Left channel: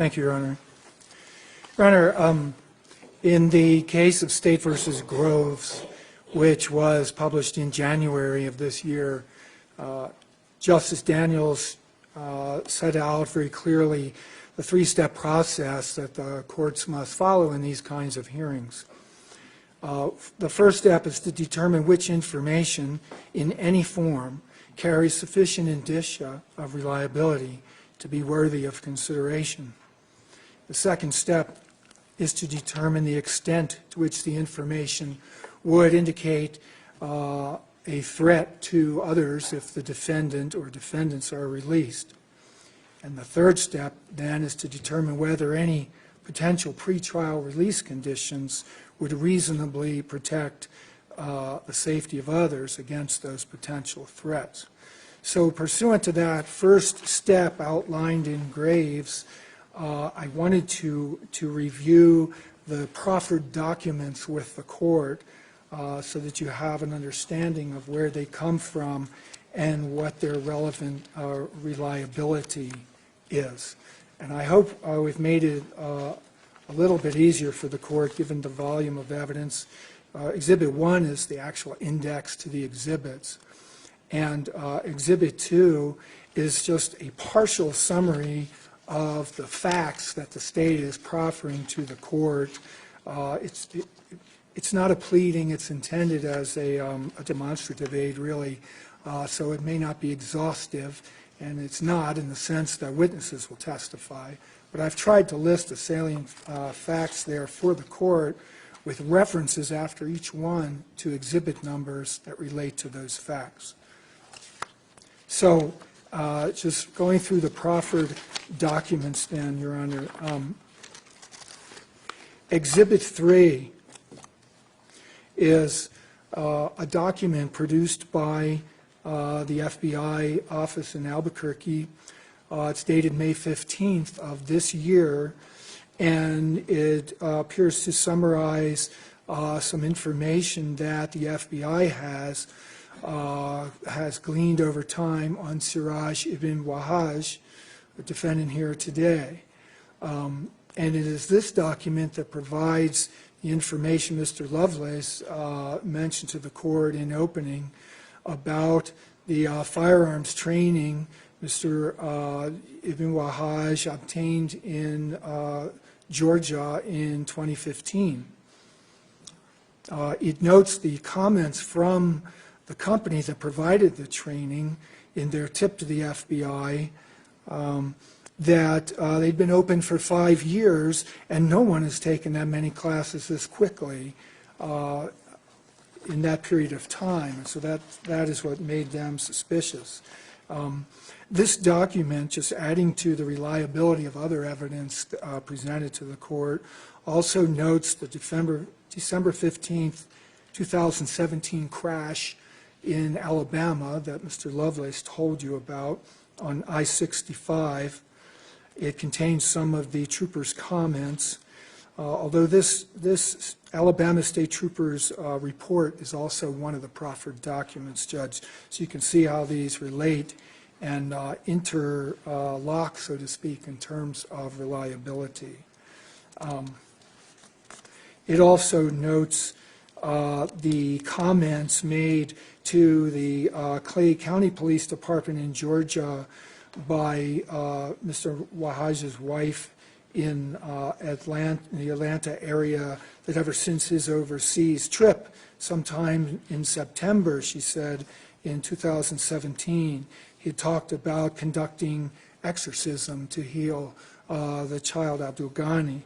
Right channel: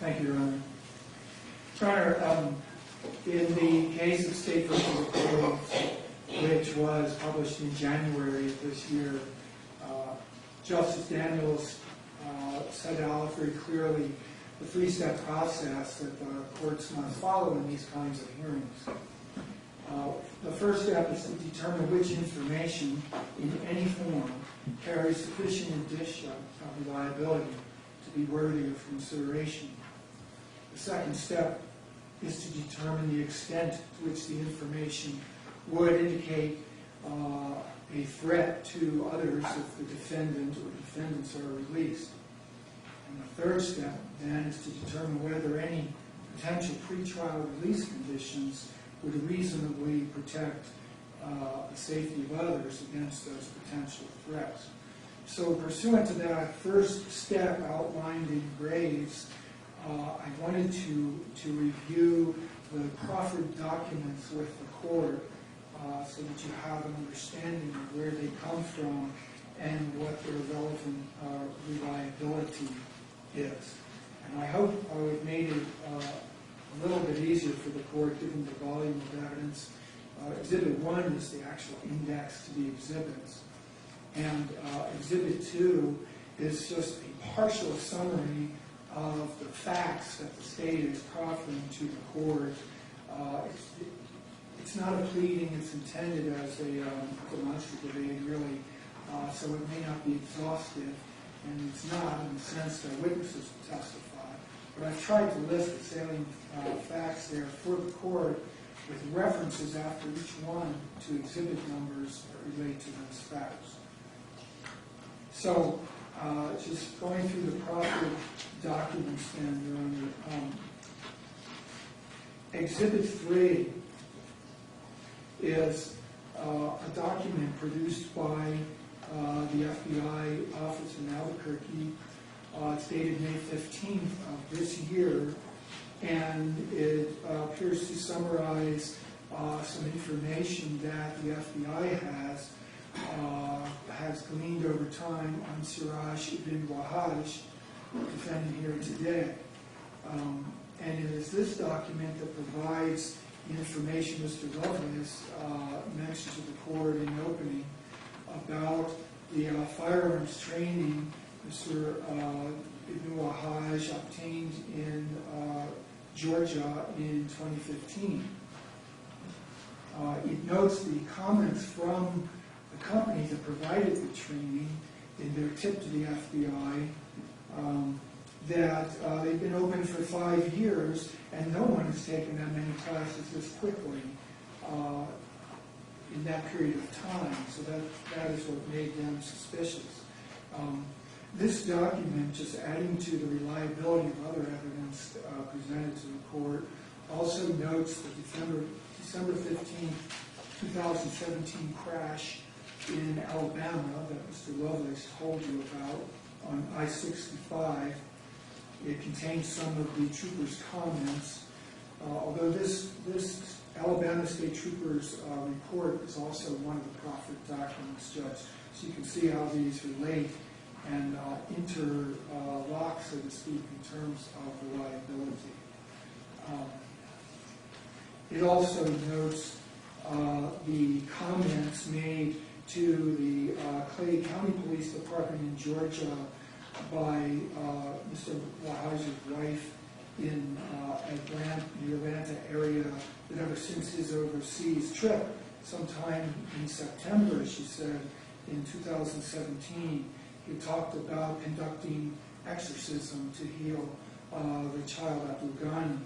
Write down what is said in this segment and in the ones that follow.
Thank you, Your Honor. Your Honor, in the case of State v. Groves, which was published in January of this year, Justice Daniels set out very clearly the three-step process that the courts must follow in these kinds of hearings. The first step is to determine which information in any form carries sufficient indicia of reliability to be worthy of consideration. The second step is to determine the extent to which the information would indicate a threat to others if the defendant or defendants are released. And the third step then is to determine whether any potential pretrial release conditions would reasonably protect the safety of others against those potential threats. So pursuant to that first step outlined in Graves, I wanted to review the proffered documents with the court so that you have an understanding of where they come from and what their relevant reliability is. And I hope we've made it a little bit easier for the court given the volume of evidence. Exhibit 1 is the actual index to the exhibits. And Exhibit 2 is just a partial summary of the facts that the state is proffering to the court. It's not a pleading, it's intended as a demonstrative aid, really, so it may not be exhaustive, and it's not in the sense that witnesses will testify. But I've tried to list the salient facts there for the court with references after each one to exhibit numbers that relate to those facts. So just going through the proffered documents then, Your Honor. Exhibit 3 is a document produced by the FBI office in Albuquerque. It's dated May 15th of this year, and it appears to summarize some information that the FBI has gleaned over time on Siraj ibn Wahaj, the defendant here today. And it is this document that provides the information Mr. Lovelace mentioned to the court in opening about the firearms training Mr. Ibn Wahaj obtained in Georgia in 2015. It notes the comments from the company that provided the training in their tip to the FBI that they've been open for 5 years and no one has taken that many classes this quickly in that period of time. So that is what made them suspicious. This document, just adding to the reliability of other evidence presented to the court, also notes the December 15th, 2017 crash in Alabama that Mr. Lovelace told you about on I-65. It contains some of the troopers' comments. Although this Alabama State Troopers report is also one of the proffered documents, Judge, so you can see how these relate and interlock, so to speak, in terms of reliability. It also notes the comments made to the Clay County Police Department in Georgia by Mr. Wahaj's wife in the Atlanta area, that ever since his overseas trip, sometime in September, she said, in 2017, he talked about conducting exorcism to heal the child Abdul Ghani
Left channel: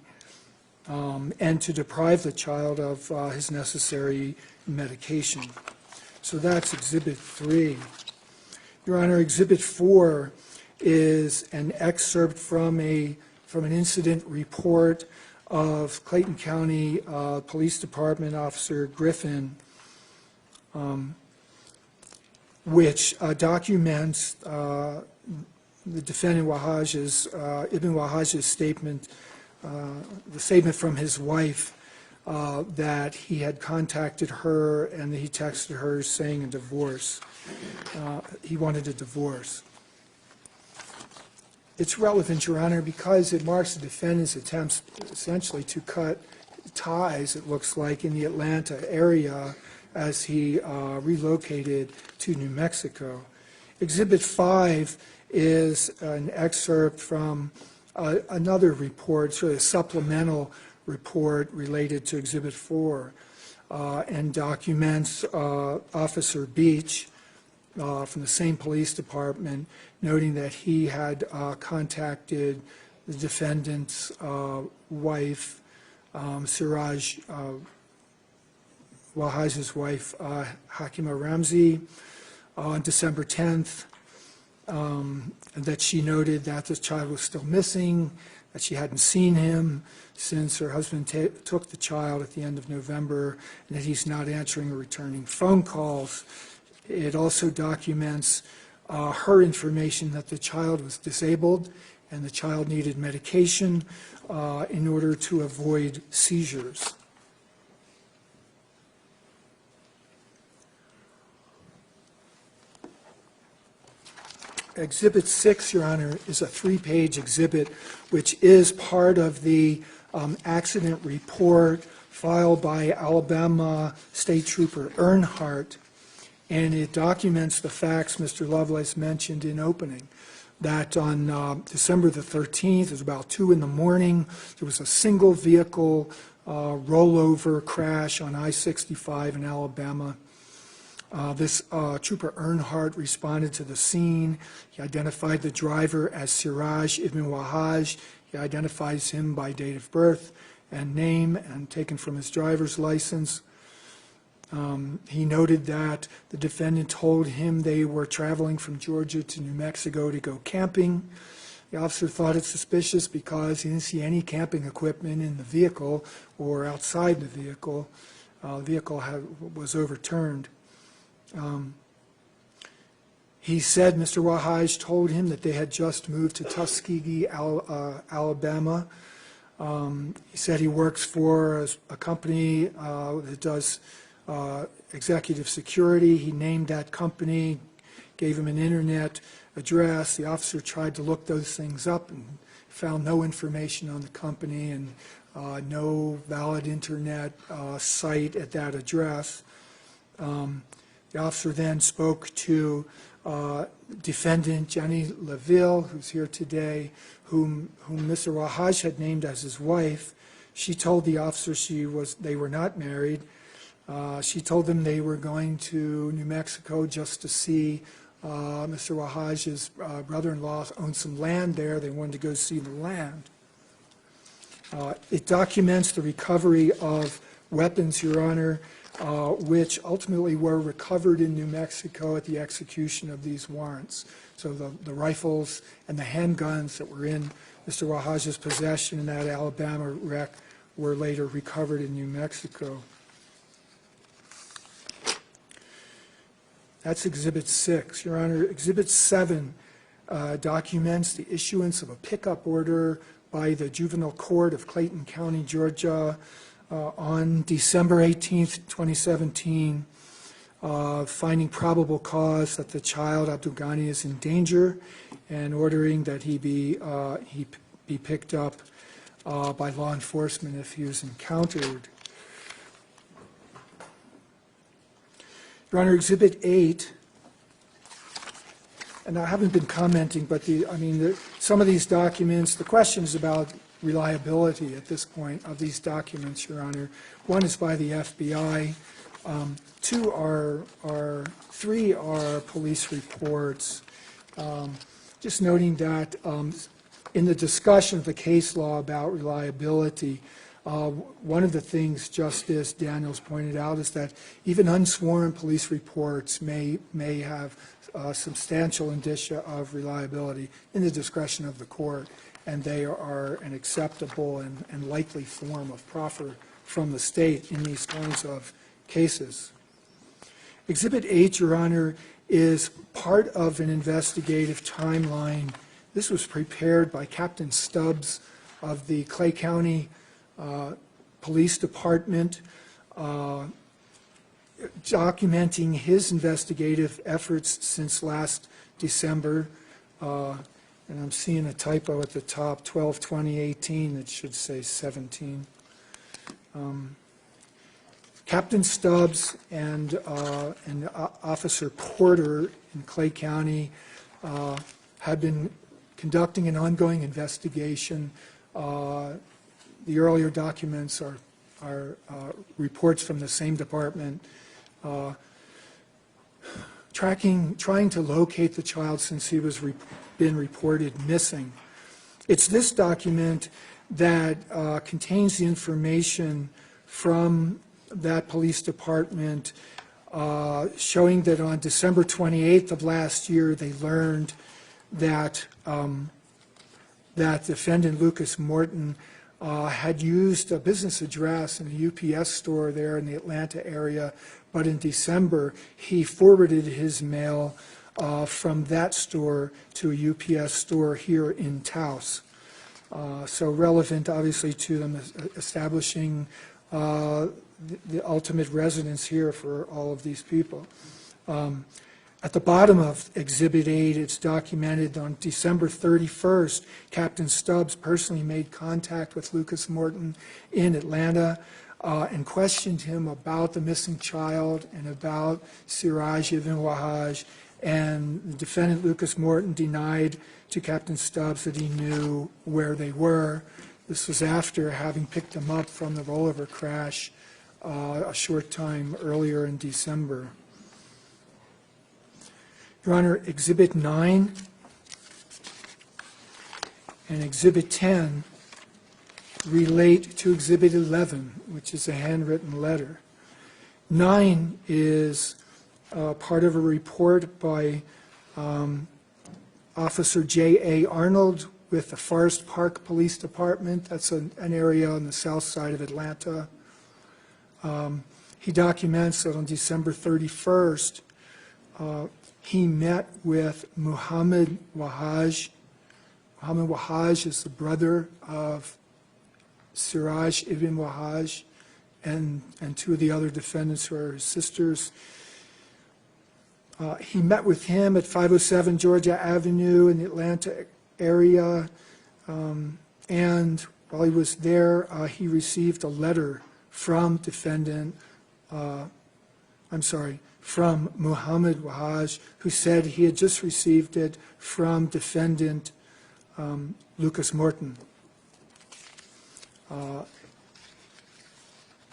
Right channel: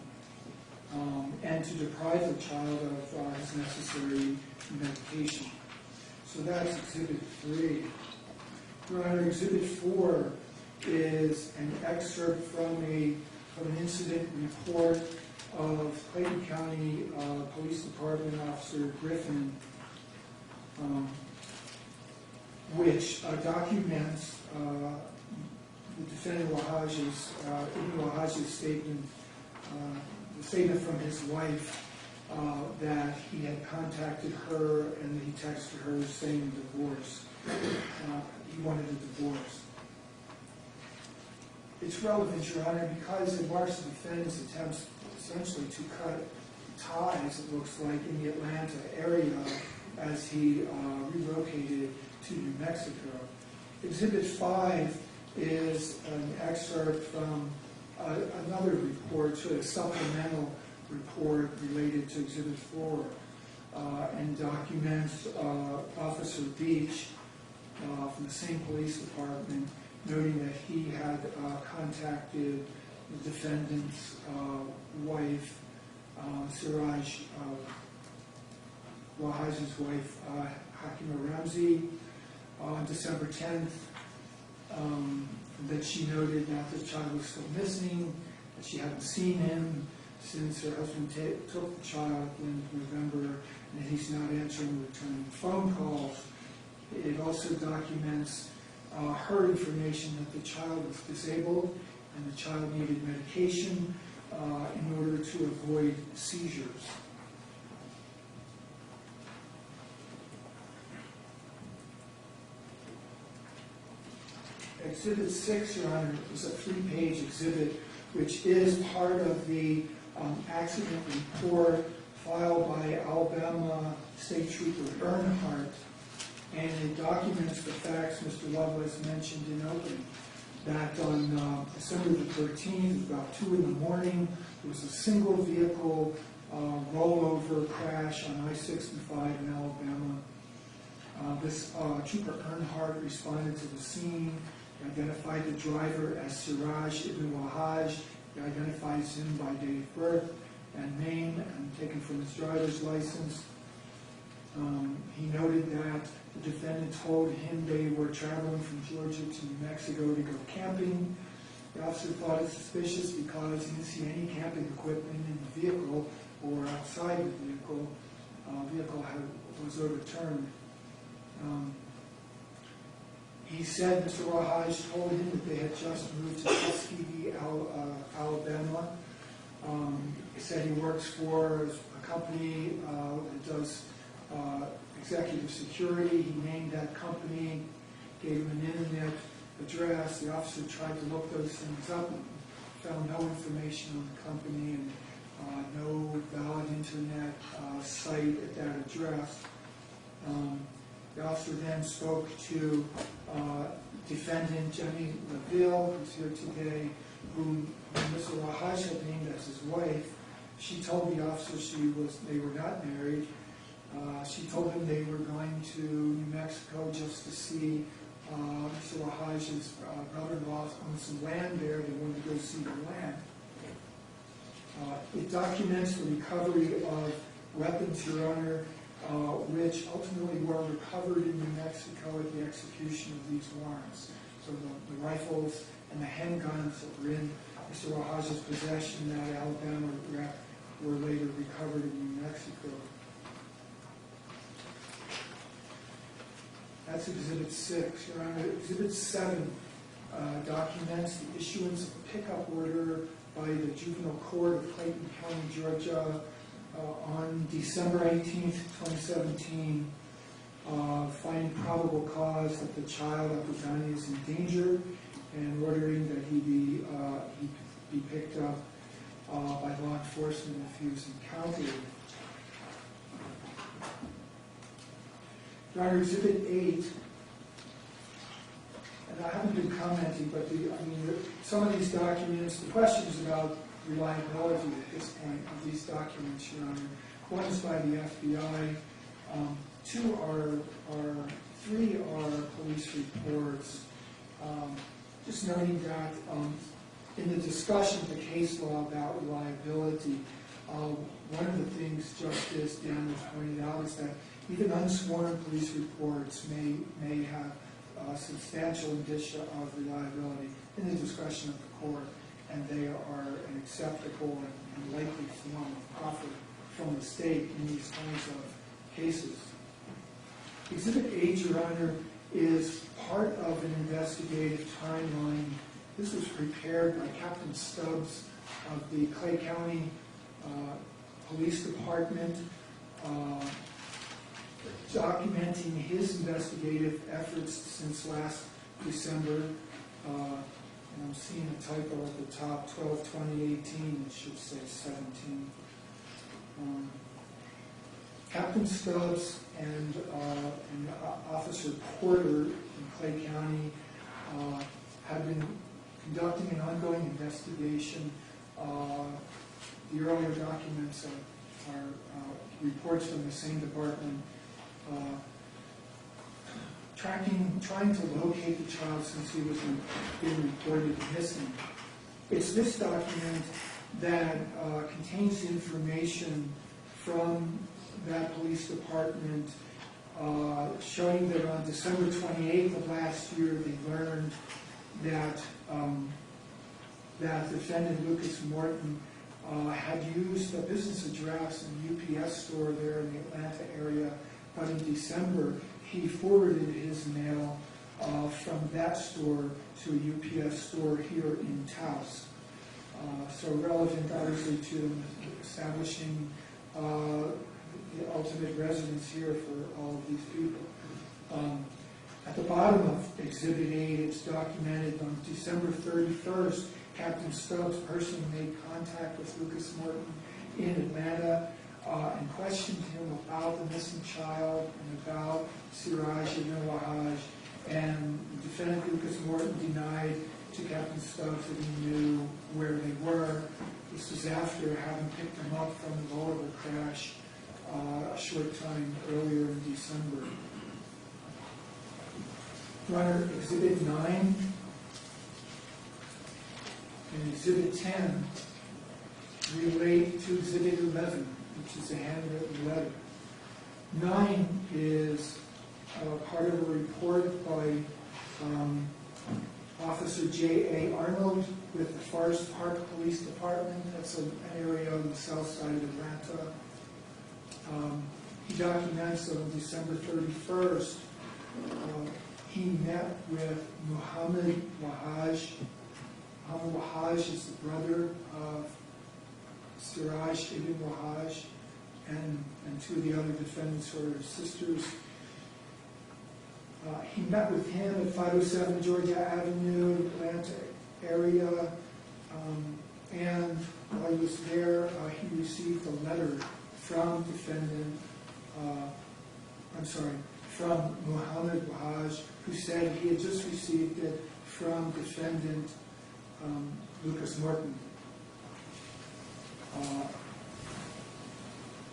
and to deprive the child of his necessary medication. So that's Exhibit 3. Your Honor, Exhibit 4 is an excerpt from an incident report of Clayton County Police Department Officer Griffin, which documents the defendant Ibn Wahaj's statement, the statement from his wife that he had contacted her and that he texted her saying a divorce. He wanted a divorce. It's relevant, Your Honor, because it marks the defendant's attempts essentially to cut ties, it looks like, in the Atlanta area as he relocated to New Mexico. Exhibit 5 is an excerpt from another report, sort of a supplemental report related to Exhibit 4, and documents Officer Beach from the same police department noting that he had contacted the defendant's wife, Siraj Wahaj's wife, Hakima Ramzi, on December 10th, that she noted that the child was still missing, that she hadn't seen him since her husband took the child at the end of November, and that he's not answering or returning phone calls. It also documents her information that the child was disabled and the child needed medication in order to avoid seizures. Exhibit 6, Your Honor, is a 3-page exhibit which is part of the accident report filed by Alabama State Trooper Earnhardt, and it documents the facts Mr. Lovelace mentioned in opening, that on December the 13th, it was about 2 in the morning, there was a single vehicle rollover crash on I-65 in Alabama. This Trooper Earnhardt responded to the scene. He identified the driver as Siraj Ibn Wahaj. He identifies him by date of birth and name, and taken from his driver's license. He noted that the defendant told him they were traveling from Georgia to New Mexico to go camping. The officer thought it suspicious because he didn't see any camping equipment in the vehicle or outside the vehicle. The vehicle was overturned. He said Mr. Wahaj told him that they had just moved to Tuskegee, Alabama. He said he works for a company that does executive security. He named that company, gave him an internet address. The officer tried to look those things up and found no information on the company and no valid internet site at that address. The officer then spoke to defendant Jenny LaVille, who's here today, whom Mr. Wahaj had named as his wife. She told the officer they were not married. She told them they were going to New Mexico just to see Mr. Wahaj's brother-in-law owned some land there. They wanted to go see the land. It documents the recovery of weapons, Your Honor, which ultimately were recovered in New Mexico at the execution of these warrants. So the rifles and the handguns that were in Mr. Wahaj's possession in that Alabama wreck were later recovered in New Mexico. That's Exhibit 6. Your Honor, Exhibit 7 documents the issuance of a pickup order by the Juvenile Court of Clayton County, Georgia, on December 18th, 2017, finding probable cause that the child, Abdul Ghani, is in danger and ordering that he be picked up by law enforcement if he is encountered. Your Honor, Exhibit 8, and I haven't been commenting, but some of these documents, the questions about reliability at this point of these documents, Your Honor. One is by the FBI. Three are police reports. Just noting that in the discussion of the case law about reliability, one of the things Justice Daniels pointed out is that even unsworn police reports may have substantial indicia of reliability in the discretion of the court, and they are an acceptable and likely form of proffer from the state in these kinds of cases. Exhibit 8, Your Honor, is part of an investigative timeline. This was prepared by Captain Stubbs of the Clay County Police Department, documenting his investigative efforts since last December. And I'm seeing a typo at the top, 12/20/18, it should say 17. Captain Stubbs and Officer Porter in Clay County have been conducting an ongoing investigation. The earlier documents are reports from the same department trying to locate the child since he was been reported missing. It's this document that contains the information from that police department showing that on December 28th of last year they learned that that defendant Lucas Morton had used a business address in a UPS store there in the Atlanta area, but in December he forwarded his mail from that store to a UPS store here in Taos. So relevant obviously to them establishing the ultimate residence here for all of these people. At the bottom of Exhibit 8, it's documented on December 31st, Captain Stubbs personally made contact with Lucas Morton in Atlanta and questioned him about the missing child and about Siraj Ibn Wahaj, and the defendant Lucas Morton denied to Captain Stubbs that he knew where they were. This was after having picked them up from the Bolivar crash a short time earlier in December. Your Honor, Exhibit 9 and Exhibit 10 relate to Exhibit 11, which is a handwritten letter. 9 is part of a report by Officer J.A. Arnold with the Forest Park Police Department. That's an area on the south side of Atlanta. He documents that on December 31st, he met with Muhammad Wahaj. Muhammad Wahaj is the brother of Siraj Ibn Wahaj and two of the other defendants who are his sisters. He met with him at 507 Georgia Avenue in the Atlanta area, and while he was there, he received a letter from from Muhammad Wahaj, who said he had just received it from defendant Lucas Morton.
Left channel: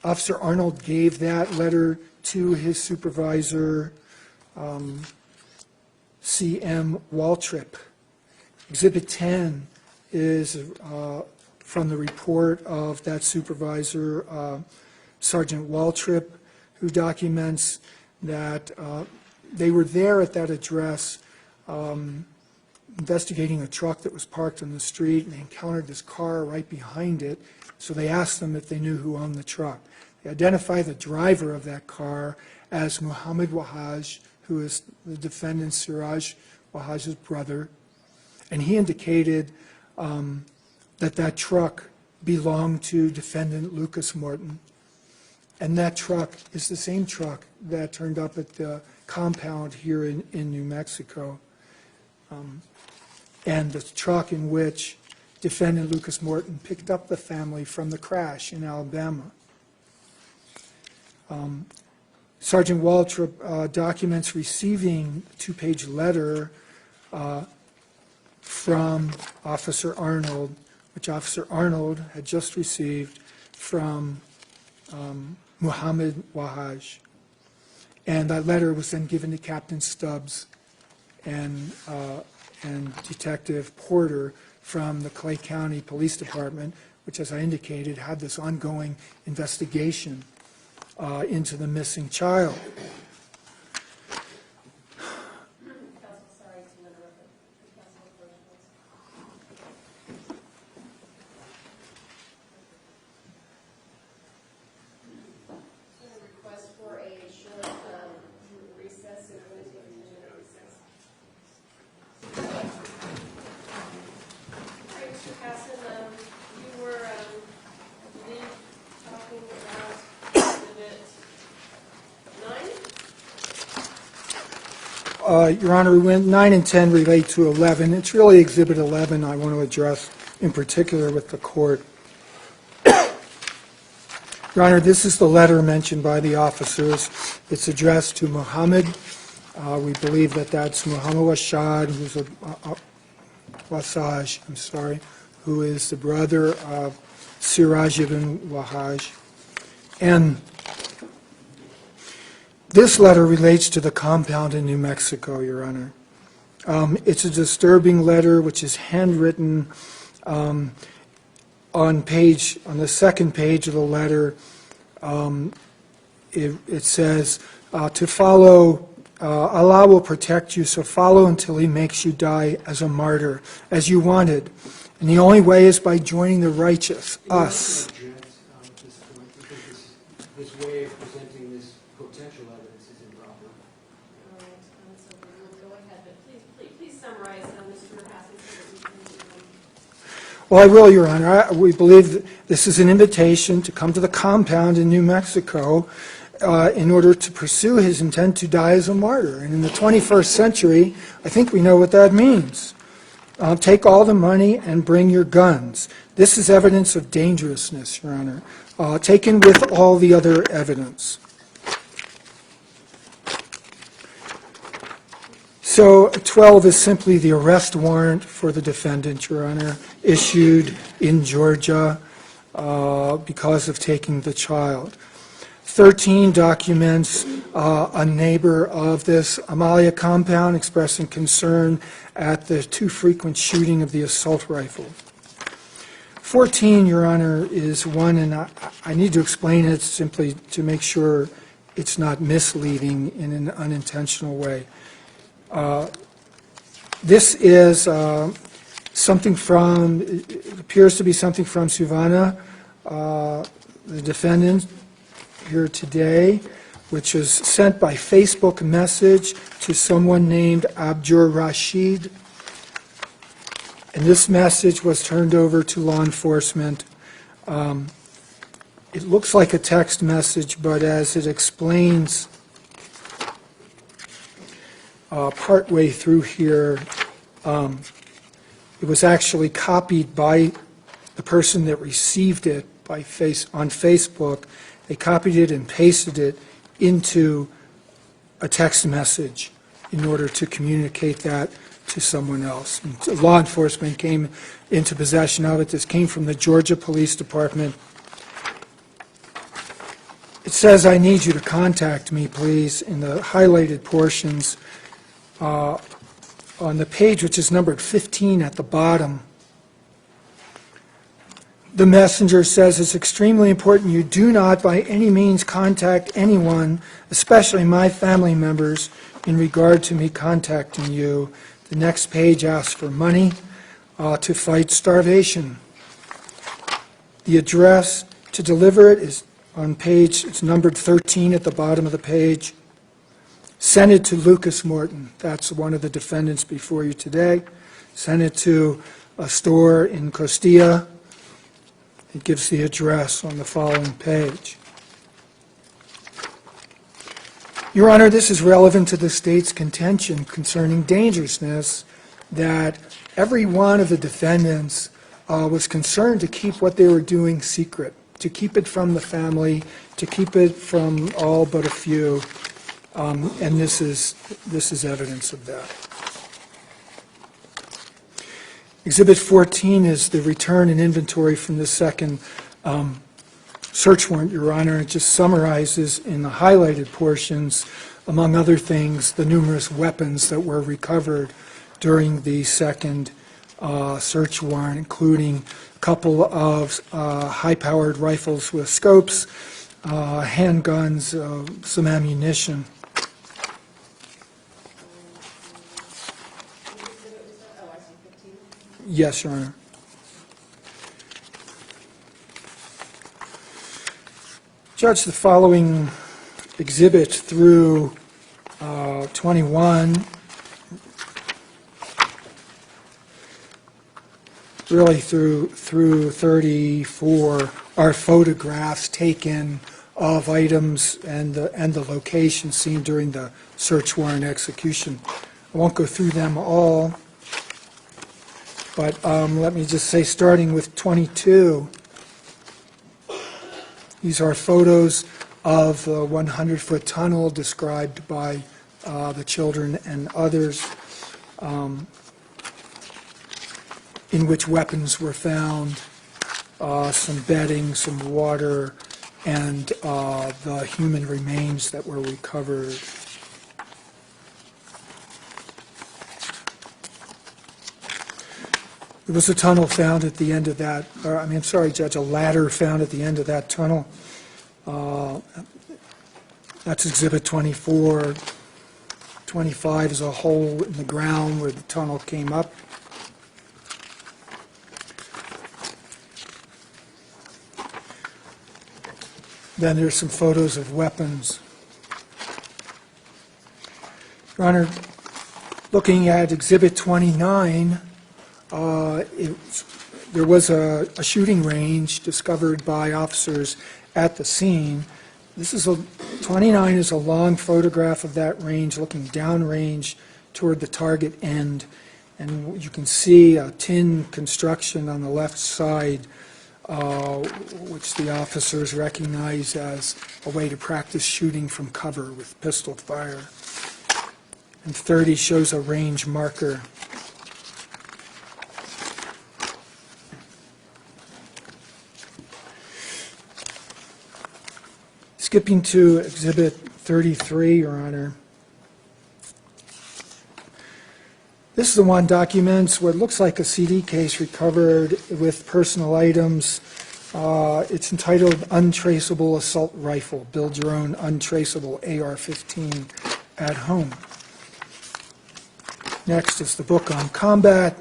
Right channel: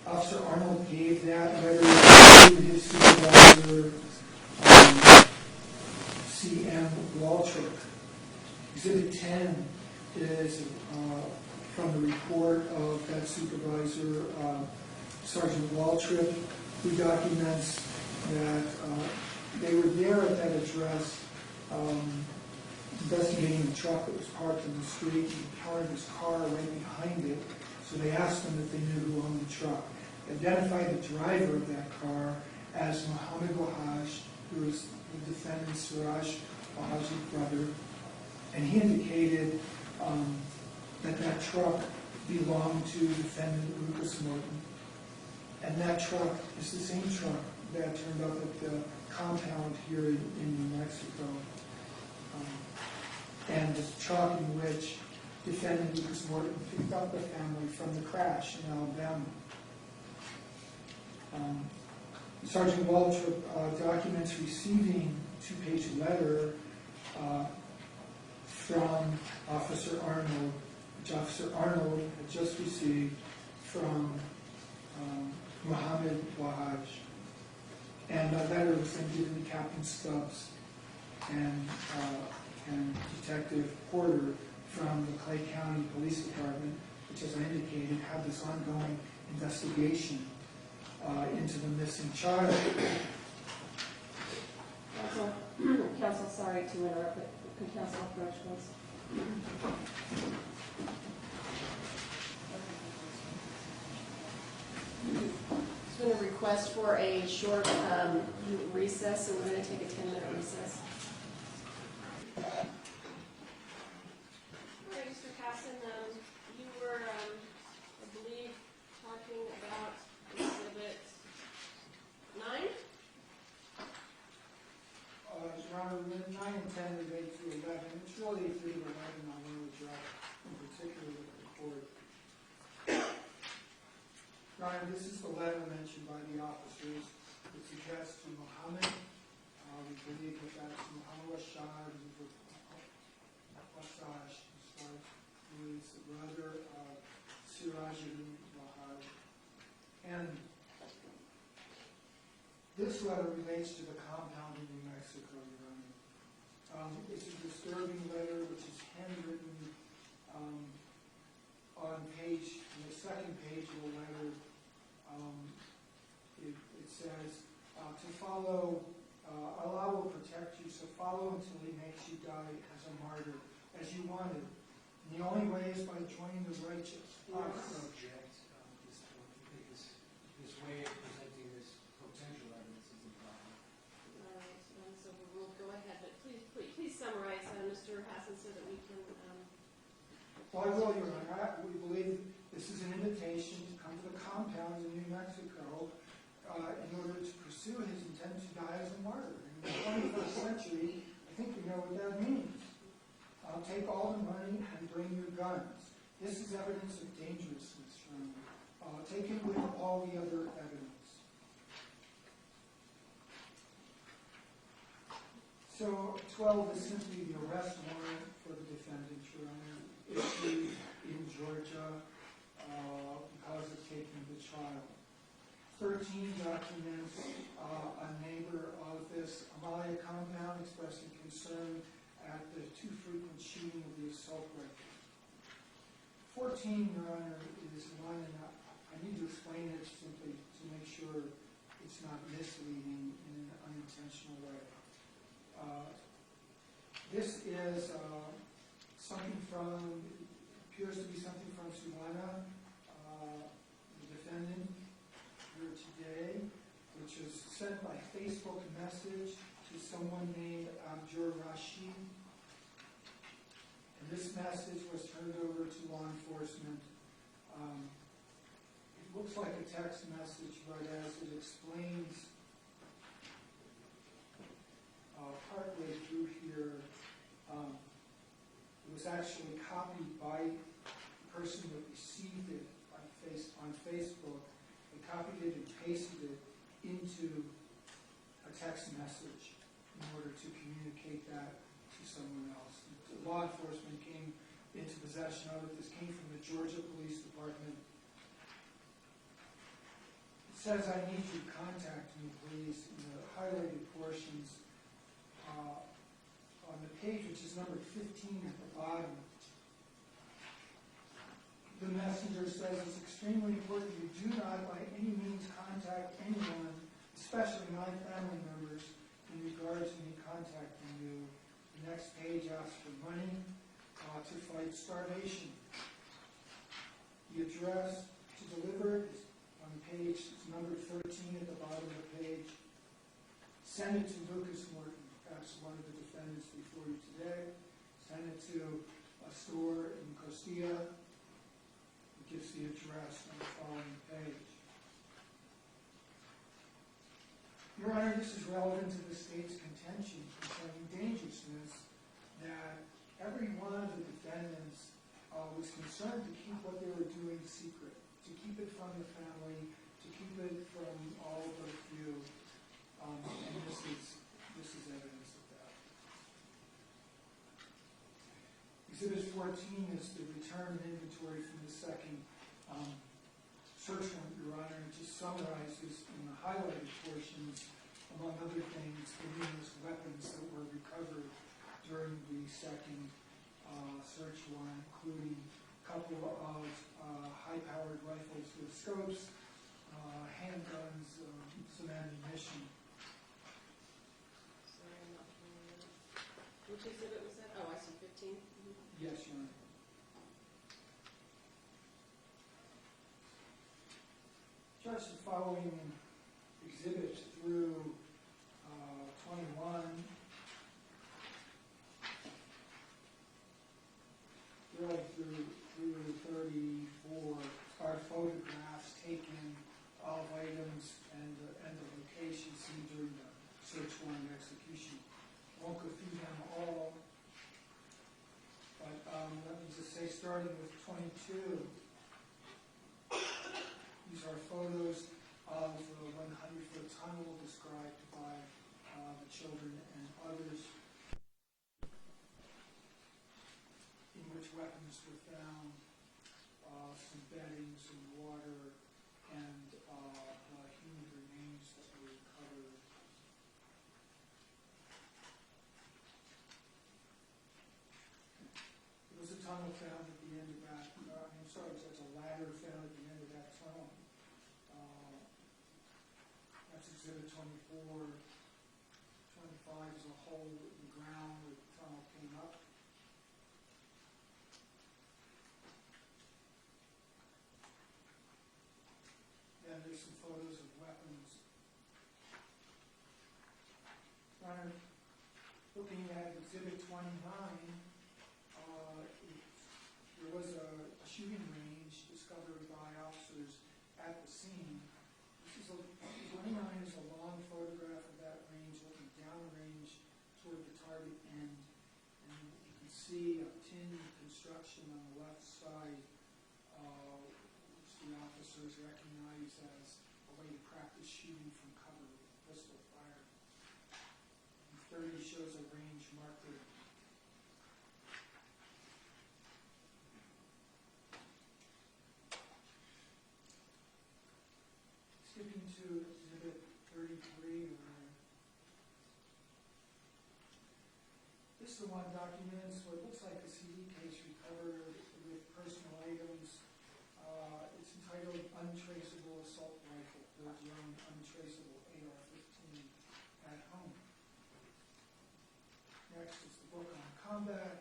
Officer Arnold gave that letter to his supervisor, C.M. Waltrip. Exhibit 10 is from the report of that supervisor, Sergeant Waltrip, who documents that they were there at that address investigating a truck that was parked in the street and encountered this car right behind it. So they asked them if they knew who owned the truck. They identified the driver of that car as Muhammad Wahaj, who is the defendant Siraj Wahaj's brother, and he indicated that truck belonged to defendant Lucas Morton, and that truck is the same truck that turned up at the compound here in New Mexico, and the truck in which defendant Lucas Morton picked up the family from the crash in Alabama. Sergeant Waltrip documents receiving a two-page letter from Officer Arnold, which Officer Arnold had just received from Muhammad Wahaj. And that letter was then given to Captain Stubbs and Detective Porter from the Clay County Police Department, which, as I indicated, had this ongoing investigation into the missing child. Counsel, sorry to interrupt, but could counsel approach once? There's been a request for a short recess, and we're going to take a 10-minute recess. All right, Mr. Casson, you were, I believe, talking about Exhibit 9? Your Honor, when 9 and 10 relate to 11. It's really Exhibit 11 I want to address in particular with the court. Your Honor, this is the letter mentioned by the officers. It's addressed to Muhammad. We believe that that's Muhammad Washad, who's Wasaj, I'm sorry, who is the brother of Siraj ibn Wahaj. And this letter relates to the compound in New Mexico, Your Honor. It's a disturbing letter which is handwritten on the second page of the letter. It says, to follow, Allah will protect you, so follow until he makes you die as a martyr, as you wanted. And the only way is by joining the righteous, us. This way of presenting this potential evidence is improper. All right, so we'll go ahead, but please summarize, Mr. Hassan. Well, I will, Your Honor. We believe that this is an invitation to come to the compound in New Mexico in order to pursue his intent to die as a martyr. And in the 21st century, I think we know what that means. Take all the money and bring your guns. This is evidence of dangerousness, Your Honor, taken with all the other evidence. So 12 is simply the arrest warrant for the defendant, Your Honor, issued in Georgia because of taking the child. 13 documents a neighbor of this Amalia compound expressing concern at the too frequent shooting of the assault rifle. 14, Your Honor, is one, and I need to explain it simply to make sure it's not misleading in an unintentional way. This is something from, it appears to be something from Suvana, the defendant here today, which was sent by Facebook message to someone named Abdur Rashid. And this message was turned over to law enforcement. It looks like a text message, but as it explains partway through here, it was actually copied by the person that received it on Facebook. They copied it and pasted it into a text message in order to communicate that to someone else. And law enforcement came into possession of it. This came from the Georgia Police Department. It says, I need you to contact me, please, in the highlighted portions on the page, which is numbered 15 at the bottom. The messenger says it's extremely important you do not by any means contact anyone, especially my family members, in regard to me contacting you. The next page asks for money to fight starvation. The address to deliver it is on page, it's numbered 13 at the bottom of the page. Send it to Lucas Morton. That's one of the defendants before you today. Send it to a store in Costilla. It gives the address on the following page. Your Honor, this is relevant to the state's contention concerning dangerousness, that every one of the defendants was concerned to keep what they were doing secret, to keep it from the family, to keep it from all but a few, and this is evidence of that. Exhibit 14 is the return and inventory from the second search warrant, Your Honor. It just summarizes in the highlighted portions, among other things, the numerous weapons that were recovered during the second search warrant, including a couple of high-powered rifles with scopes, handguns, some ammunition. Yes, Your Honor. Judge, the following exhibit through 21, really through 34, are photographs taken of items and the location seen during the search warrant execution. I won't go through them all, but let me just say, starting with 22, these are photos of the 100-foot tunnel described by the children and others, in which weapons were found, some bedding, some water, and the human remains that were recovered. There was a tunnel found at the end of that, I'm sorry, Judge, a ladder found at the end of that tunnel. That's Exhibit 24. 25 is a hole in the ground where the tunnel came up. Then there's some photos of weapons. Your Honor, looking at Exhibit 29, there was a shooting range discovered by officers at the scene. 29 is a long photograph of that range looking downrange toward the target end, and you can see a tin construction on the left side, which the officers recognize as a way to practice shooting from cover with pistol fire. And 30 shows a range marker. Skipping to Exhibit 33, Your Honor. This is the one documents what looks like a CD case recovered with personal items. It's entitled Untraceable Assault Rifle. Build your own untraceable AR-15 at home. Next is the book on combat.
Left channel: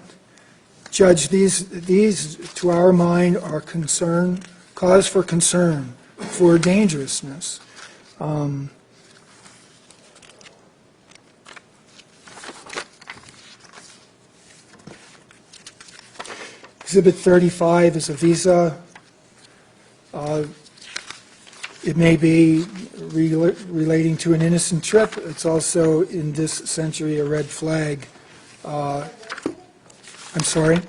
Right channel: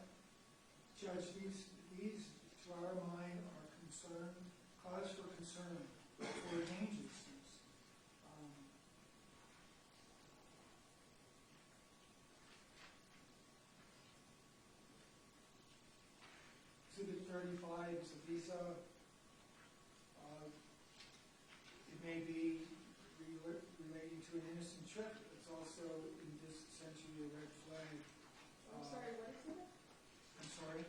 Judge, these to our mind are cause for concern for dangerousness. Exhibit 35 is a visa. It may be relating to an innocent trip. It's also, in this century, a red flag. I'm sorry?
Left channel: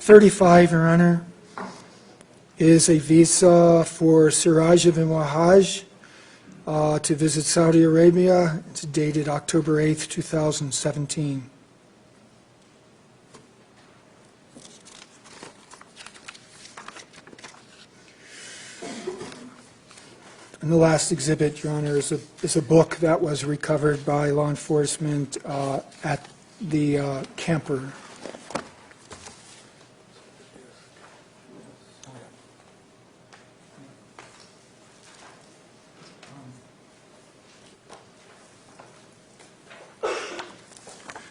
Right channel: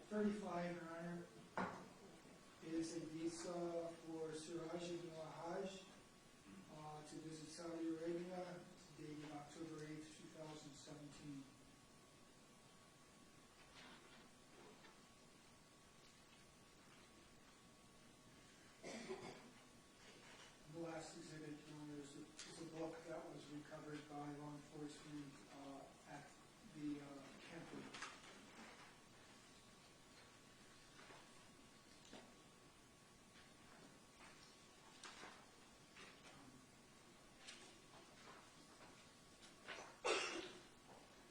35, Your Honor, is a visa for Siraj ibn Wahaj to visit Saudi Arabia. It's dated October 8th, 2017. And the last exhibit, Your Honor, is a book that was recovered by law enforcement at the camper.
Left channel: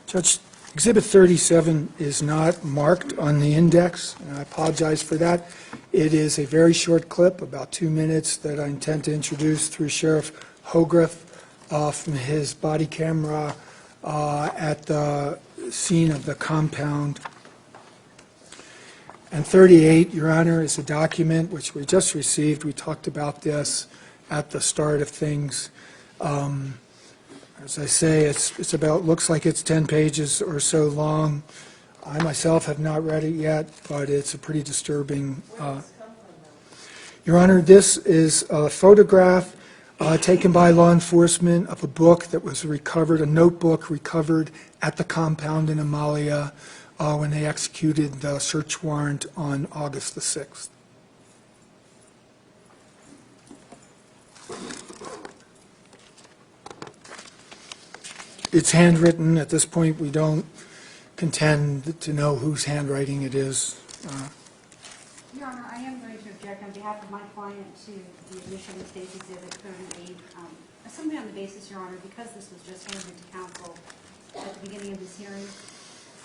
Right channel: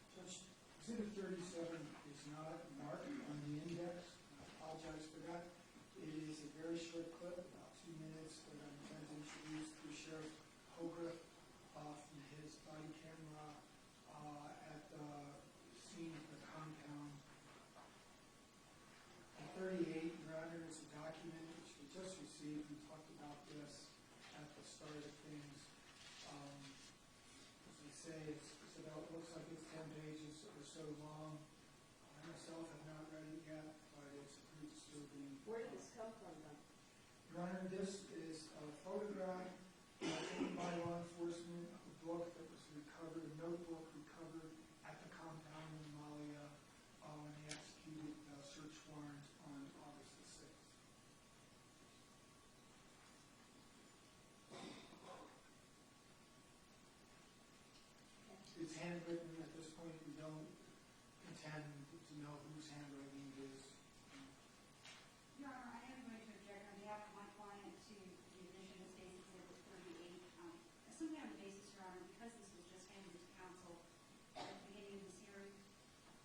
Judge, Exhibit 37 is not marked on the index, and I apologize for that. It is a very short clip, about 2 minutes, that I intend to introduce through Sheriff Hogrefe from his body camera at the scene of the compound. And 38, Your Honor, is a document which we just received. We talked about this at the start of things. As I say, it's about, looks like it's 10 pages or so long. I myself have not read it yet, but it's a pretty disturbing. Your Honor, this is a photograph taken by law enforcement of a book that was recovered, a notebook recovered at the compound in Amalia when they executed the search warrant on August the 6th. It's handwritten. At this point, we don't contend to know whose handwriting it is. Your Honor, I am going to object on behalf of my client to the admission of State's Exhibit 38. Simply on the basis, Your Honor, because this was just handed to counsel at the beginning of this hearing,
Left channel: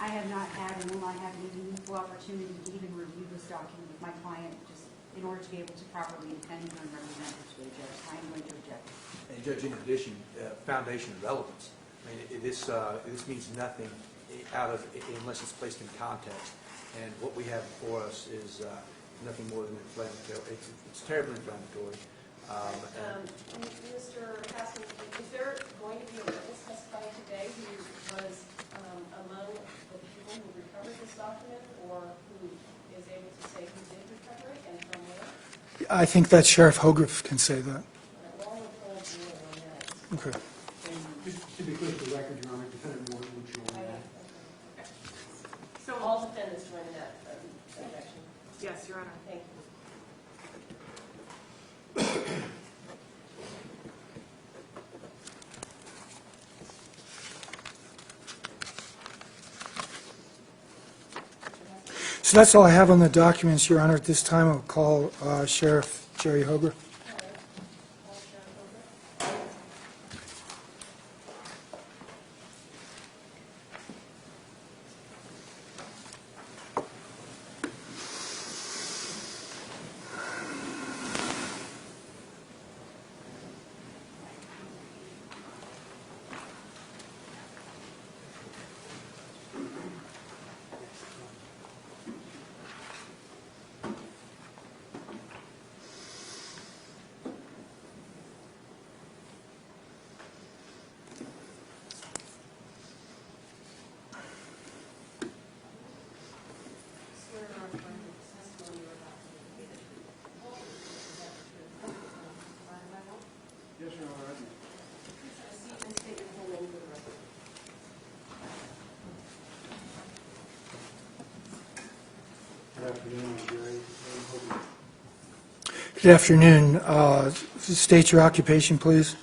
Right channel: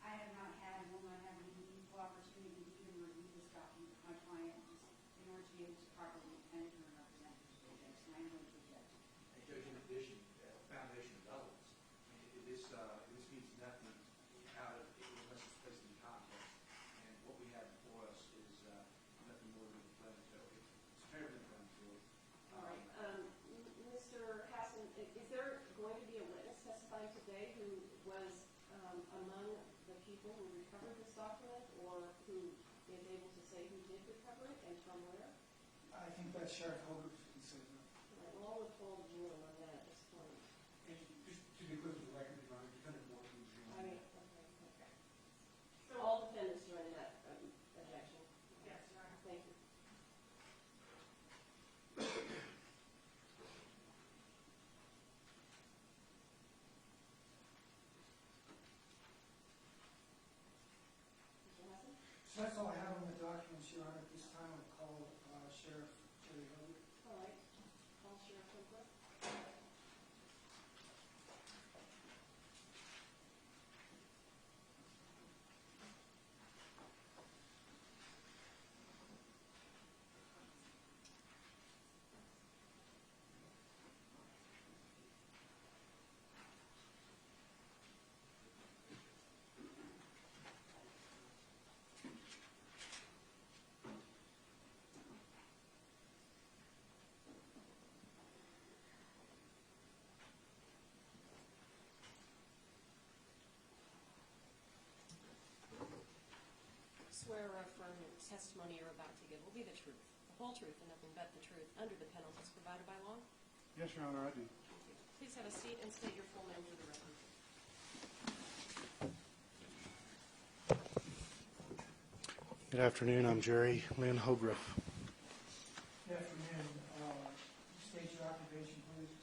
I have not had and will not have any meaningful opportunity to even review this document with my client, just in order to be able to properly defend and represent her to the judge. I am going to object. And Judge, in addition, foundation and relevance. I mean, this means nothing unless it's placed in context. And what we have before us is nothing more than inflammatory. It's terribly inflammatory. Mr. Hassan, is there going to be a witness testifying today who was among the people who recovered this document, or who is able to say who did recover it and from where? I think that Sheriff Hogrefe can say that. We'll only hold rule on that. Okay. And to be clear for the record, Your Honor, Defendant Morton will join that. So all defendants join that objection? Yes, Your Honor. Thank you. So that's all I have on the documents, Your Honor. At this time, I'll call Sheriff Jerry Hogue. Swear or affirm that the testimony you're about to give will be the truth, the whole truth, and nothing but the truth, nothing but the truth. Yes, Your Honor. Please have a seat and state your full name for the record. Good afternoon, I'm Jerry Lynn Hogrefe. Good afternoon. State your occupation, please.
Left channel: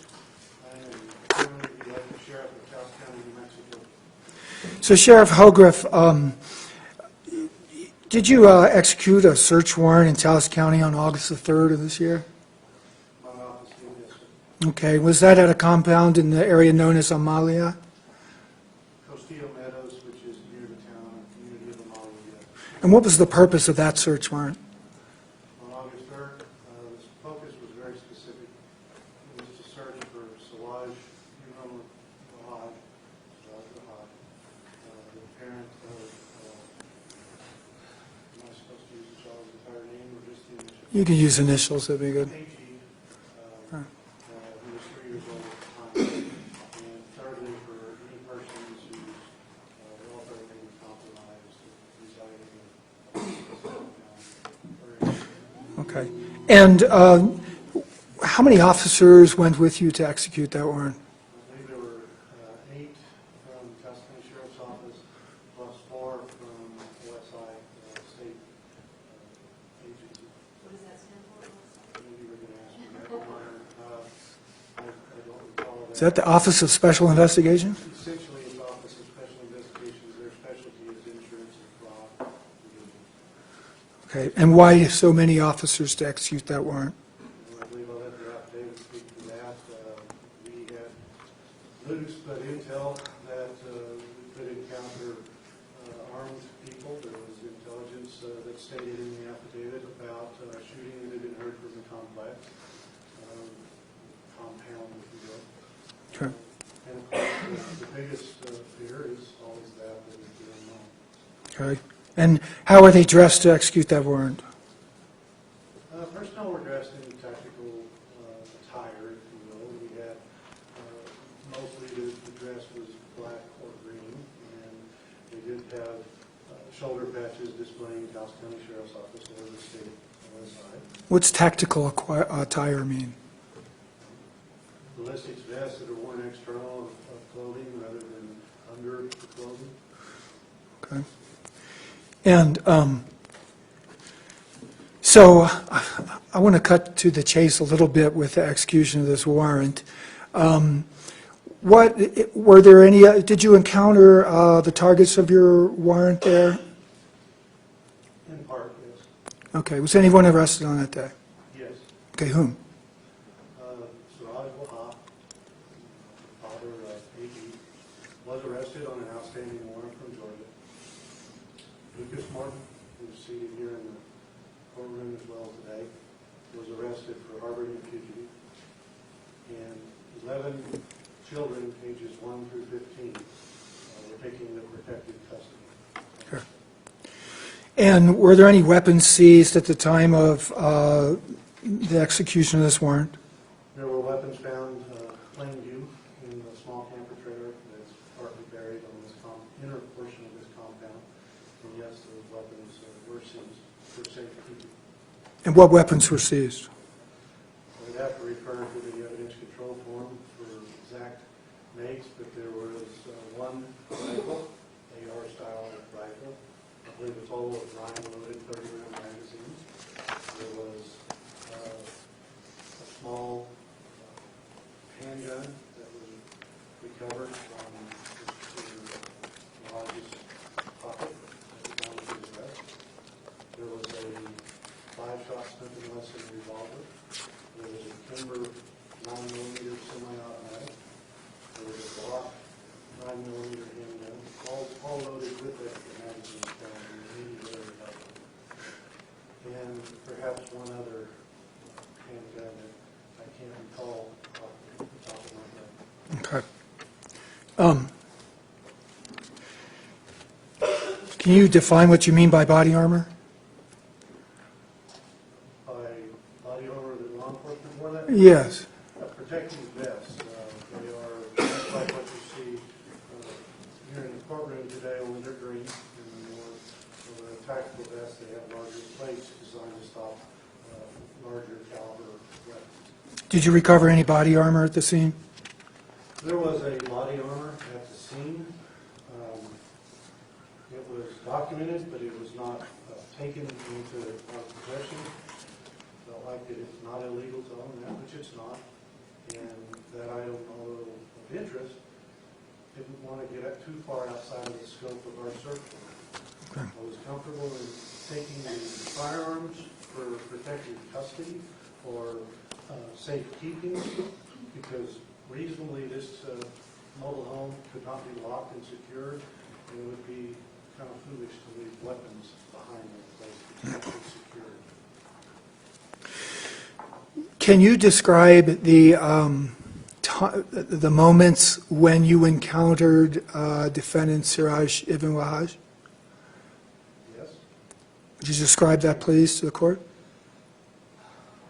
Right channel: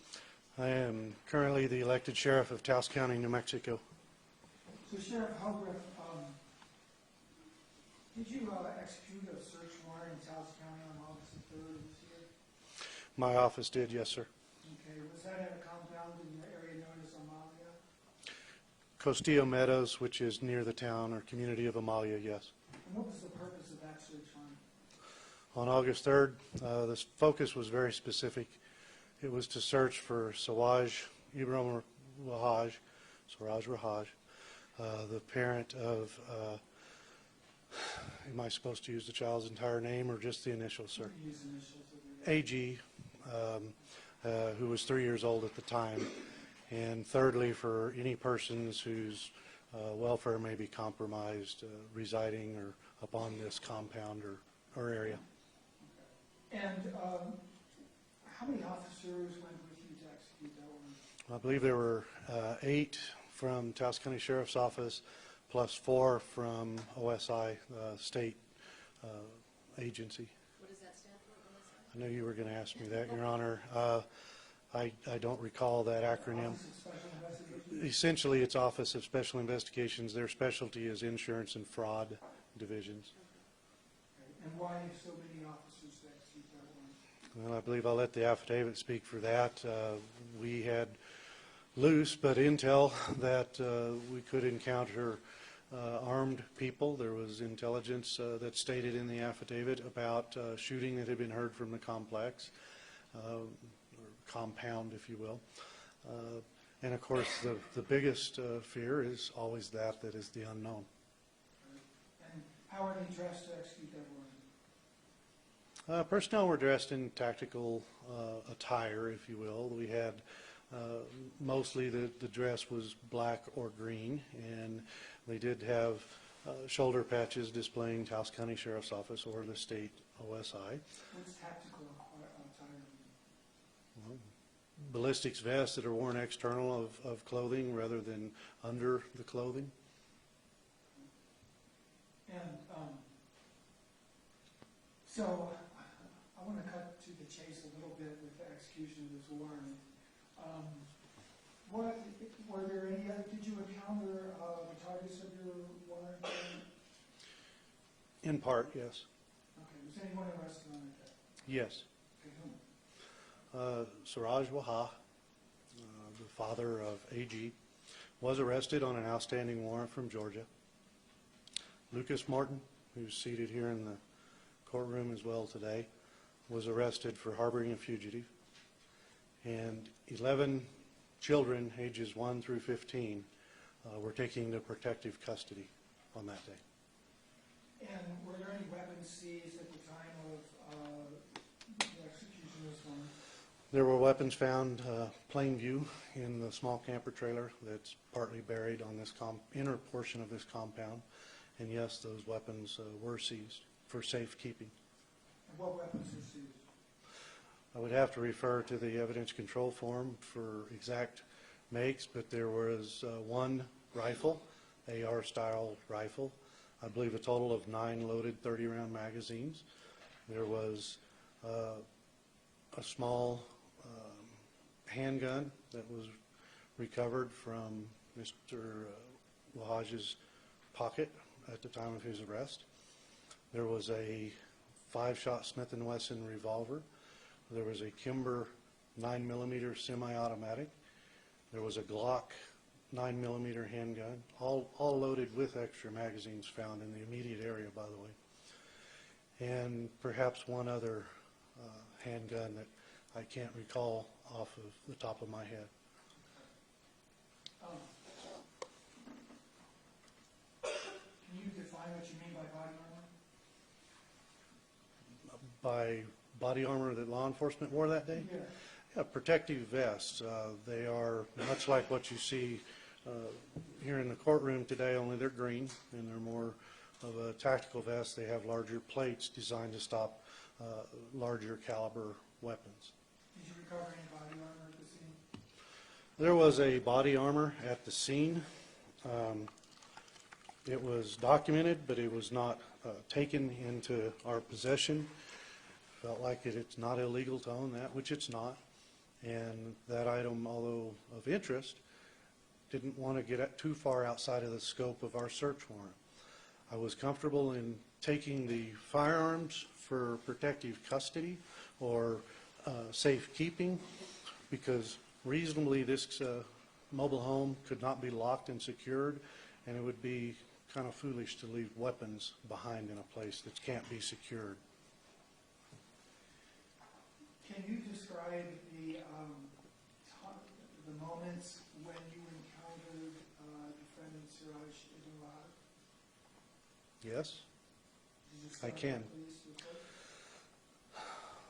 I am currently the elected sheriff of Taos County, New Mexico. So Sheriff Hogrefe, did you execute a search warrant in Taos County on August the 3rd of this year? My office did, yes, sir. Okay. Was that at a compound in the area known as Amalia? Castillo Meadows, which is near the town or community of Amalia, yes. And what was the purpose of that search warrant? On August 3rd, the focus was very specific. It was to search for Siraj Rahaj, the parent of, am I supposed to use the child's entire name or just the initials? You can use initials, that'd be good. AG, who was 3 years old at the time. And thirdly, for any persons whose welfare may be compromised residing or upon this compound or area. Okay. And how many officers went with you to execute that warrant? I believe there were 8 from Taos County Sheriff's Office, plus 4 from OSI, state agency. What does that stand for? I know you were going to ask me that, Your Honor. I don't recall that. Is that the Office of Special Investigation? Essentially, it's Office of Special Investigations. Their specialty is insurance and fraud divisions. Okay. And why so many officers to execute that warrant? Well, I believe I'll let the affidavit speak for that. We had loose but intel that we could encounter armed people. There was intelligence that stated in the affidavit about shooting that had been heard from the complex, compound, if you will. Sure. And of course, the biggest fear is always that is the unknown. Okay. And how are they dressed to execute that warrant? Personnel were dressed in tactical attire, if you will. We had mostly the dress was black or green, and they did have shoulder patches displaying Taos County Sheriff's Office or the state OSI. What's tactical attire mean? Ballistics vests that are worn external of clothing rather than under the clothing. Okay. And so I want to cut to the chase a little bit with the execution of this warrant. Were there any, did you encounter the targets of your warrant there? In part, yes. Okay. Was anyone arrested on that day? Yes. Okay. Whom? Siraj Waha, father of AG, was arrested on an outstanding warrant from Georgia. Lucas Martin, who's seated here in the courtroom as well today, was arrested for harboring a fugitive. And 11 children, ages 1 through 15, were taken into protective custody. Sure. And were there any weapons seized at the time of the execution of this warrant? There were weapons found plain view in the small camper trailer that's partly buried on this inner portion of this compound. And yes, those weapons were seized for safekeeping. And what weapons were seized? I would have to refer to the evidence control form for exact makes, but there was one rifle, AR-style rifle. I believe a total of 9 loaded 30-round magazines. There was a small handgun that was recovered from Mr. Lodge's pocket at the time of his arrest. There was a 5-shot Smith & Wesson revolver. There was a Kimber 9mm semi-automatic. There was a Glock 9mm handgun, all loaded with extra magazines found in the immediate area by them. And perhaps one other handgun that I can't recall off the top of my head. Okay. Can you define what you mean by body armor? By body armor that law enforcement wore that? Yes. Protective vests. They are much like what you see here in the courtroom today, only they're green, and they're more of a tactical vest. They have larger plates designed to stop larger caliber weapons. Did you recover any body armor at the scene? There was a body armor at the scene. It was documented, but it was not taken into our possession. Felt like it's not illegal to own that, which it's not. And that item, although of interest, didn't want to get too far outside of the scope of our search warrant. Okay. I was comfortable in taking the firearms for protective custody or safekeeping, because reasonably this mobile home could not be locked and secured, and it would be kind of foolish to leave weapons behind in a place that can't be secured. Can you describe the moments when you encountered defendant Siraj Ibn Wahaj? Yes? Would you describe that, please, to the court?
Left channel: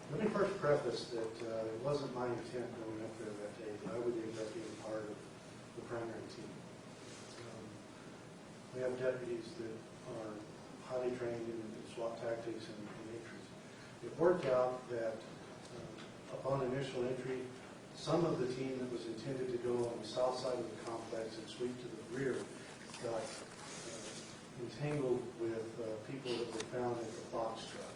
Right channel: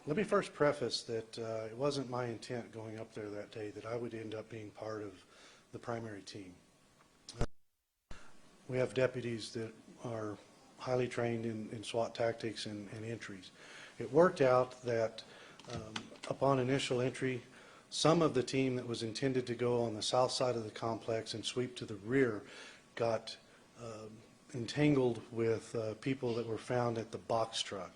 Let me first preface that it wasn't my intent going up there that day that I would end up being part of the primary team. We have deputies that are highly trained in SWAT tactics and entries. It worked out that upon initial entry, some of the team that was intended to go on the south side of the complex and sweep to the rear got entangled with people that were found at the box truck.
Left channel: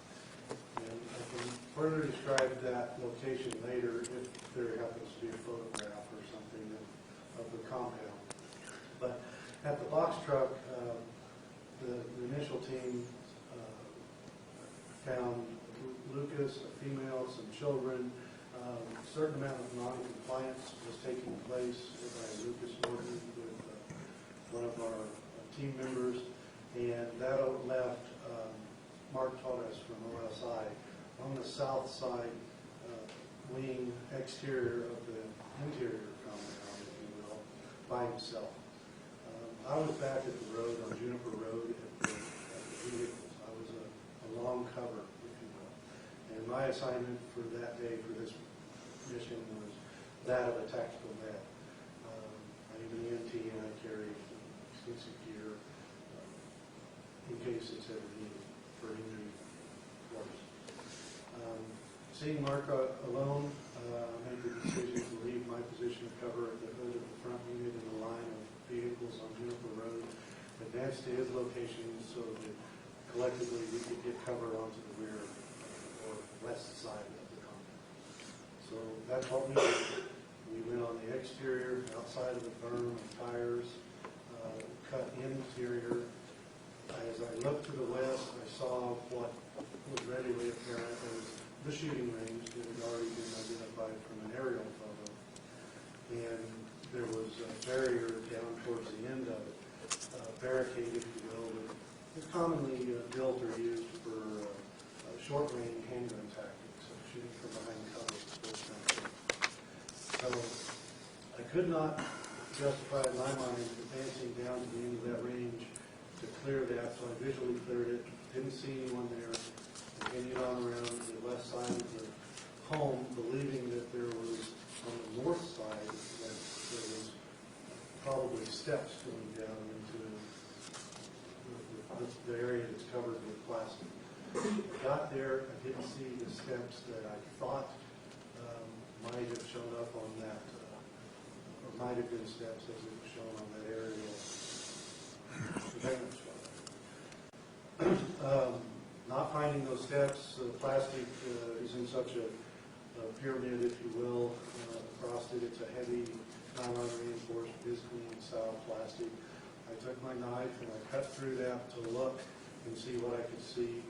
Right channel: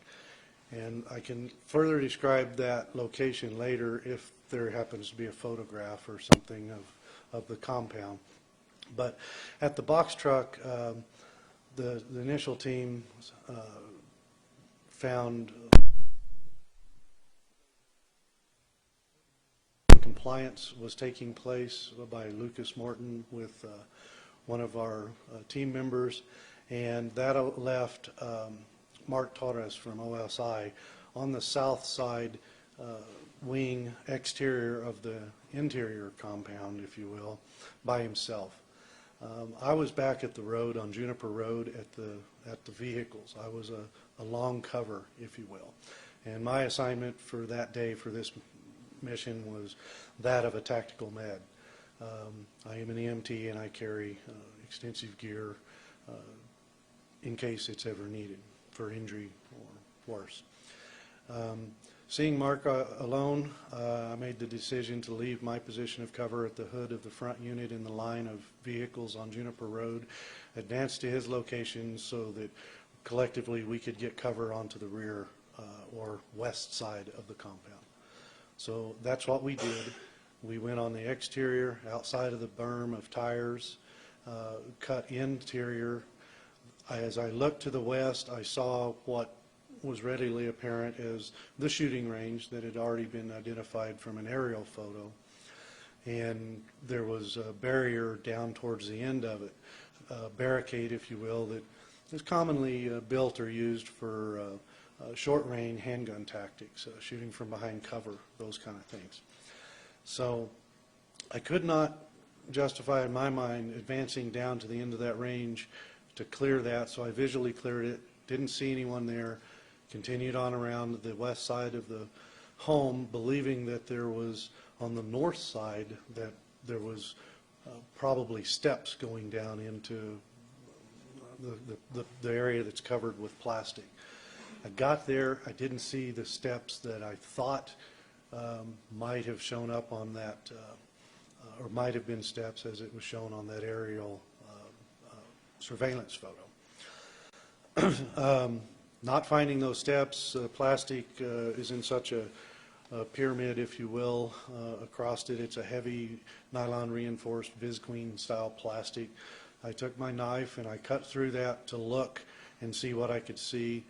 And I can further describe that location later if there happens to be a photograph or something of the compound. But at the box truck, the initial team found Lucas, a female, some children. A certain amount of non-compliance was taking place by Lucas Morton with one of our team members, and that left Mark Torres from OSI on the south side wing exterior of the interior compound, if you will, by himself. I was back at the road on Juniper Road at the vehicles. I was a long cover, if you will. And my assignment for that day for this mission was that of a tactical med. I am an EMT and I carry extensive gear in case it's ever needed for injury or worse. Seeing Mark alone, I made the decision to leave my position of cover at the hood of the front unit in the line of vehicles on Juniper Road, advance to his location so that collectively we could get cover onto the rear or west side of the compound. So that's what we did. We went on the exterior, outside of the berm of tires, cut interior. As I looked to the west, I saw what was readily apparent as the shooting range that had already been identified from an aerial photo. And there was a barrier down towards the end of it, a barricade, if you will, that is commonly built or used for short-range handgun tactics, shooting from behind cover, those kind of things. So I could not justify in my mind advancing down to the end of that range to clear that, so I visually cleared it, didn't see anyone there, continued on around the west side of the home, believing that there was, on the north side, that there was probably steps going down into the area that's covered with plastic. I got there, I didn't see the steps that I thought might have shown up on that, or might have been steps as it was shown on that aerial surveillance photo. Not finding those steps, plastic is in such a pyramid, if you will, across it. It's a heavy nylon reinforced Visqueen style plastic. I took my knife and I cut through that to look and see what I could see.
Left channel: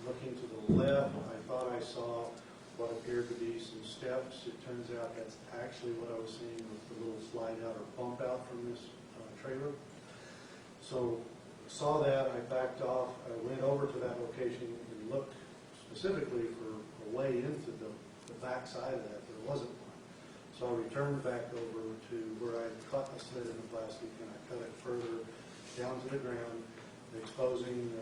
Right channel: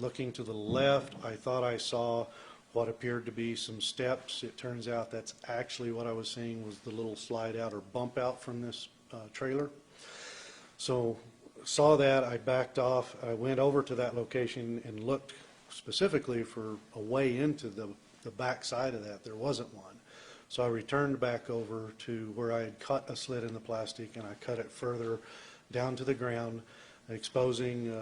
Looking to the left, I thought I saw what appeared to be some steps. It turns out that's actually what I was seeing was the little slide out or bump out from this trailer. So saw that, I backed off, I went over to that location and looked specifically for a way into the back side of that. There wasn't one. So I returned back over to where I had cut a slit in the plastic, and I cut it further down to the ground, exposing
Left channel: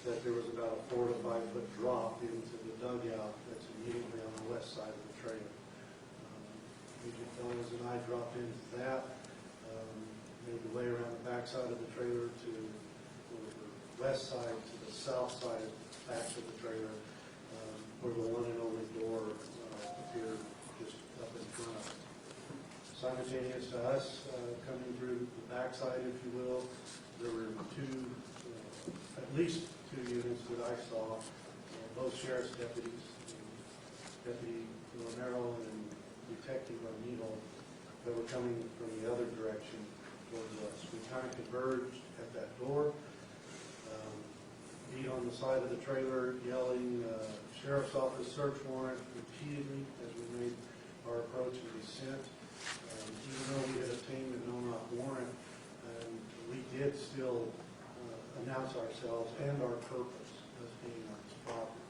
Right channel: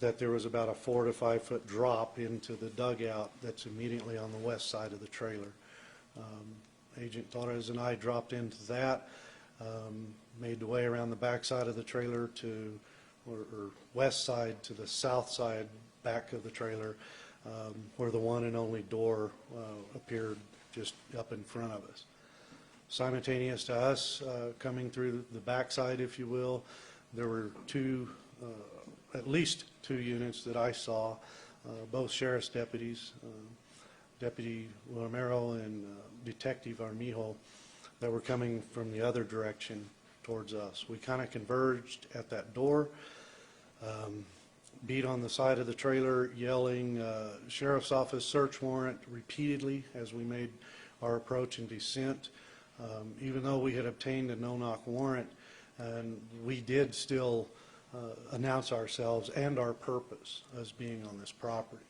that there was about a 4 to 5 foot drop into the dugout that's immediately on the west side of the trailer. Agent Torres and I dropped into that, made the way around the back side of the trailer to, or west side to the south side back of the trailer, where the one and only door appeared just up in front of us. Simultaneous to us coming through the backside, if you will, there were at least two units that I saw, both sheriff's deputies, Deputy Romero and Detective Armijo, that were coming from the other direction towards us. We kind of converged at that door, beat on the side of the trailer, yelling sheriff's office search warrant repeatedly as we made our approach and descent. Even though we had obtained a no-knock warrant, we did still announce ourselves and our purpose as being on this property.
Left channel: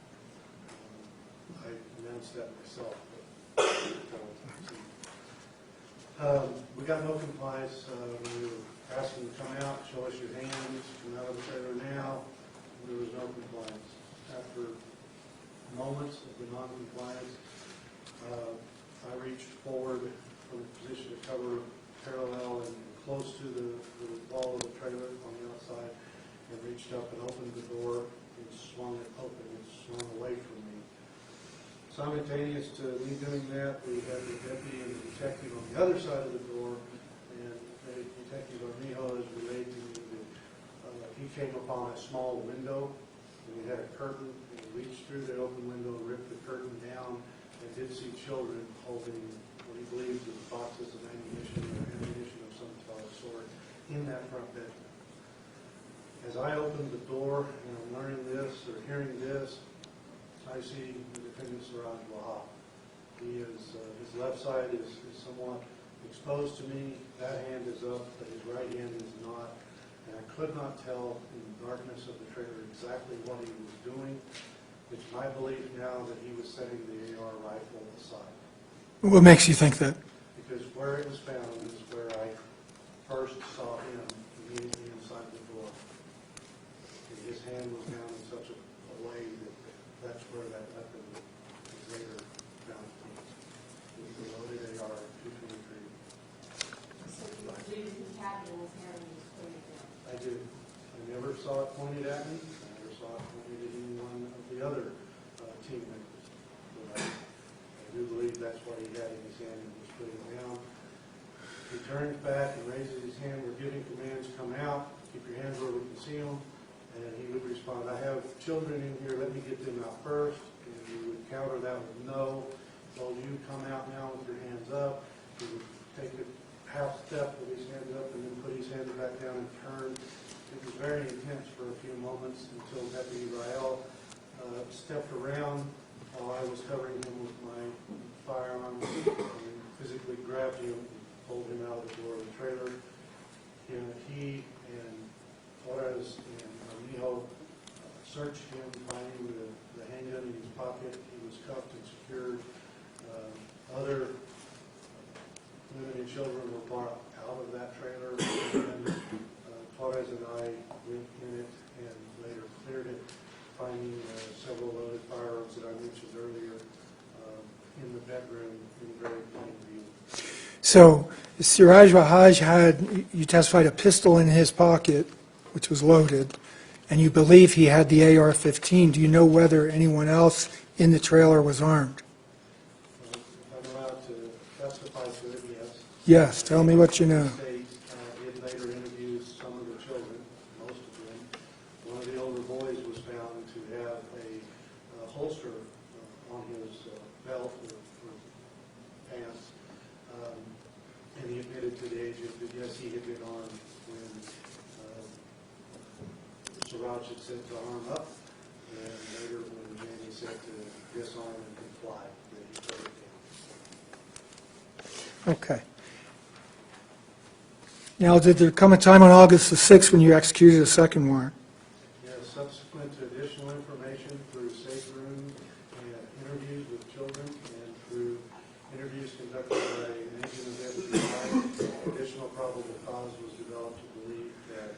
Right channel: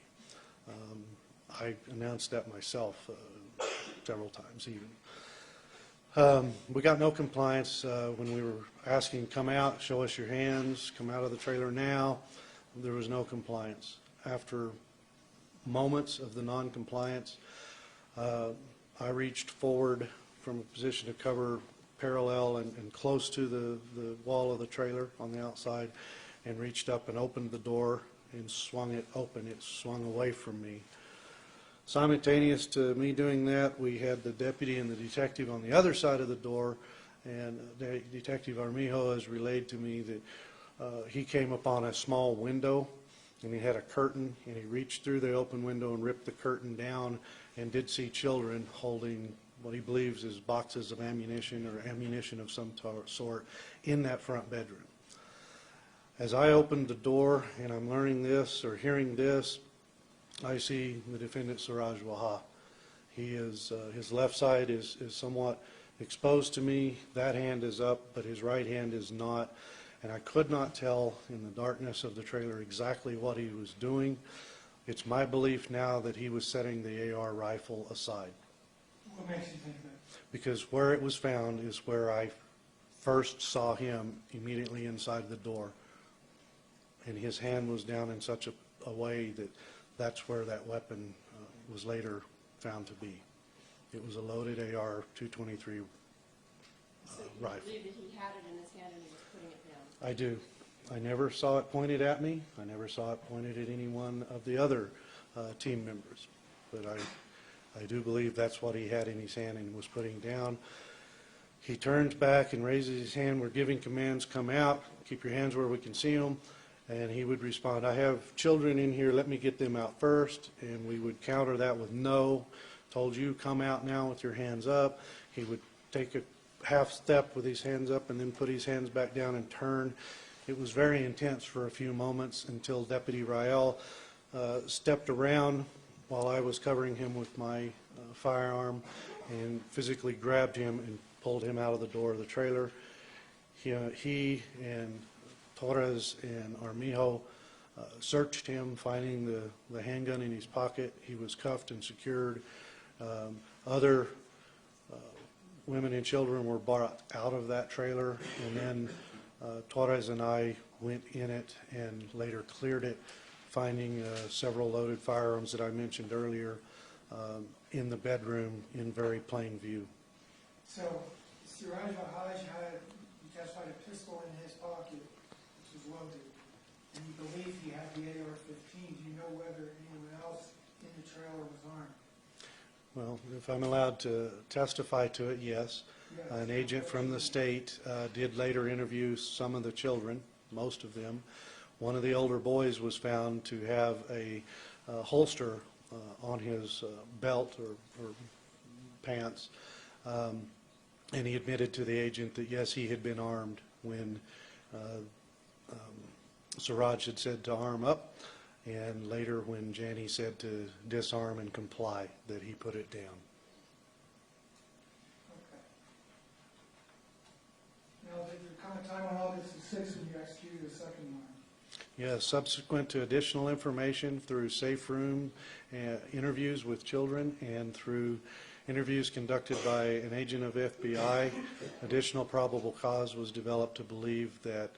I announced that myself several times. We got no compliance when we were asking, come out, show us your hands, come out of the trailer now. There was no compliance. After moments of the non-compliance, I reached forward from a position to cover parallel and close to the wall of the trailer on the outside, and reached up and opened the door and swung it open. It swung away from me. Simultaneous to me doing that, we had the deputy and the detective on the other side of the door, and Detective Armijo has relayed to me that he came upon a small window, and he had a curtain, and he reached through the open window and ripped the curtain down, and did see children holding what he believes is boxes of ammunition or ammunition of some sort in that front bedroom. As I opened the door and I'm learning this or hearing this, I see the defendant Siraj Waha. He is, his left side is somewhat exposed to me. That hand is up, but his right hand is not. And I could not tell in the darkness of the trailer exactly what he was doing. It's my belief now that he was setting the AR rifle aside. What makes you think that? Because where it was found is where I first saw him, immediately inside the door. And his hand was down in such a way that that's where that weapon was later found to be. It was a loaded AR-223 rifle. He had it in his hand and he was putting it down. I do. I never saw it pointed at me. I never saw it pointed at any one of the other team members. But I do believe that's what he had in his hand and was putting down. He turns back and raises his hand. We're giving commands, come out, keep your hands where we can see them. And he would respond, I have children in here, let me get them out first. And we would counter that with no. Told you, come out now with your hands up. He would take a half step with his hands up and then put his hands back down and turn. It was very intense for a few moments until Deputy Rael stepped around while I was covering him with my firearm and physically grabbed him and pulled him out of the door of the trailer. He and Torres and Armijo searched him, finding the handgun in his pocket. He was cuffed and secured. Other women and children were brought out of that trailer, and then Torres and I went in it and later cleared it finding several loaded firearms that I mentioned earlier in the bedroom in very plain view. So Siraj Wahaj had, you testified, a pistol in his pocket, which was loaded, and you believe he had the AR-15. Do you know whether anyone else in the trailer was armed? Well, if I'm allowed to testify to it, yes. Yes, An tell me agent what you from know. the state did later interview some of the children, most of them. One of the older boys was found to have a holster on his belt or pants, and he admitted to the agent that yes, he had been armed when Siraj had said to arm up, and later when Janie said to disarm and comply, that he put it down. Okay. Now, did there come a time on August the 6th when you executed a second warrant? Yes, subsequent to additional information through safe room and interviews with children and through interviews conducted by an agent of the FBI, additional probable cause was developed to believe that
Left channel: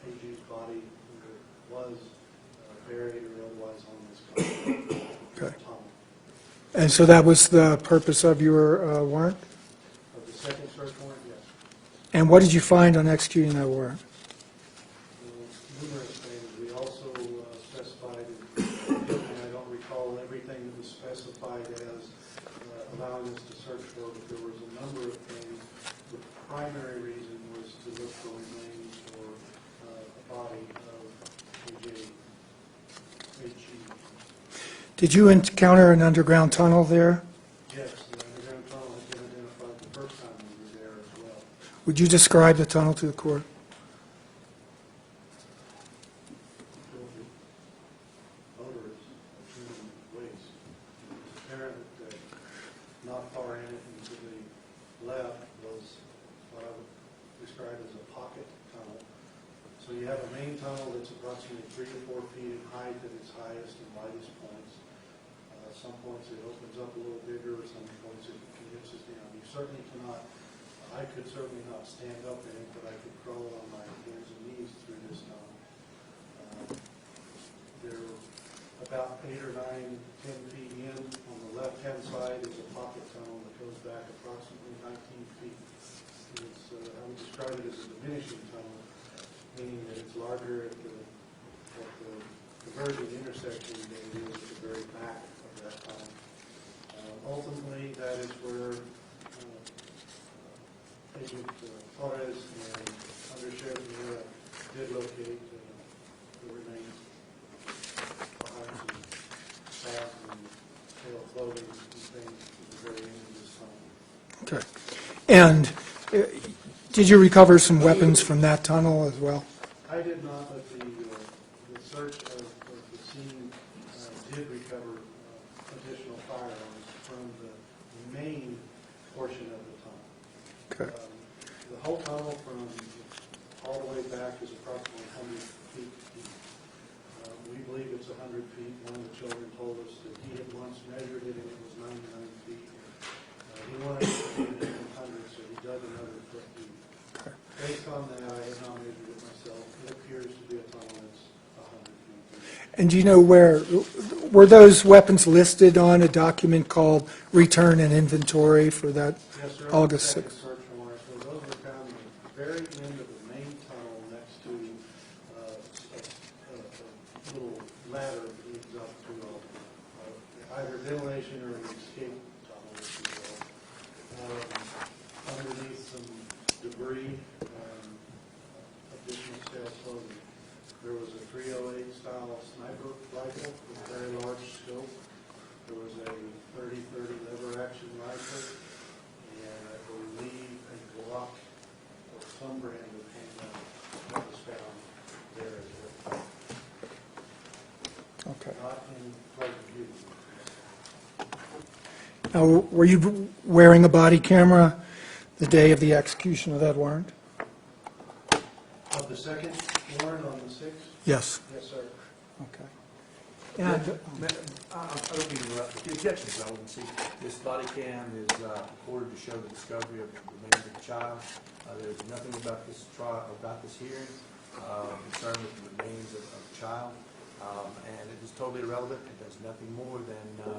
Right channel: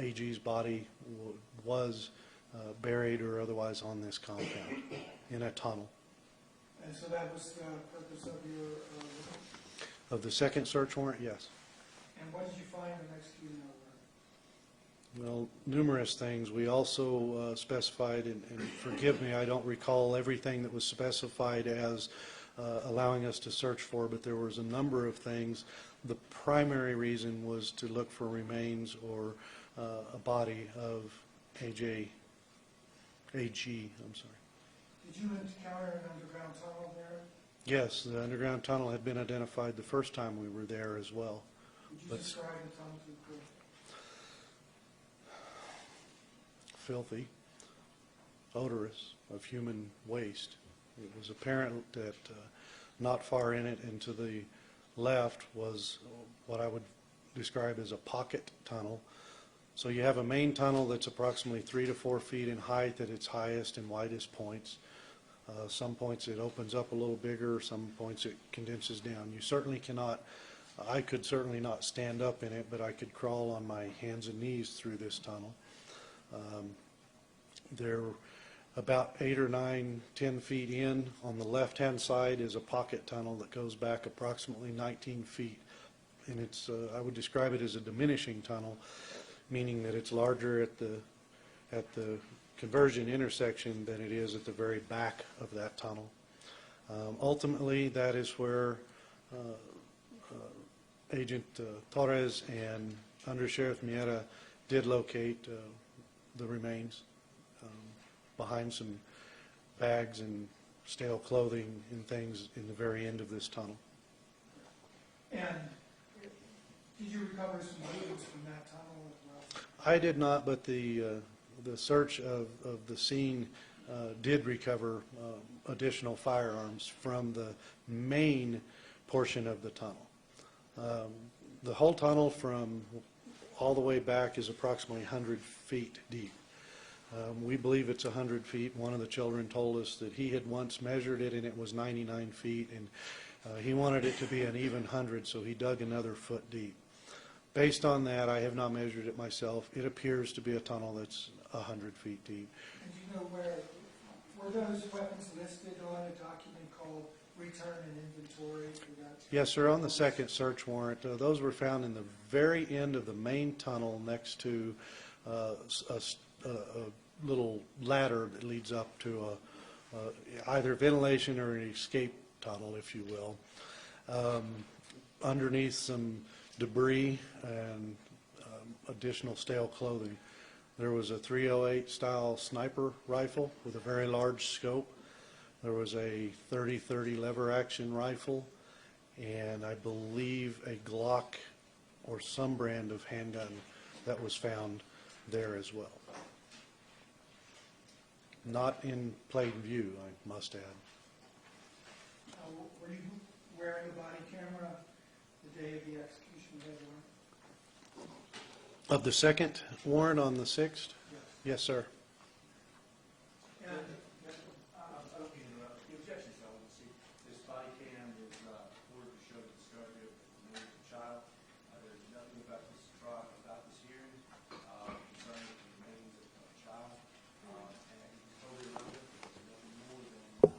AG's body was buried or otherwise on this concrete in a tunnel. And so that was the purpose of your warrant? Of the second search warrant, yes. And what did you find on executing that warrant? Well, numerous things. We also specified, and forgive me, I don't recall everything that was specified as allowing us to search for, but there was a number of things. The primary reason was to look for remains or a body of AG. Did you encounter an underground tunnel there? Yes, the underground tunnel had been identified the first time we were there as well. Would you describe the tunnel to the court? Filthy, odorous of human waste. It was apparent that not far in it and to the left was what I would describe as a pocket tunnel. So you have a main tunnel that's approximately 3 to 4 feet in height at its highest and widest points. Some points it opens up a little bigger, some points it condenses down. You certainly cannot, I could certainly not stand up in it, but I could crawl on my hands and knees through this tunnel. They're about 8 or 9, 10 feet in. On the left-hand side is a pocket tunnel that goes back approximately 19 feet. And it's, I would describe it as a diminishing tunnel, meaning that it's larger at the conversion intersection than it is at the very back of that tunnel. Ultimately, that is where Agent Torres and Undersheriff Miera did locate the remains behind some bags and stale clothing and things in the very end of this tunnel. Okay. And did you recover some weapons from that tunnel as well? I did not, but the search of the scene did recover additional firearms from the main portion of the tunnel. Okay. The whole tunnel from all the way back is approximately 100 feet deep. We believe it's 100 feet. One of the children told us that he had once measured it and it was 99 feet, and he wanted it to be an even 100, so he dug another foot deep. Based on that, I have not measured it myself. It appears to be a tunnel that's 100 feet deep. And do you know were those weapons listed on a document called Return and Inventory for that? Yes, sir, on the August second 6th. search warrant. Those were found in the very end of the main tunnel next to a little ladder that leads up to either ventilation or an escape tunnel, if you will. Underneath some debris and additional stale clothing. There was a .308 style sniper rifle with a very large scope. There was a .30-30 lever action rifle, and I believe a Glock or some brand of handgun that was found there as well. Okay. Not in plain view, I must add. Now, were you wearing a body camera the day of the execution of that warrant? Of the second warrant on the 6th? Yes. Yes, sir. Okay. I And don't mean to interrupt, but the objections, I want to see, this body cam is ordered to show the discovery of the remains of the child. There's nothing about this trial, about this hearing, concerning the remains of the child. and it is totally irrelevant. It does nothing more than,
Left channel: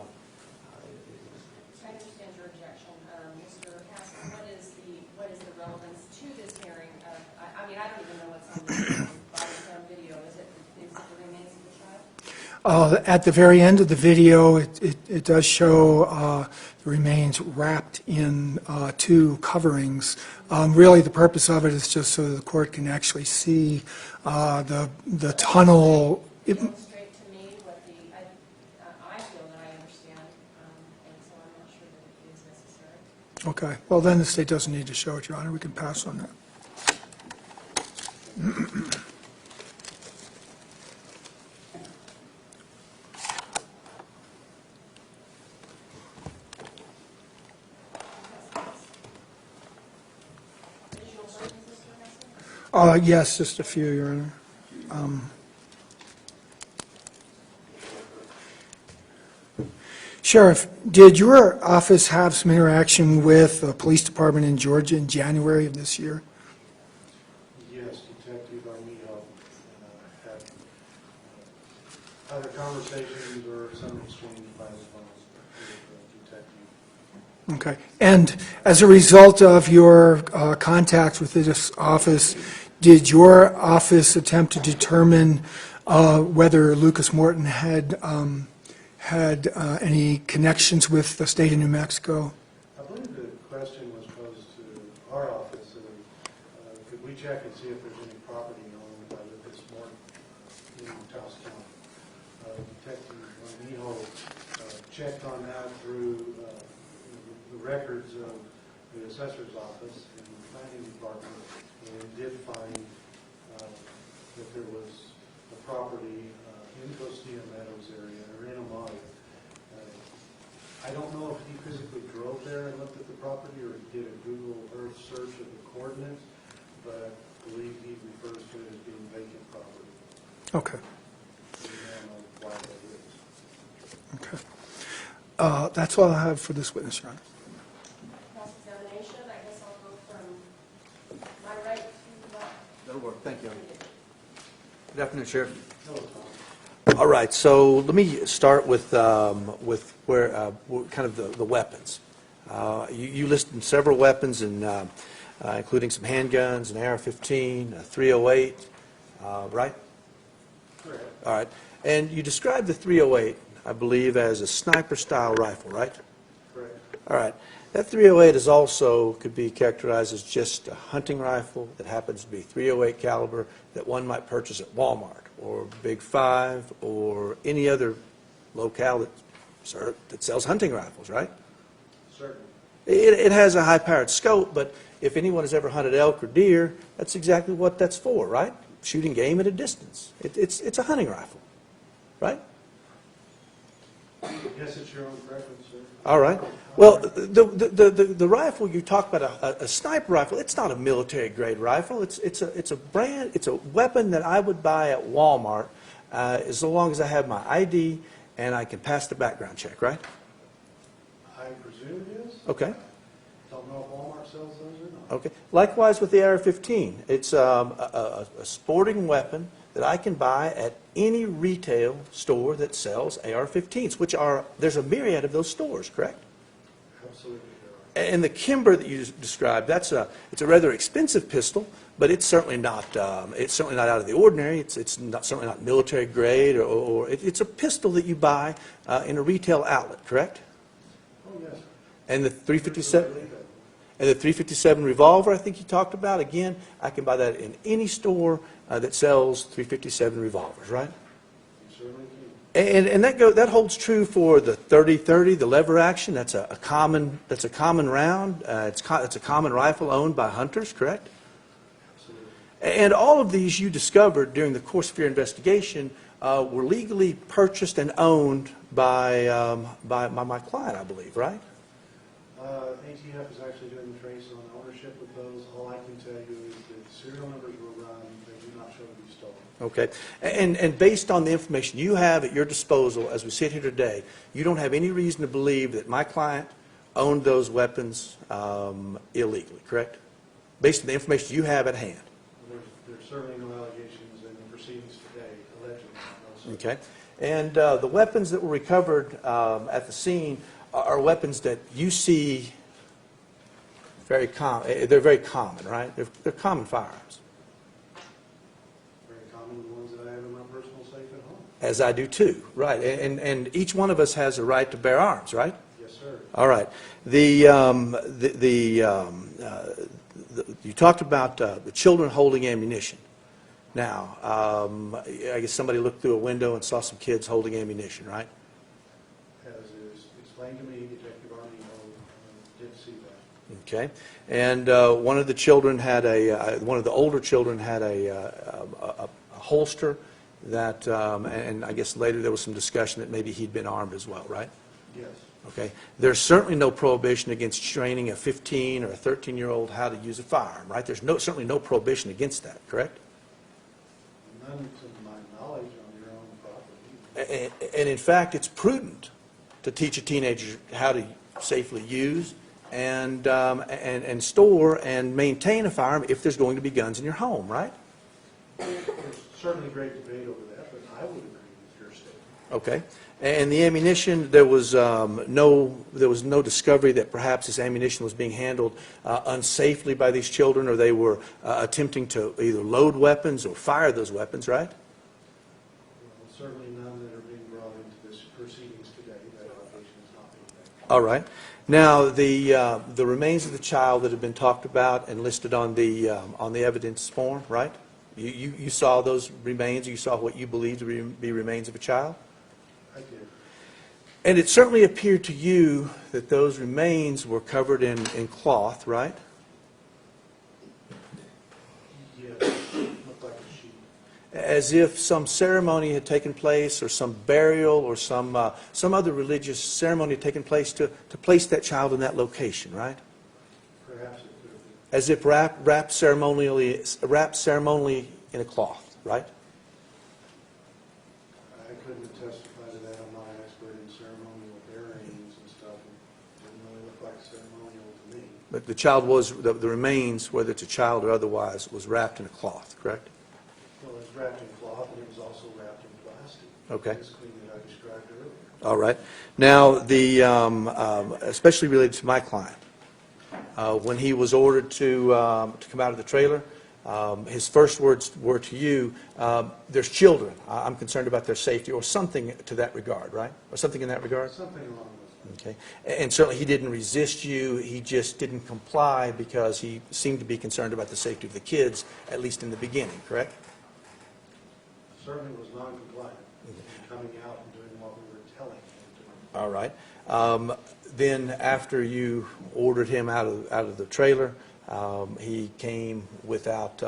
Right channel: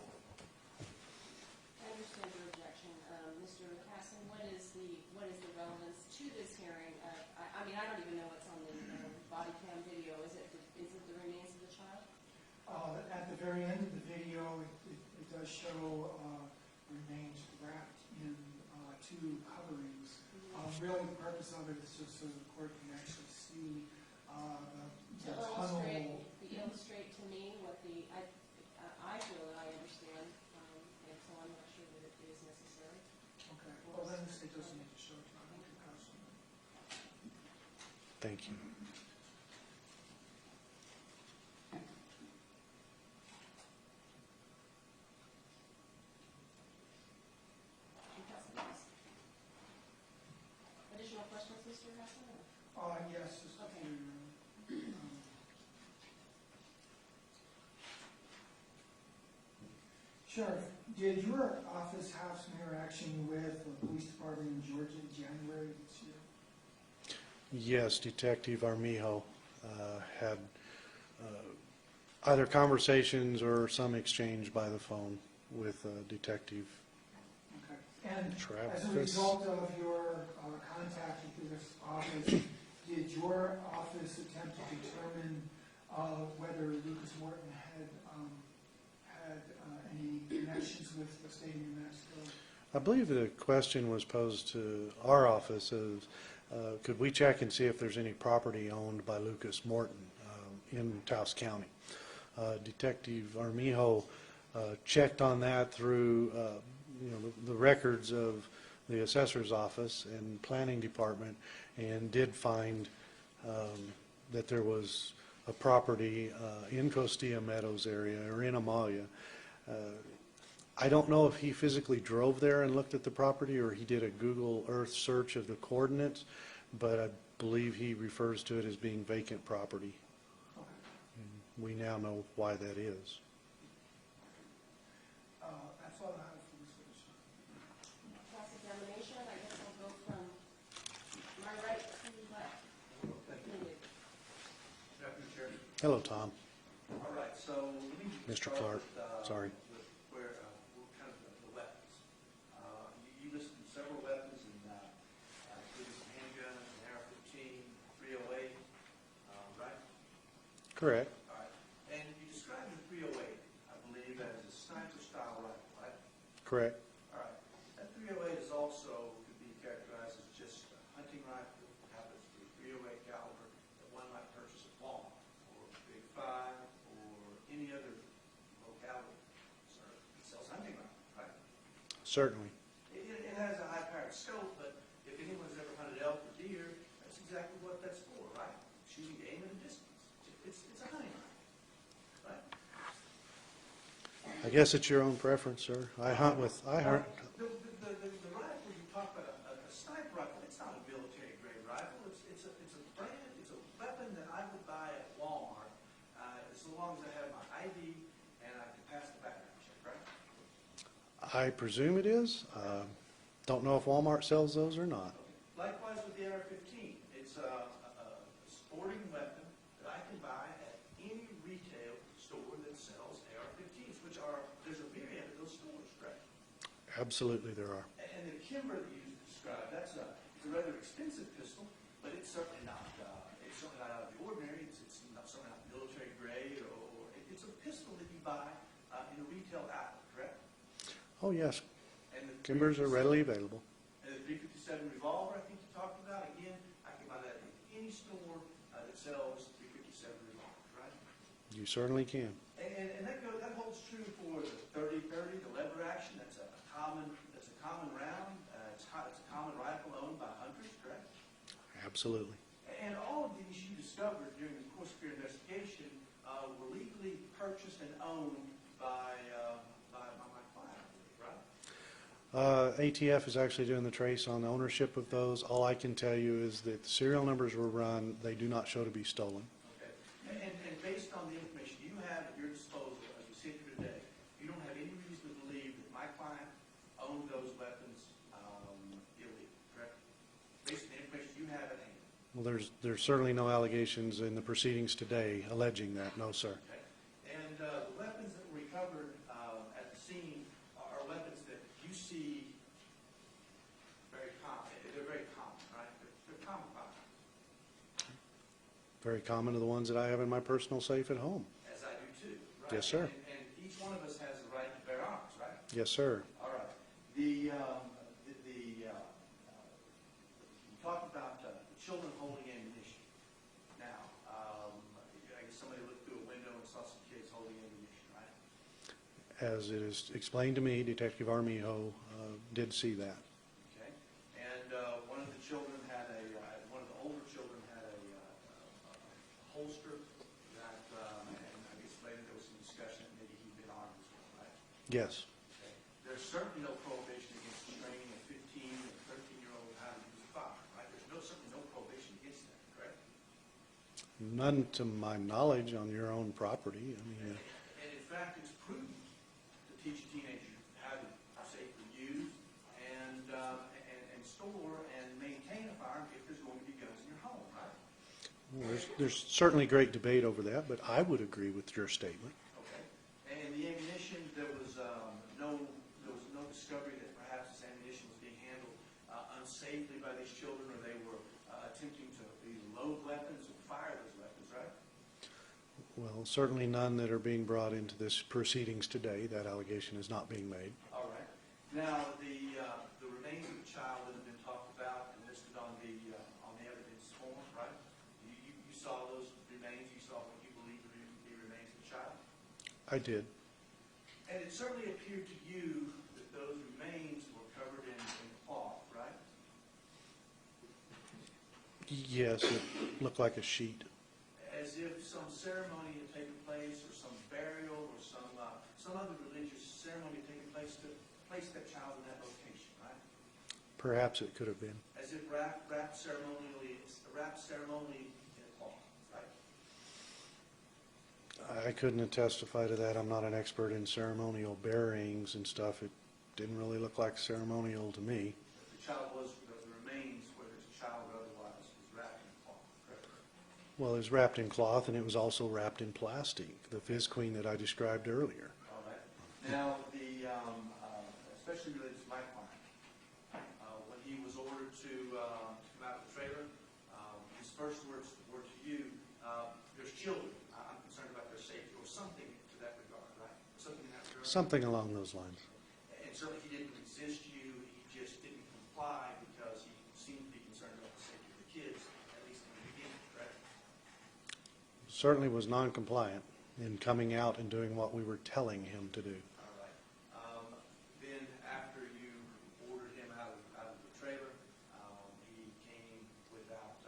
I understand your objection. Mr. Casson, what is the relevance to this hearing? I mean, I don't even know what's on the body cam video. Is it the remains of the child? At the very end of the video, it does show the remains wrapped in two coverings. Really, the purpose of it is just so that the court can actually see the tunnel. Illustrate to me what I feel that I understand, and so I'm not sure that it is necessary. Okay, well, then the state doesn't need to show it, Your Honor. We can pass on that. Additional questions, Mr. Casson? Yes, just a few, Your Honor. Sheriff, did your office have some interaction with the police department in Georgia in January of this year? Yes, Detective Armijo had either conversations or some exchange by the phone with the detective. Okay. And as a result of your contact with this office, did your office attempt to determine whether Lucas Morton had any connections with the state of New Mexico? I believe the question was posed to our office is, could we check and see if there's any property owned by Lucas Morton in Taos County? Detective Armijo checked on that through the records of the assessor's office and planning department, and did find that there was a property in Costilla Meadows area, or in Amalia. I don't know if he physically drove there and looked at the property, or he did a Google Earth search of the coordinates, but I believe he refers to it as being vacant property. Okay. We now know why that is. Okay. That's all I have for this witness, Your Honor. Cross-examination, I guess I'll go from my right to the left. that'll work. Thank you. Good afternoon, Sheriff. Hello, Tom. All right, so let me start with where kind of the weapons. You listed several weapons, and including some handguns, an AR-15, a 308, right? Correct. All right, and you described the 308, I believe, as a sniper-style rifle, right? Correct. All right. That 308 is also could be characterized as just a hunting rifle that happens to be 308 caliber that one might purchase at Walmart or Big Five or any other locale that sells hunting rifles, right? Certainly. It has a high-powered scope, but if anyone has ever hunted elk or deer, that's exactly what that's for, right? Shooting game at a distance. It's a hunting rifle, right? I guess it's your own preference, sir. All right. Well, the rifle you talk about, a sniper rifle, it's not a military-grade rifle. It's a weapon that I would buy at Walmart as long as I have my ID and I can pass the background check, right? I presume it is. Okay. Don't know if Walmart sells those or not. Okay. Likewise with the AR-15. It's a sporting weapon that I can buy at any retail store that sells AR-15s, there's a myriad of those stores, correct? Absolutely there are. And the Kimber that you described, it's a rather expensive pistol, but it's certainly not out of the ordinary. It's certainly not military grade, or it's a pistol that you buy in a retail outlet, correct? Oh, yes, sir. And the They're 357 readily available. and the 357 revolver, I think you talked about. Again, I can buy that in any store that sells 357 revolvers, right? You certainly can. And that holds true for the 30-30, the lever action. That's a common round. It's a common rifle owned by hunters, correct? Absolutely. And all of these you discovered during the course of your investigation were legally purchased and owned by my client, I believe, right? ATF is actually doing the trace on ownership of those. All I can tell you is that the serial numbers were run. They do not show to be stolen. Okay. And based on the information you have at your disposal as we sit here today, you don't have any reason to believe that my client owned those weapons illegally, correct? Based on the information you have at hand. Well, there's certainly no allegations in the proceedings today alleging that, no, sir. Okay. And the weapons that were recovered at the scene are weapons that you see very common. They're very common, right? They're common firearms. Very common to the ones that I have in my personal safe at home. As I do too, right? Yes, sir. And each one of us has a right to bear arms, right? Yes, sir. All right. You talked about the children holding ammunition. Now, I guess somebody looked through a window and saw some kids holding ammunition, right? As it is explained to me, Detective Armijo did see that. Okay. And one of the children had one of the older children had a holster that, and I guess later there was some discussion that maybe he'd been armed as well, right? Yes. Okay. There's certainly no prohibition against training a 15 or a 13-year-old how to use a firearm, right? There's certainly no prohibition against that, correct? None to my knowledge on your own property. And in fact, it's prudent to teach a teenager how to safely use and store and maintain a firearm if there's going to be guns in your home, right? There's certainly great debate over that, but I would agree with your statement. Okay. And the ammunition, there was no discovery that perhaps this ammunition was being handled unsafely by these children, or they were attempting to either load weapons or fire those weapons, right? Well, certainly none that are being brought into this proceedings today. That allegation is not being made. All right. Now, the remains of the child that have been talked about and listed on the evidence form, right? You saw those remains. You saw what you believed to be remains of a child. I did. And it certainly appeared to you that those remains were covered in cloth, right? Yes, looked like a sheet. As if some ceremony had taken place, or some burial, or some other religious ceremony had taken place to place that child in that location, right? Perhaps it could have been. As if wrapped ceremonially in a cloth, right? I couldn't testify to that. I'm not an expert in ceremonial buryings and stuff. It didn't really look like ceremonial to me. But the child the remains, whether it's a child or otherwise, was wrapped in a cloth, correct? Well, it was wrapped in cloth, and it was also wrapped in plastic. Okay. This queen that I described earlier. All right. Now, especially related to my client, when he was ordered to come out of the trailer, his first words were to you, there's children. I'm concerned about their safety, or something to that regard, right? Or something in that regard? Something along those lines. Okay. And certainly he didn't resist you. He just didn't comply because he seemed to be concerned about the safety of the kids, at least in the beginning, correct? Certainly was non-compliant in coming out and doing what we were telling him to do. All right. Then after you ordered him out of the trailer, he came without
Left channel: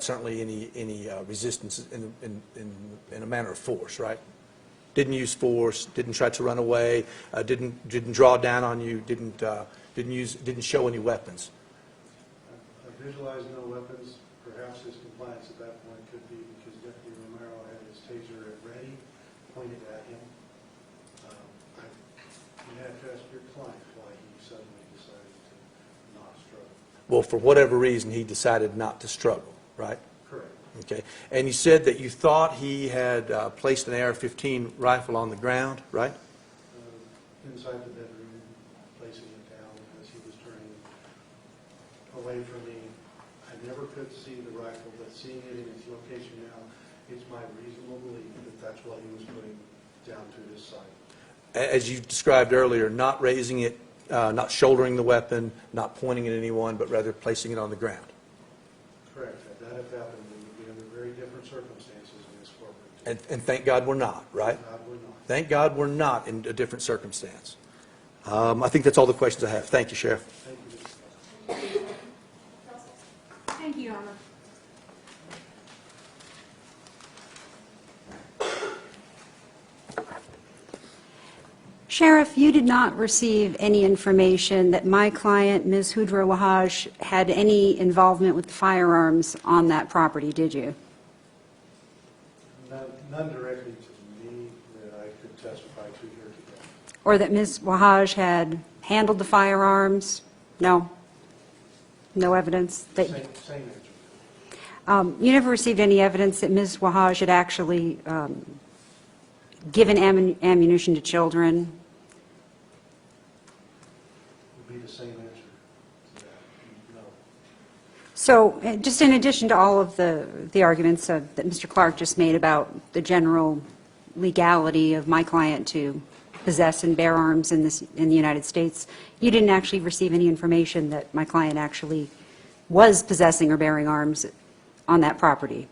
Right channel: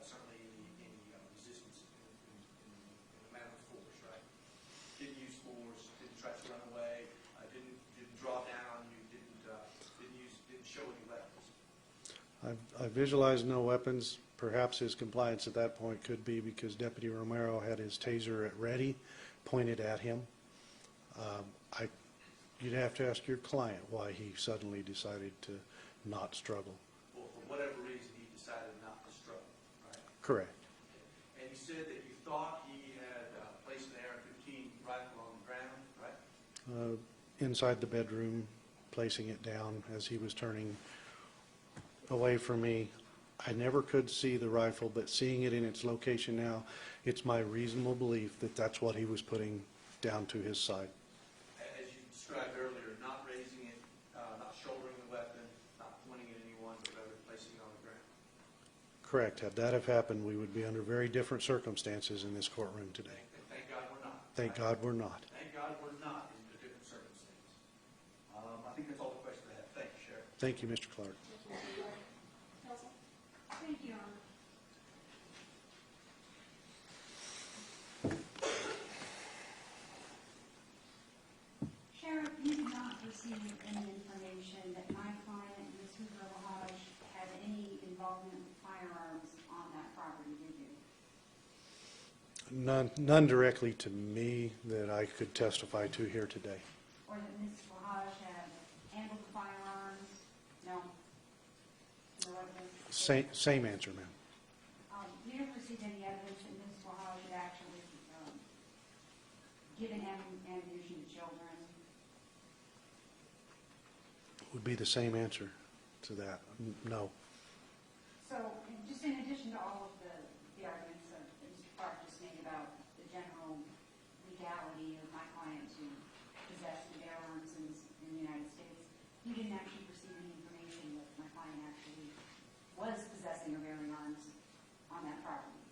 certainly any resistance in a manner of force, right? Didn't use force, didn't try to run away, didn't draw down on you, didn't show any weapons. I visualized no weapons. Perhaps his compliance at that point could be because Deputy Romero had his taser at ready, pointed at him. You'd have to ask your client why he suddenly decided to not struggle. Well, for whatever reason, he decided not to struggle, right? Correct. Okay. And you said that you thought he had placed an AR-15 rifle on the ground, right? Inside the bedroom, placing it down as he was turning away from me. I never could see the rifle, but seeing it in its location now, it's my reasonable belief that that's what he was putting down to his side. As you described earlier, not raising it, not shouldering the weapon, not pointing at anyone, but rather placing it on the ground. Correct. Had that have happened, we would be under very different circumstances in this courtroom today. And thank God we're not, right? Thank God we're not. Thank God we're not in a different circumstance. I think that's all the questions I have. Thank you, Sheriff. Thank you, Mr. Clark. Thank you, Your Honor. Sheriff, you did not receive any information that my client, Ms. Hudra Wahaj, had any involvement with the firearms on that property, did you? None directly to me that I could testify to here today. Or that Ms. Wahaj had handled the firearms? No? No evidence? Same answer, ma'am. You never received any evidence that Ms. Wahaj had actually given ammunition to children? Would be the same answer to that. No. So, just in addition to all of the arguments that Mr. Clark just made about the general legality of my client to possess and bear arms in the United States, you didn't actually receive any information that my client actually was possessing or bearing arms on that property?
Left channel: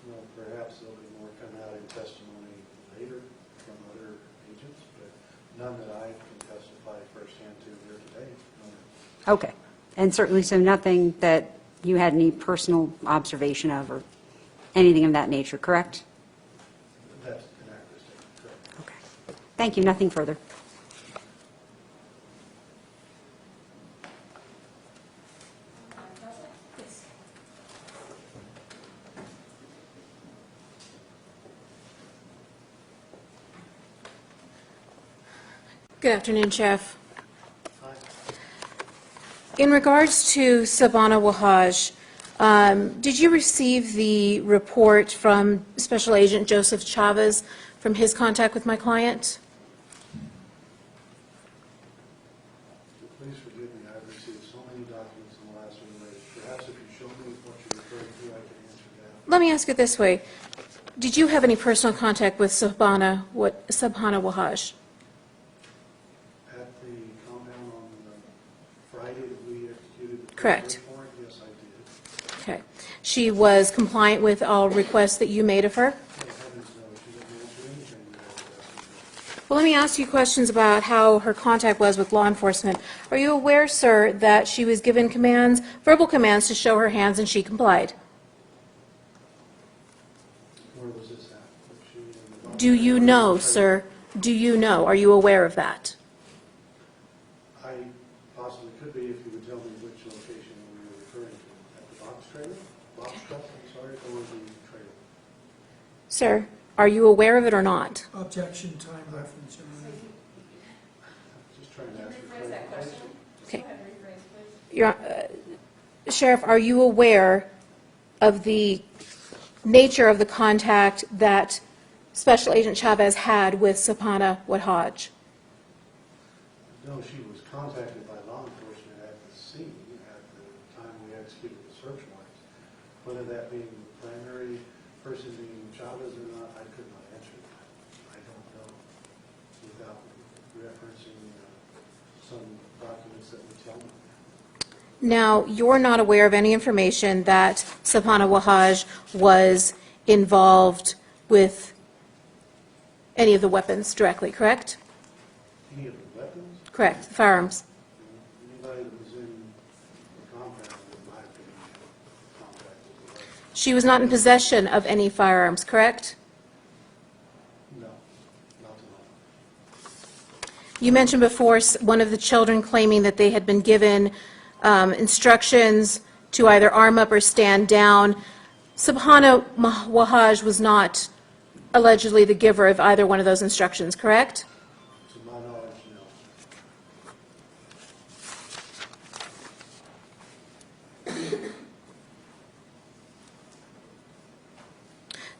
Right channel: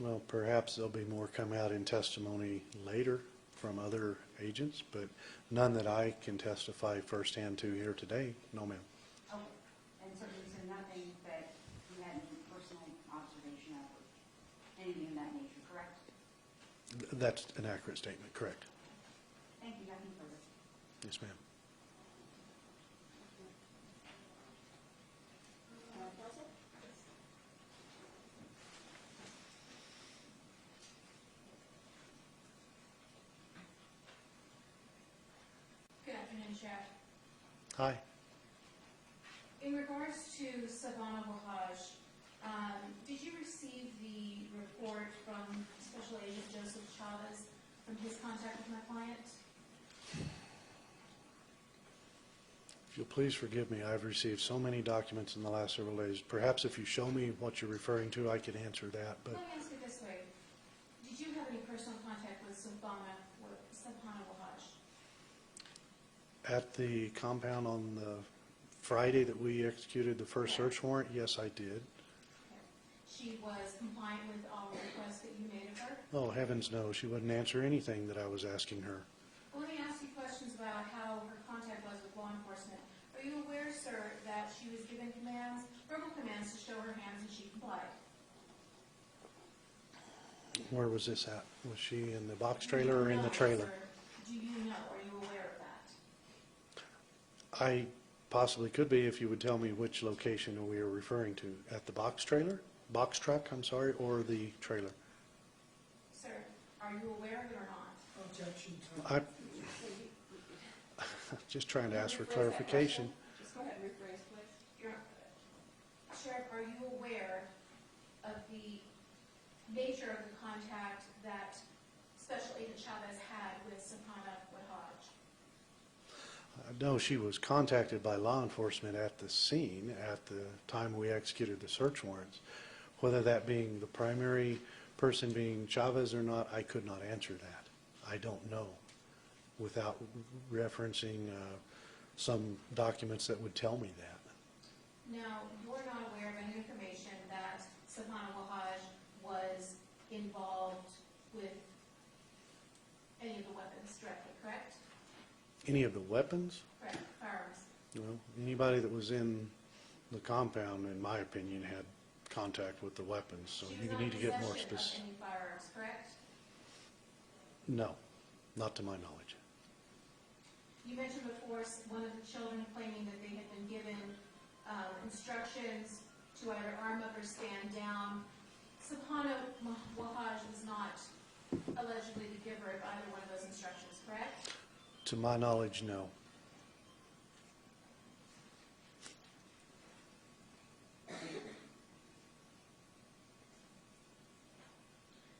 Well, perhaps there'll be more come out in testimony later from other agents, but none that I can testify firsthand to here today. No, ma'am. Okay. And certainly, so nothing that you had any personal observation of or anything of that nature, correct? That's an accurate statement, correct. Okay. Thank you. Nothing further. Yes, ma'am. Good afternoon, Sheriff. Hi. In regards to Sabana Wahaj, did you receive the report from Special Agent Joseph Chavez from his contact with my client? If you'll please forgive me, I've received so many documents in the last several days. Perhaps if you show me what you're referring to, I can answer that. But Let me ask it this way. Did you have any personal contact with Sabana Wahaj? At the compound on the Friday that we executed the first Correct. search warrant, yes, I did. Okay. She was compliant with all requests that you made of her? Oh, heavens no, she wouldn't answer anything that I was asking her. Well, let me ask you questions about how her contact was with law enforcement. Are you aware, sir, that she was given commands, verbal commands, to show her hands and she complied? Where was this at? Was she in the box? Do trailer or you in the know, trailer? sir? Do you know? Are you aware of that? I possibly could be if you would tell me which location we are referring to. At the box truck, I'm sorry, or the trailer? Sir, are you aware of it or not? Objection, time I- reference. Just trying to ask for clarification. Okay. Your, Sheriff, are you aware of the nature of the contact that Special Agent Chavez had with Sabana Wahaj? No, she was contacted by law enforcement at the scene at the time we executed the search warrants. Whether that being the primary person being Chavez or not, I could not answer that. I don't know without referencing some documents that would tell me that. Now, you're not aware of any information that Sabana Wahaj was involved with any of the weapons directly, correct? Any of the weapons? Correct, firearms. Anybody that was in the compound, in my opinion, had contact with the weapons. She was not in possession of any firearms, correct? No, not to my knowledge. You mentioned before one of the children claiming that they had been given instructions to either arm up or stand down. Sabana Wahaj was not allegedly the giver of either one of those instructions, correct? To my knowledge, no.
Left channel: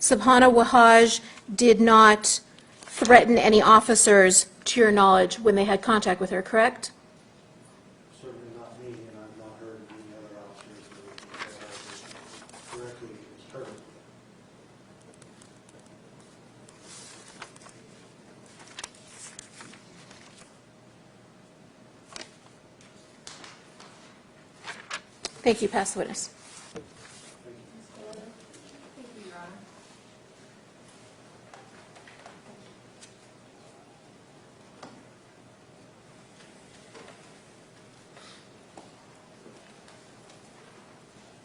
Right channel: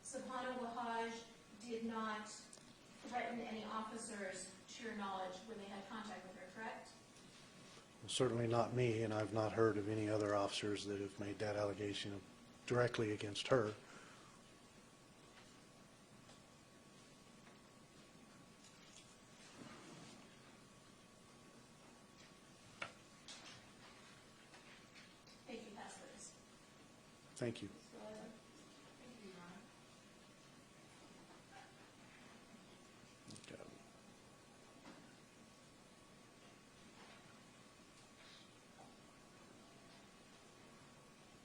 Sabana Wahaj did not threaten any officers, to your knowledge, when they had contact with her, correct? Certainly not me, and I've not heard of any other officers that have made that allegation directly against her. Thank you. Pass the witness. Thank you. Thank you, Your Honor.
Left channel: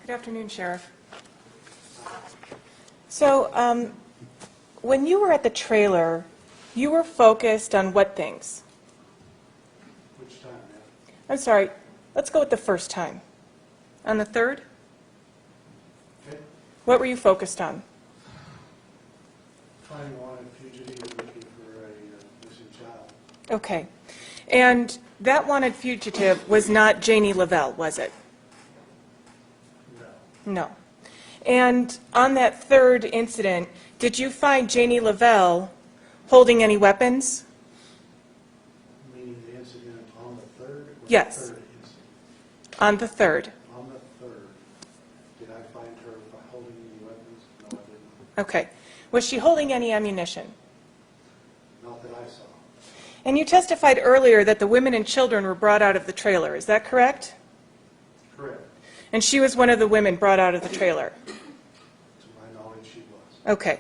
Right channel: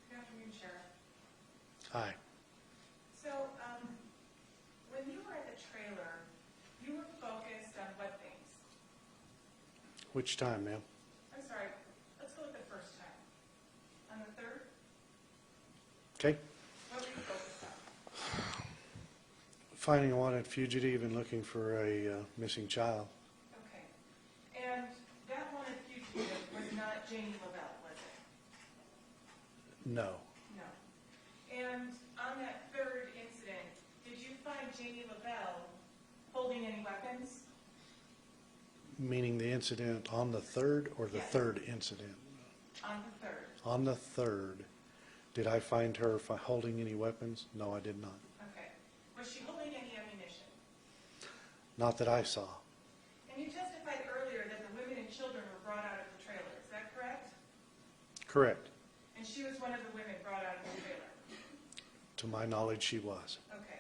Good afternoon, Sheriff. Hi. So, when you were at the trailer, you were focused on what things? Which time, ma'am? I'm sorry, let's go with the first time. On the third, Okay. what were you focused on? Finding a wanted fugitive and looking for a missing child. Okay. And that wanted fugitive was not Janie Lavelle, was it? No. No. And on that third incident, did you find Janie Lavelle holding any weapons? Meaning the incident on the third or the Yes. third incident? On the third. On the third, did I find her holding any weapons? No, I did not. Okay. Was she holding any ammunition? Not that I saw. And you testified earlier that the women and children were brought out of the trailer. Is that correct? Correct. And she was one of the women brought out of the trailer? To my knowledge, she was. Okay.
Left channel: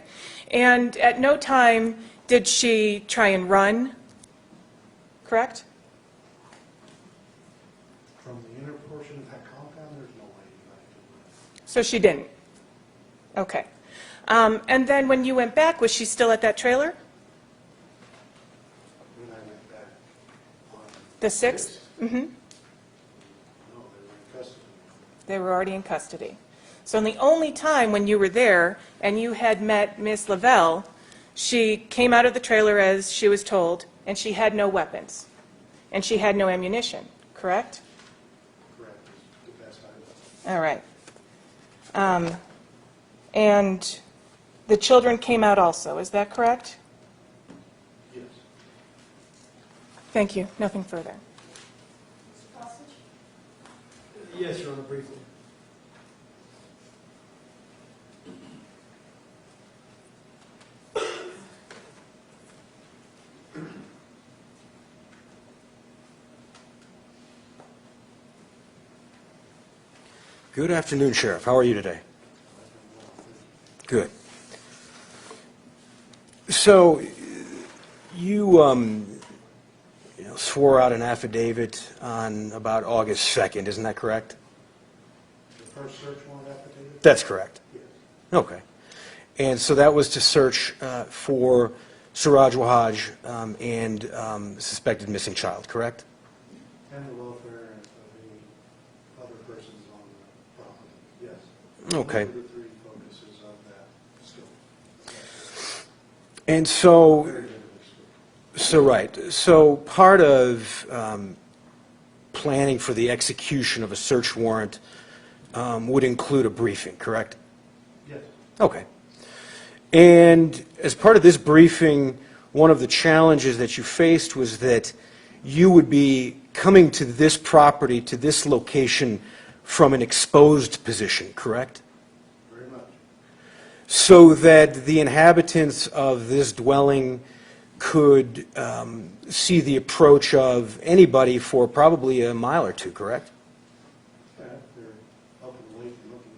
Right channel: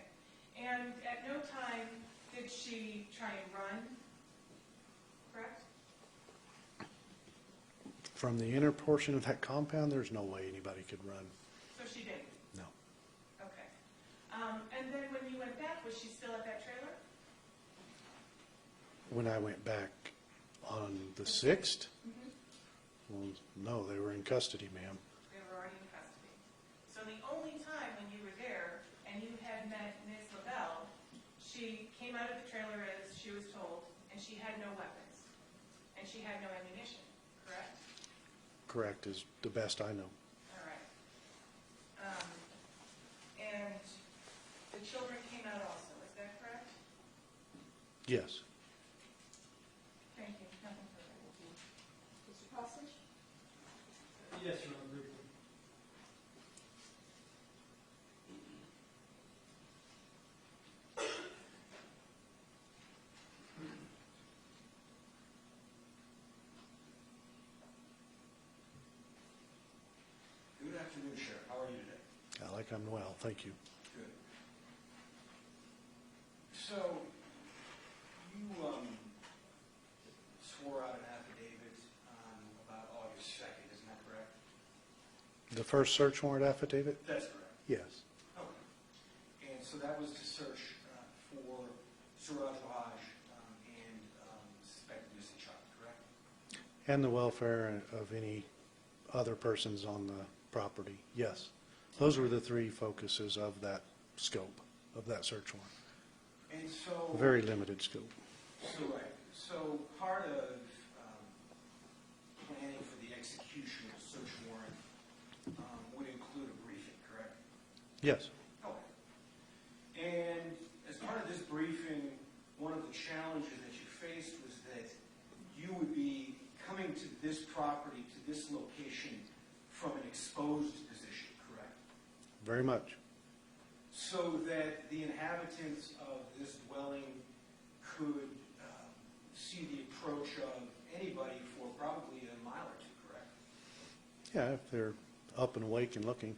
And at no time did she try and run, correct? From the inner portion of that compound, there's no way anybody could run. So she didn't? Okay. And then when you went back, was she still at that trailer? When I went back on The the 6th? 6th, Mm-hmm. no, they were in custody, ma'am. They were already in custody. So the only time when you were there and you had met Miss Lavelle, she came out of the trailer as she was told, and she had no weapons, and she had no ammunition, correct? Correct, is the best I know. All right. And the children came out also, is that correct? Yes. Thank you. Nothing further. Mr. Costage? Yes, Your Honor, briefly. Good afternoon, Sheriff. How are you today? I'm well, thank you. Good. So, you swore out an affidavit on about August 2nd, isn't that correct? The first search warrant affidavit? That's correct. Yes. Okay. And so that was to search for Suraj Wahaj and suspected missing child, correct? And the welfare of any other persons on the property, yes. Okay. Those are the three focuses of that scope, of that search. And so... Very limited scope. So, right. So part of planning for the execution of a search warrant would include a briefing, correct? Yes. Okay. And as part of this briefing, one of the challenges that you faced was that you would be coming to this property, to this location, from an exposed position, correct? Very much. So that the inhabitants of this dwelling could see the approach of anybody for probably a mile or two, correct? Yeah, if they're up and awake and looking,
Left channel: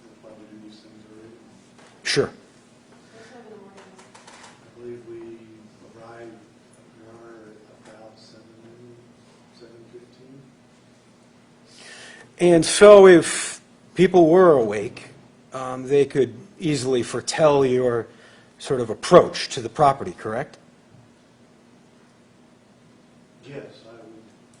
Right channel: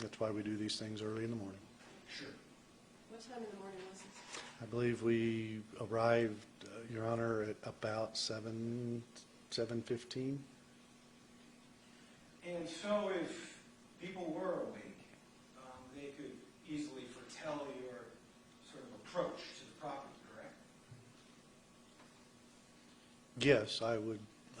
that's why we do these things early in the morning. Sure. I believe we arrived, Your Honor, at about 7:15. And so if people were awake, they could easily foretell your sort of approach to the property, correct? Yes,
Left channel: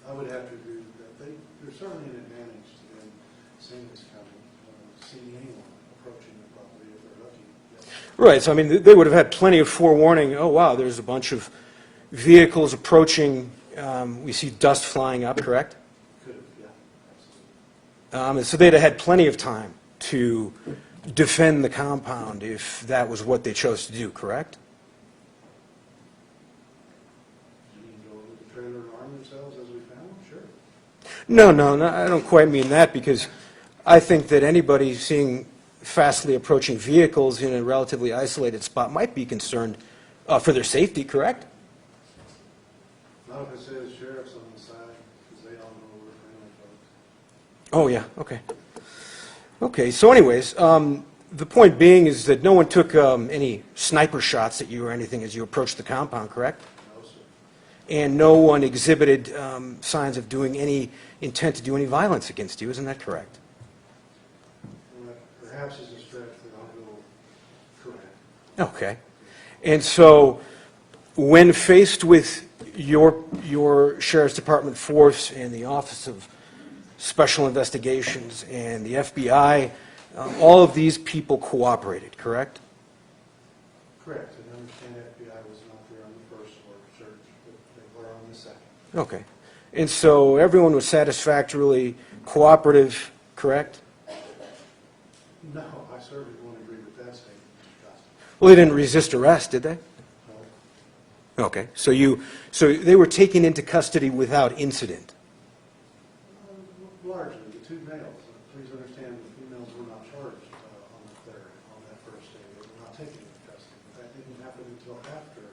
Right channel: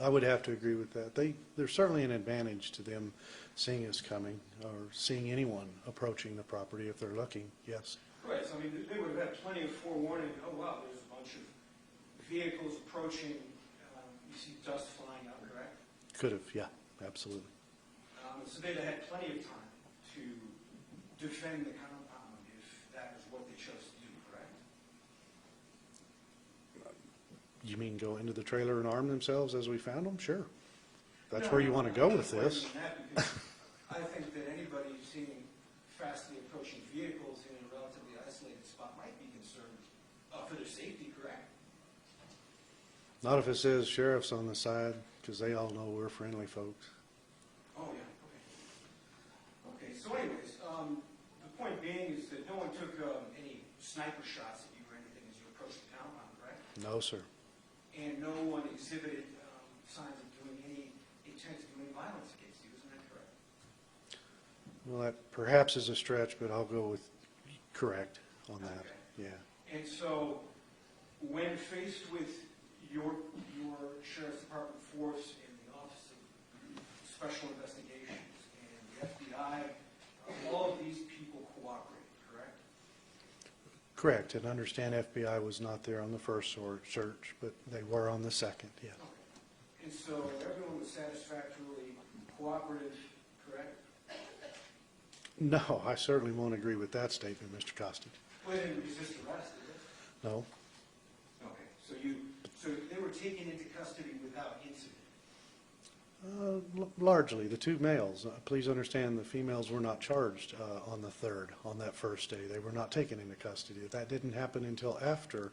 I would have to agree with that. There's certainly an advantage to them seeing us coming or seeing anyone approaching the property if they're looking, yes. Right, so I mean, they would have had plenty of forewarning, oh wow, there's a bunch of vehicles approaching, we see dust flying up, correct? Could have, yeah, absolutely. And so they'd have had plenty of time to defend the compound if that was what they chose to do, correct? You mean go into the trailer and arm themselves as we found them? Sure. No, I don't quite mean that, because I think that anybody seeing fastly approaching vehicles in a relatively isolated spot might be concerned for their safety, correct? Not if it says sheriff's on the side, because they all know we're friendly folks. Oh, yeah, okay. Okay, so anyways, the point being is that no one took any sniper shots at you or anything as you approached the compound, correct? No, sir. And no one exhibited signs of doing any intent to do any violence against you, isn't that correct? Well, that perhaps is a stretch, but I'll go with correct. Okay. Yeah. And so when faced with your Sheriff's Department force and the Office of Special Investigations and the FBI, all of these people cooperated, correct? Correct, and understand FBI was not there on the first search, but they were on the second. Yeah. Okay. And so everyone was satisfactorily cooperative, correct? No, I certainly won't agree with that statement, Mr. Costa. Well, they didn't resist arrest, did they? No. Okay, so they were taken into custody without incident? Largely, the two males. Please understand the females were not charged on the 3rd, on that first day. They were not taken into custody. That didn't happen until after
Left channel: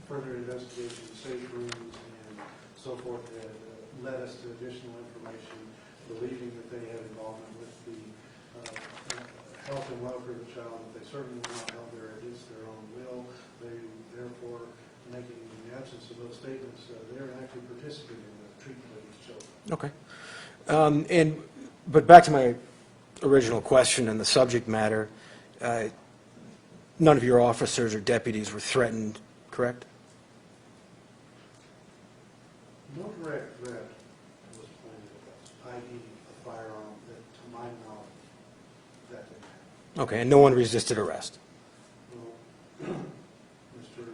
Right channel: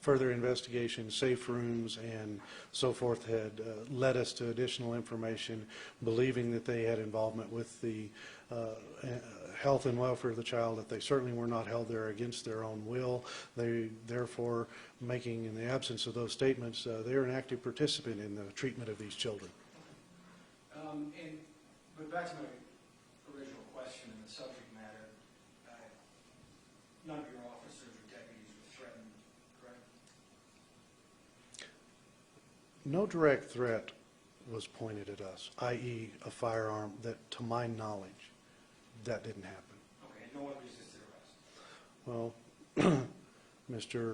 further investigation, safe rooms, and so forth had led us to additional information, believing that they had involvement with the health and welfare of the child, that they certainly were not held there against their own will. They, therefore, making, in the absence of those statements, they're an active participant in the treatment of these children. Okay. But back to my original question and the subject matter, none of your officers or deputies were threatened, correct? No direct threat was pointed at us, i.e. a firearm, that, to my knowledge, that didn't happen. Okay, and no one resisted arrest? Well, Mr.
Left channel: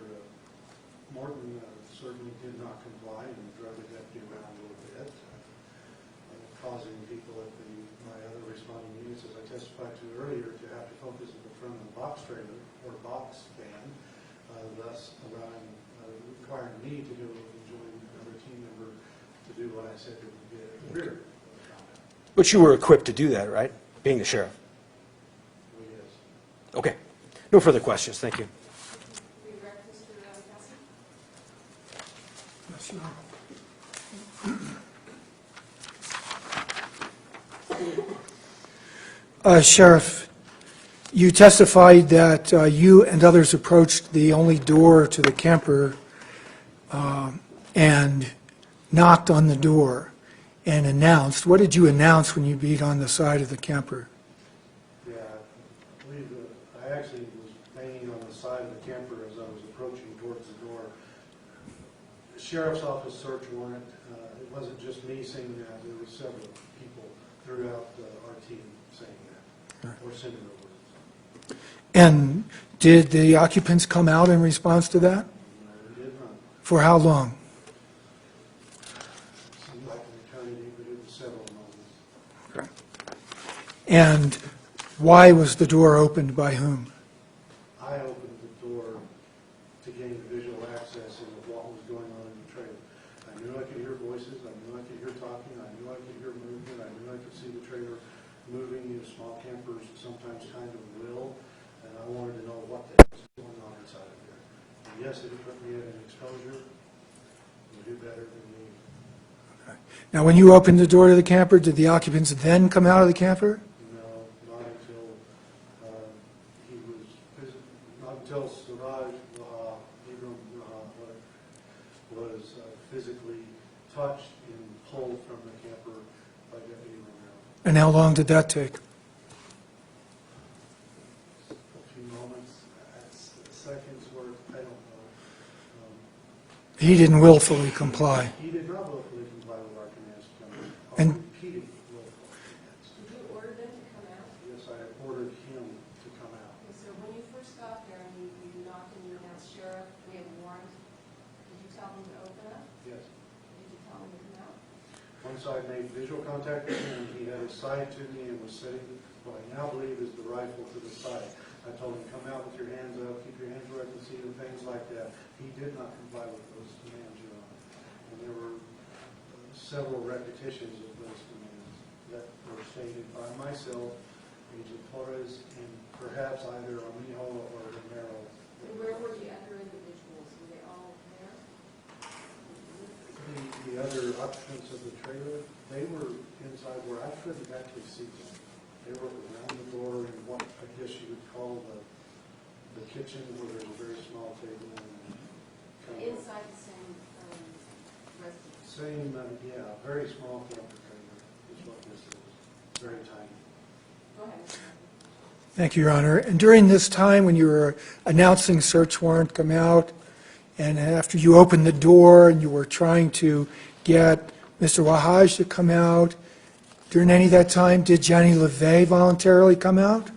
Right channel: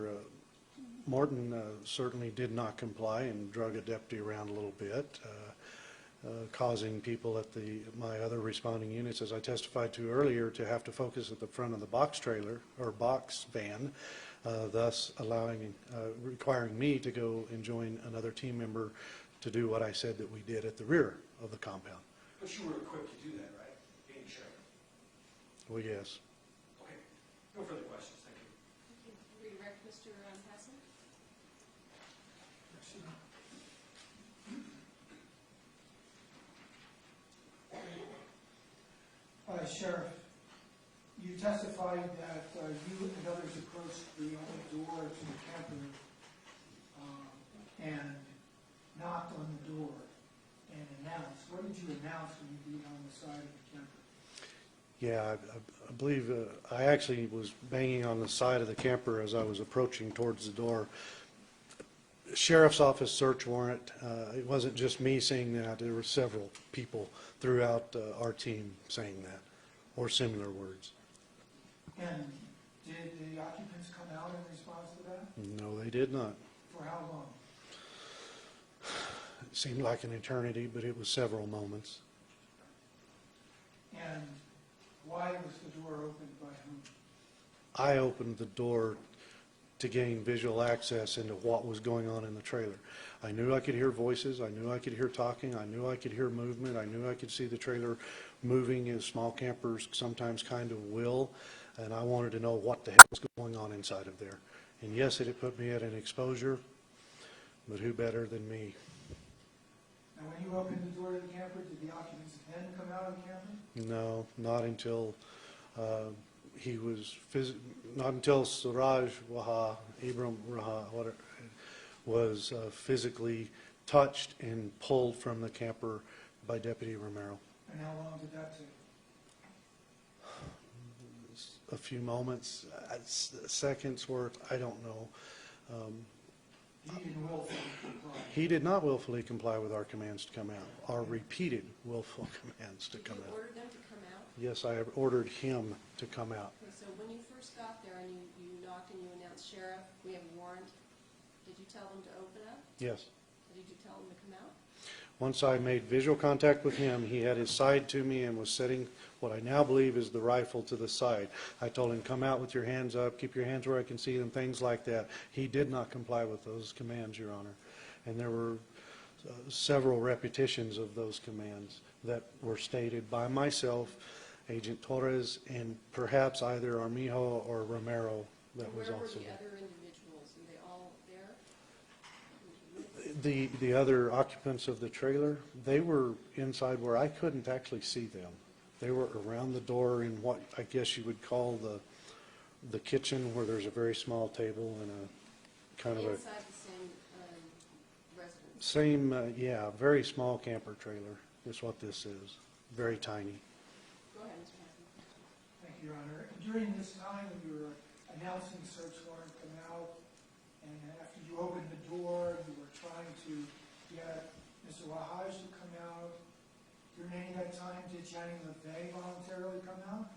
Morton certainly did not comply and drug a deputy around a little bit, causing people at my other responding units, as I testified to earlier, to have to focus at the front of the box trailer, or box van, thus requiring me to go and join another team member to do what I said that we did at the rear of the compound. But you were equipped to do that, right? Being the sheriff? Well, yes. Okay. No further questions. Thank you. Redirect Mr. Cassie? Yes, Your Honor. Sheriff, you testified that you and others approached the only door to the camper and knocked on the door and announced. What did you announce when you beat on the side of the camper? Yeah, I believe I actually was banging on the side of the camper as I was approaching towards the door. Sheriff's Office search warrant, it wasn't just me saying that, there were several people throughout our team saying that, or similar words. And did the occupants come out in response to that? No, they did not. For how long? It seemed like an eternity, but it was several moments. And why was the door opened by whom? I opened the door to gain visual access into what was going on in the trailer. I knew I could hear voices, I knew I could hear talking, I knew I could hear movement, I knew I could see the trailer moving as small campers sometimes kind of will, and I wanted to know what the heck was going on inside of there. And yes, it had put me at an exposure, but who better than me? Now, when you opened the door to the camper, did the occupants then come out of the camper? No, not until not until Suraj Waha, Ibram Raha, was physically touched and pulled from the camper by Deputy Romero. And how long did that take? A few moments, seconds worth, I don't know. He didn't willfully comply. He did not willfully comply with our commands to come out, our And- repeated willful commands to come You out. ordered them to come out? Yes, I have ordered him to come out. And so when you first got there and you knocked and you announced, Sheriff, we have a warrant, did you tell them to open up? Yes. Did you tell them to come out? Once I made visual contact with him, he had his side to me and was setting what I now believe is the rifle to the side. I told him, come out with your hands up, keep your hands where I can see them, things like that. He did not comply with those commands, Your Honor. And there were several repetitions of those commands that were stated by myself, Agent Torres, and perhaps either Armijo or Romero. That And was where were also the other individuals? Were they all there? the other occupants of the trailer. They were inside where I couldn't actually see them. They were around the door in what I guess you would call the kitchen, where there's a very small table and a kind of a Inside the same residence? yeah, very small camper trailer is what this is. Very tiny. Go ahead, Mr. Thank you, Your Honor. And during this time, when you were announcing search warrant, come out, and after you opened the door and you were trying to get Mr. Wahaj to come out, during any of that time, did Jenny LeVay voluntarily come out?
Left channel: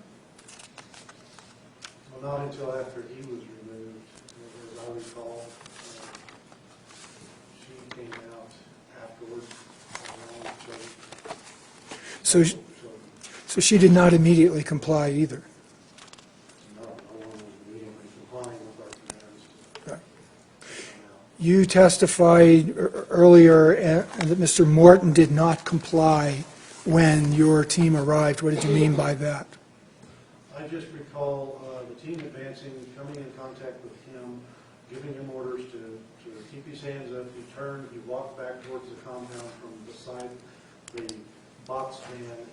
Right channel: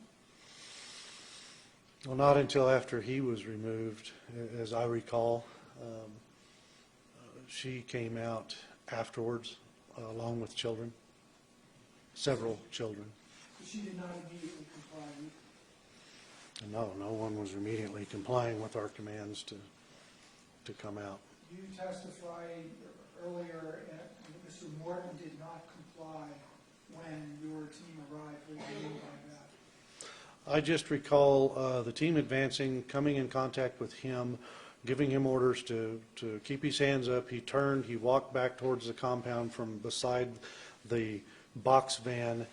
Well, not until after he was removed, as I recall. She came out afterwards, along with children. So Several children. So she did not immediately comply either. No, no one was immediately complying with our commands to Right. come out. You testified earlier that Mr. Morton did not comply when your team arrived. What did you mean by that? I just recall the team advancing, coming in contact with him, giving him orders to keep his hands up. He turned, he walked back towards the compound from beside the box van.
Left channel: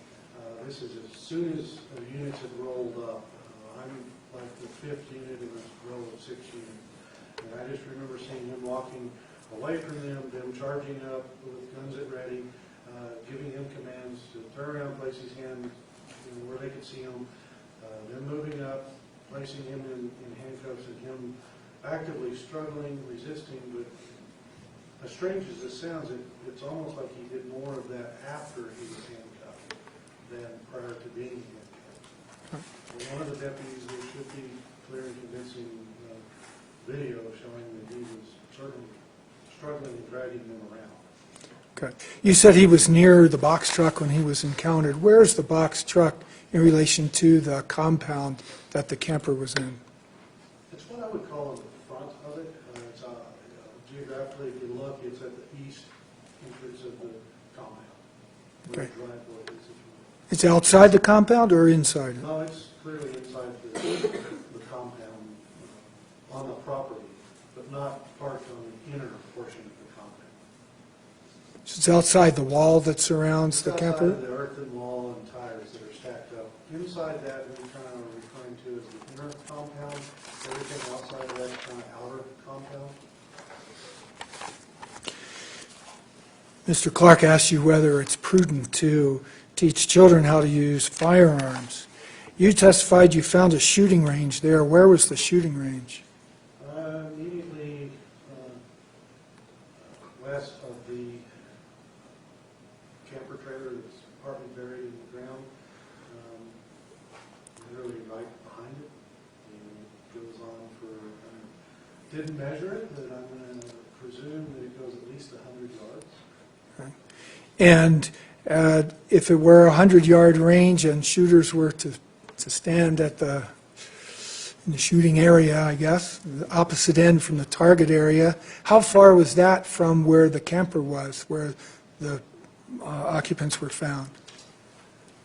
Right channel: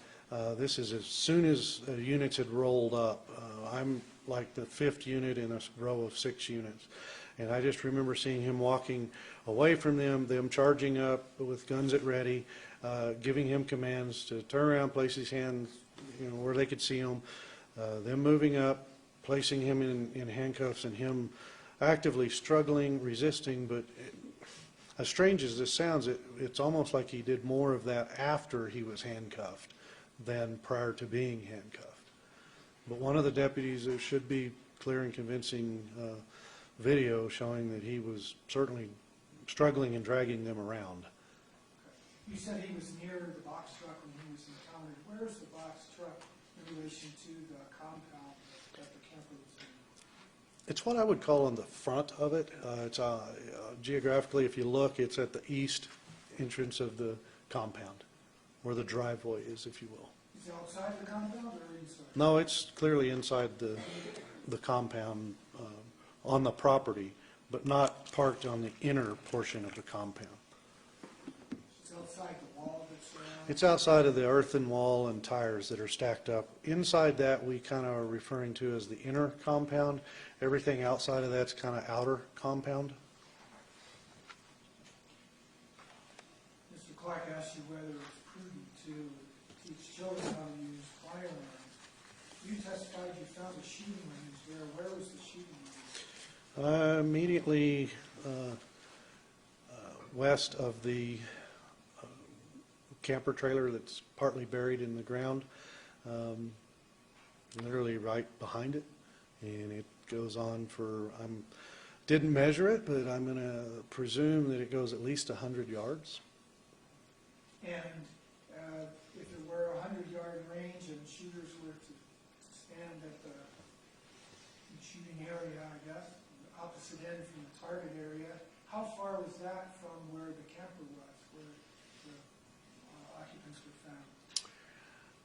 This is as soon as the units had rolled up. I'm like the 5th unit in a row of 6 units. And I just remember seeing him walking away from them charging up with guns at ready, giving him commands to turn around, place his hands where they could see him, them moving up, placing him in handcuffs, and him actively struggling, resisting. But as strange as this sounds, it's almost like he did more of that after he was handcuffed than prior to being handcuffed. But one of the deputies, there should be clear and convincing video showing that he was certainly struggling and dragging them around. Okay. You said he was near the box truck when he was encountered. Where is the box truck in relation to the compound that the camper was in? It's what I would call on the front of it. It's geographically, if you look, it's at the east entrance of the compound, where the Okay. driveway is, if you will. It's outside the compound or inside? No, it's clearly inside the compound, on the property, but not parked on the inner portion of the compound. So it's outside the wall that surrounds It's the camper? outside of the earthen wall and tires that are stacked up. Inside that, we kind of are referring to as the inner compound. Everything outside of that's kind of outer compound. Mr. Clark asked you whether it's prudent to teach children how to use firearms. You testified you found a shooting range there. Where was the shooting range? Immediately west of the camper trailer that's partly buried in the ground, literally right behind it. And it goes on for, didn't measure it, but I'm going to presume that it goes at least 100 yards. And if it were a 100-yard range and shooters were to stand at in the shooting area, I guess, the opposite end from the target area, how far was that from where the camper was, where the occupants were found?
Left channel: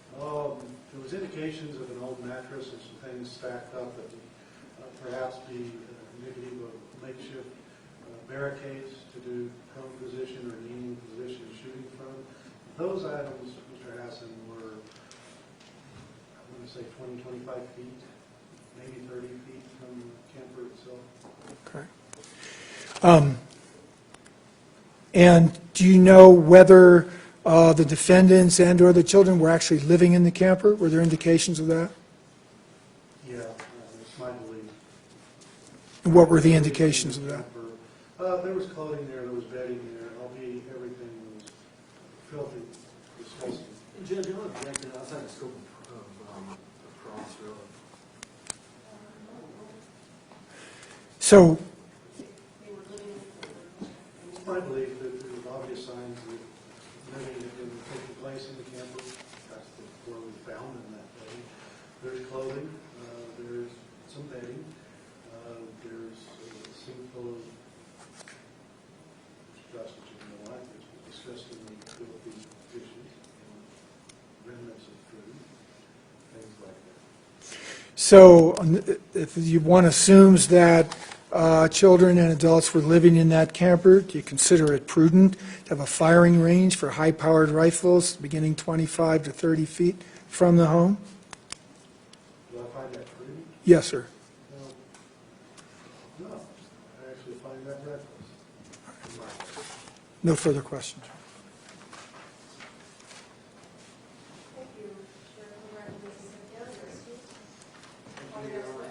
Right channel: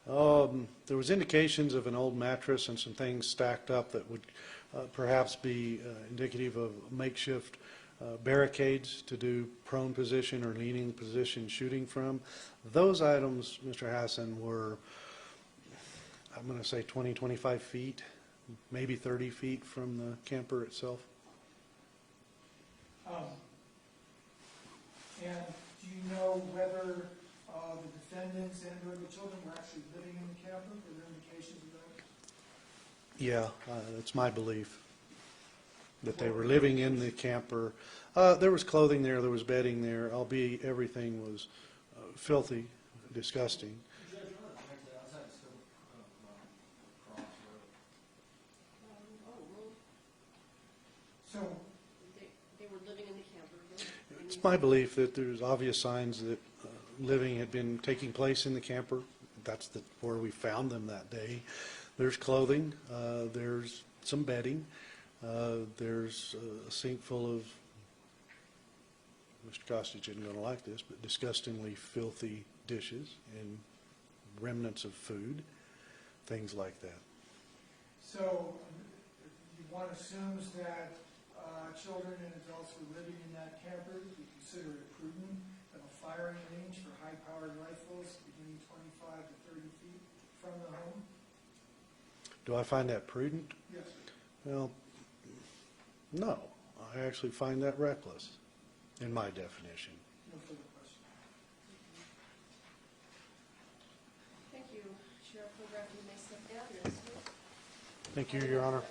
There was indications of an old mattress and some things stacked up that would perhaps be indicative of makeshift barricades to do prone position or leaning position shooting from. Those items, Mr. Hassan, were, I'm going to say 20, 25 feet, maybe 30 feet from the camper itself. Okay. And do you know whether the defendants and/or the children were actually living in the camper? Were there indications of that? Yeah, it's my belief. And what were They the living in indications of that? camper. There was clothing there was bedding there, albeit everything was filthy, disgusting. Judge, I want to connect it outside the scope of cross road. So, It's my belief that there's obvious signs that living had been taking place in the camper. That's where we found them that day. There's clothing, there's some bedding, there's a sink full of, Mr. Kostic, you don't like this, but disgustingly filthy dishes and remnants of food, things like that. so if one assumes that children and adults were living in that camper, do you consider it prudent to have a firing range for high-powered rifles beginning 25 to 30 feet from the home? Do I find that prudent? Yes, sir. Well, no. I actually find that reckless in my definition. No further questions. Thank you, Sheriff. Congratulations. Thank you, Your Honor.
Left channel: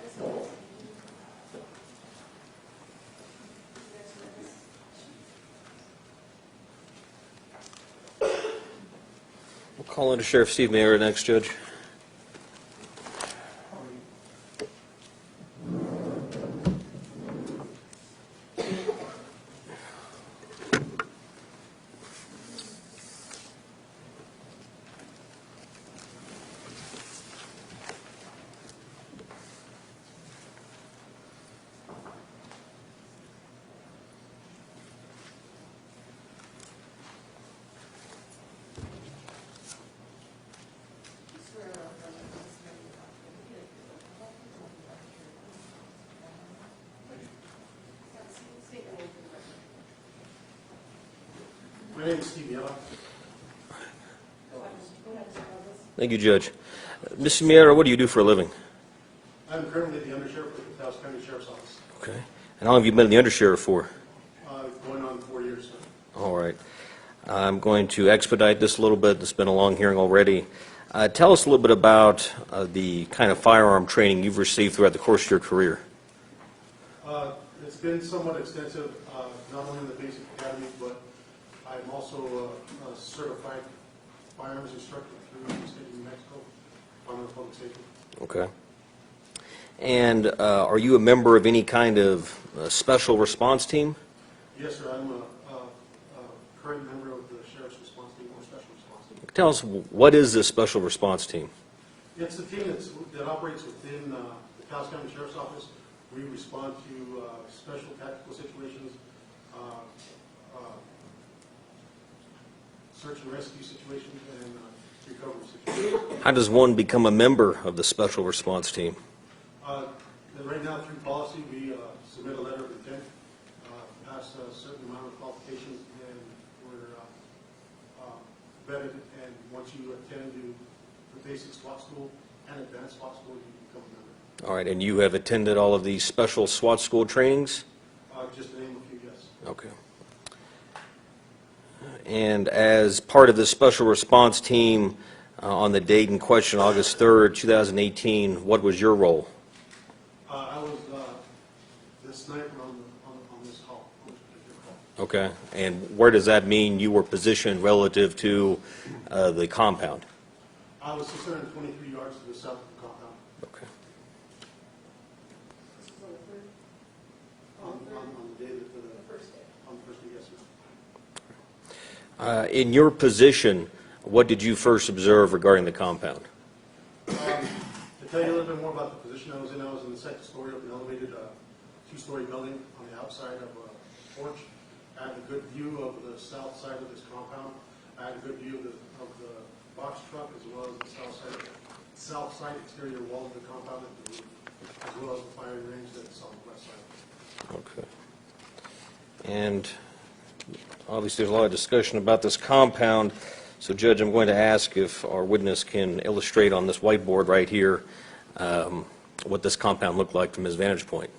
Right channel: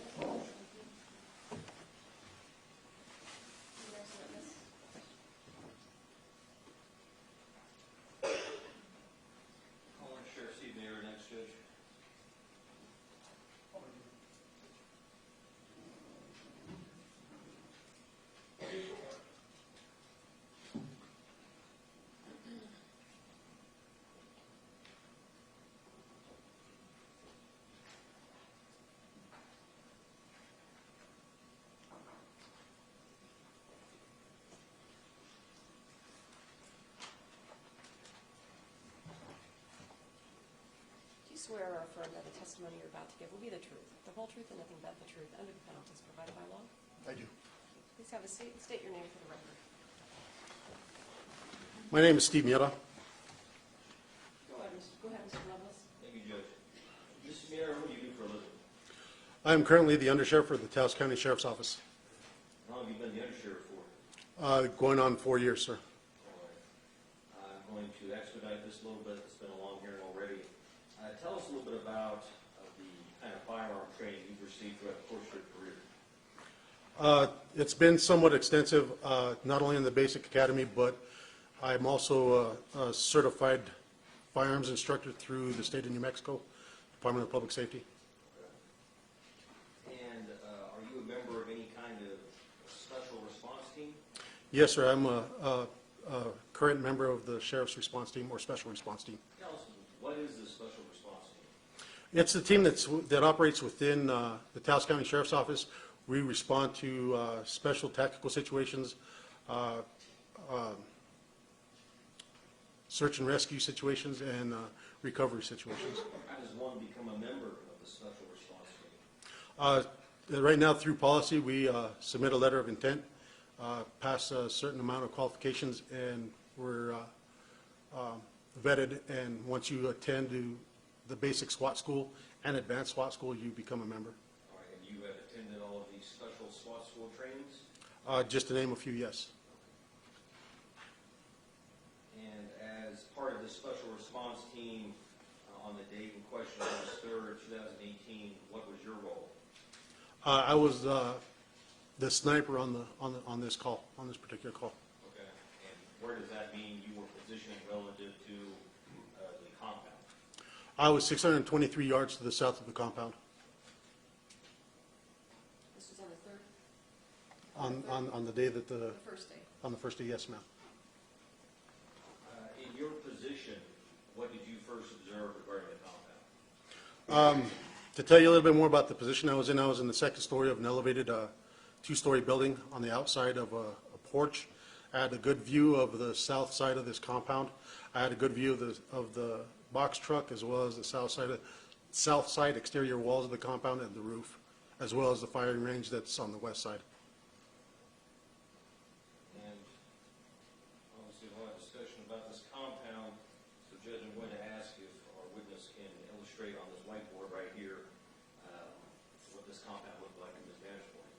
We'll call Undersheriff Steve Mayer next, Judge. My name is Steve Miera. Thank you, Judge. Mr. Miera, what do you do for a living? I am currently the Undersheriff for the Taos County Sheriff's Office. Okay. And how long have you been the Undersheriff for? Going on 4 years, sir. All right. I'm going to expedite this a little bit. It's been a long hearing already. Tell us a little bit about the kind of firearm training you've received throughout the course of your career. It's been somewhat extensive, not only in the basic academy, but I'm also a certified firearms instructor through the state of New Mexico, Department of Public Safety. Okay. And are you a member of any kind of special response team? Yes, sir. I'm a current member of the Sheriff's Response Team or Special Response Team. Tell us, what is this special response team? It's a team that operates within the Taos County Sheriff's Office. We respond to special tactical situations, search and rescue situations, and recovery situations. How does one become a member of the special response team? Right now, through policy, we submit a letter of intent, pass a certain amount of qualifications, and we're vetted. And once you attend to the basic SWAT school and advanced SWAT school, you become a member. All right, and you have attended all of these special SWAT school trainings? Just to name a few, yes. Okay. And as part of the special response team on the date in question, August 3rd, 2018, what was your role? I was the sniper on this call, on this particular call. Okay, and where does that mean you were positioned relative to the compound? I was 623 yards to the south of the compound. Okay. This is on the third, On the day that the first day. on the first day, yes, ma'am. In your position, what did you first observe regarding the compound? To tell you a little bit more about the position I was in the second story of an elevated two-story building on the outside of a porch. I had a good view of the south side of this compound. I had a good view of the box truck, as well as the south side exterior walls of the compound and the roof, as well as the firing range that's on the west side. Okay. And obviously, there's a lot of discussion about this compound. So, Judge, I'm going to ask if our witness can illustrate on this whiteboard right here what this compound looked like from his vantage point.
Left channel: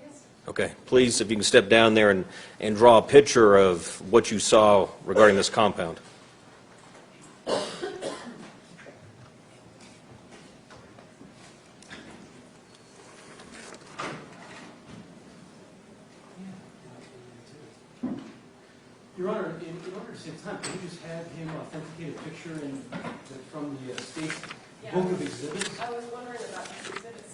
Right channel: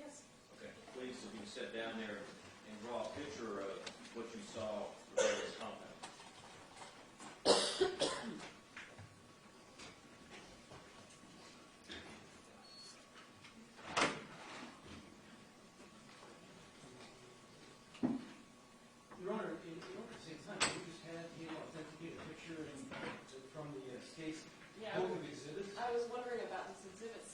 Yes. Okay. Please, if you can step down there and draw a picture of what you saw regarding this compound. Your Honor, in order to save time, can you just have him authenticate a picture from the state book of exhibits? I was wondering about Exhibit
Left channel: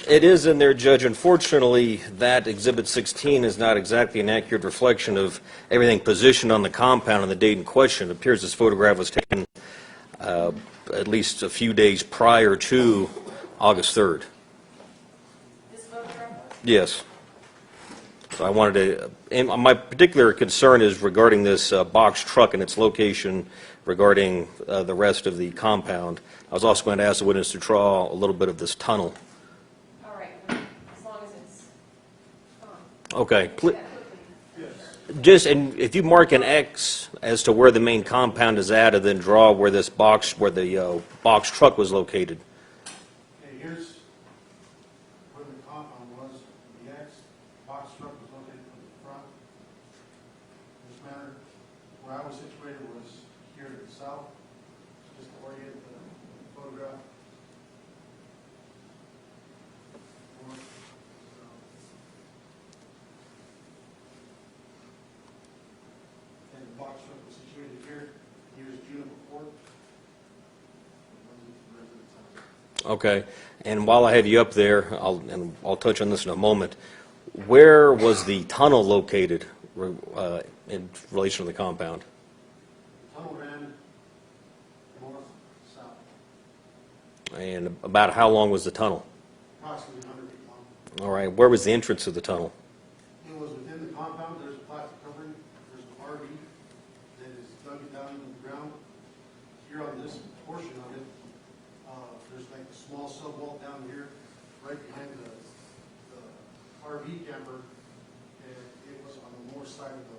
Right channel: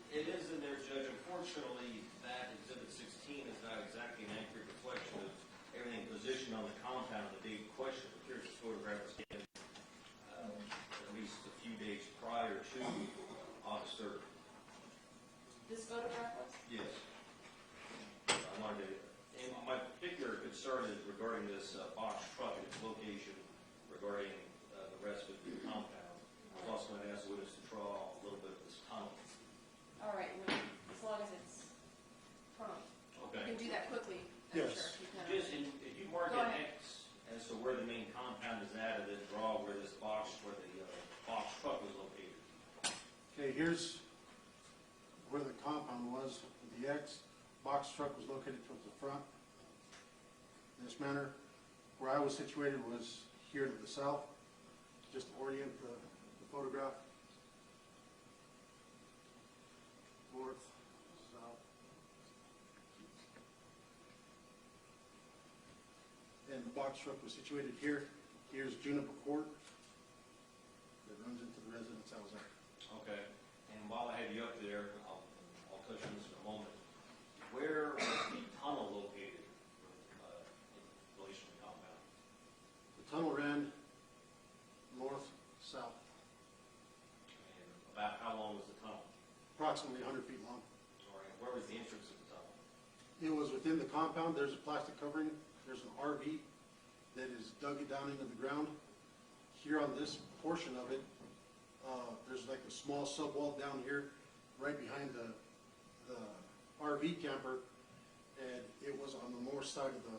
16. It is in there, Judge. Unfortunately, that Exhibit 16 is not exactly an accurate reflection of everything positioned on the compound on the date in question. It appears this photograph was taken at least a few days prior to August 3rd. This photograph was? Yes. So I wanted to, and my particular concern is regarding this box truck and its location regarding the rest of the compound. I was also going to ask the witness to draw a little bit of this tunnel. All right, as long as it's on. Okay. That could be. Just, and if you mark an X as to where the main compound is at, and then draw where this box, where the box truck was located. Okay, here's where the compound was. The X box truck was located towards the front. In this manner, where I was situated was here to the south, just to orient the photograph. North, south. And the box truck was situated here. Here's Juniper Court. It runs into the residence house. Okay. And while I have you up there, I'll touch on this in a moment. Where was the tunnel located in relation to the compound? The tunnel ran north, south, And about how long was the tunnel? approximately 100 feet long. All right. Where was the entrance to the tunnel? It was within the compound. There's a plastic covering. There's an RV that is dug down into the ground. Here on this portion of it, there's like a small sub wall down here, right behind the RV camper, and it was on the north side of the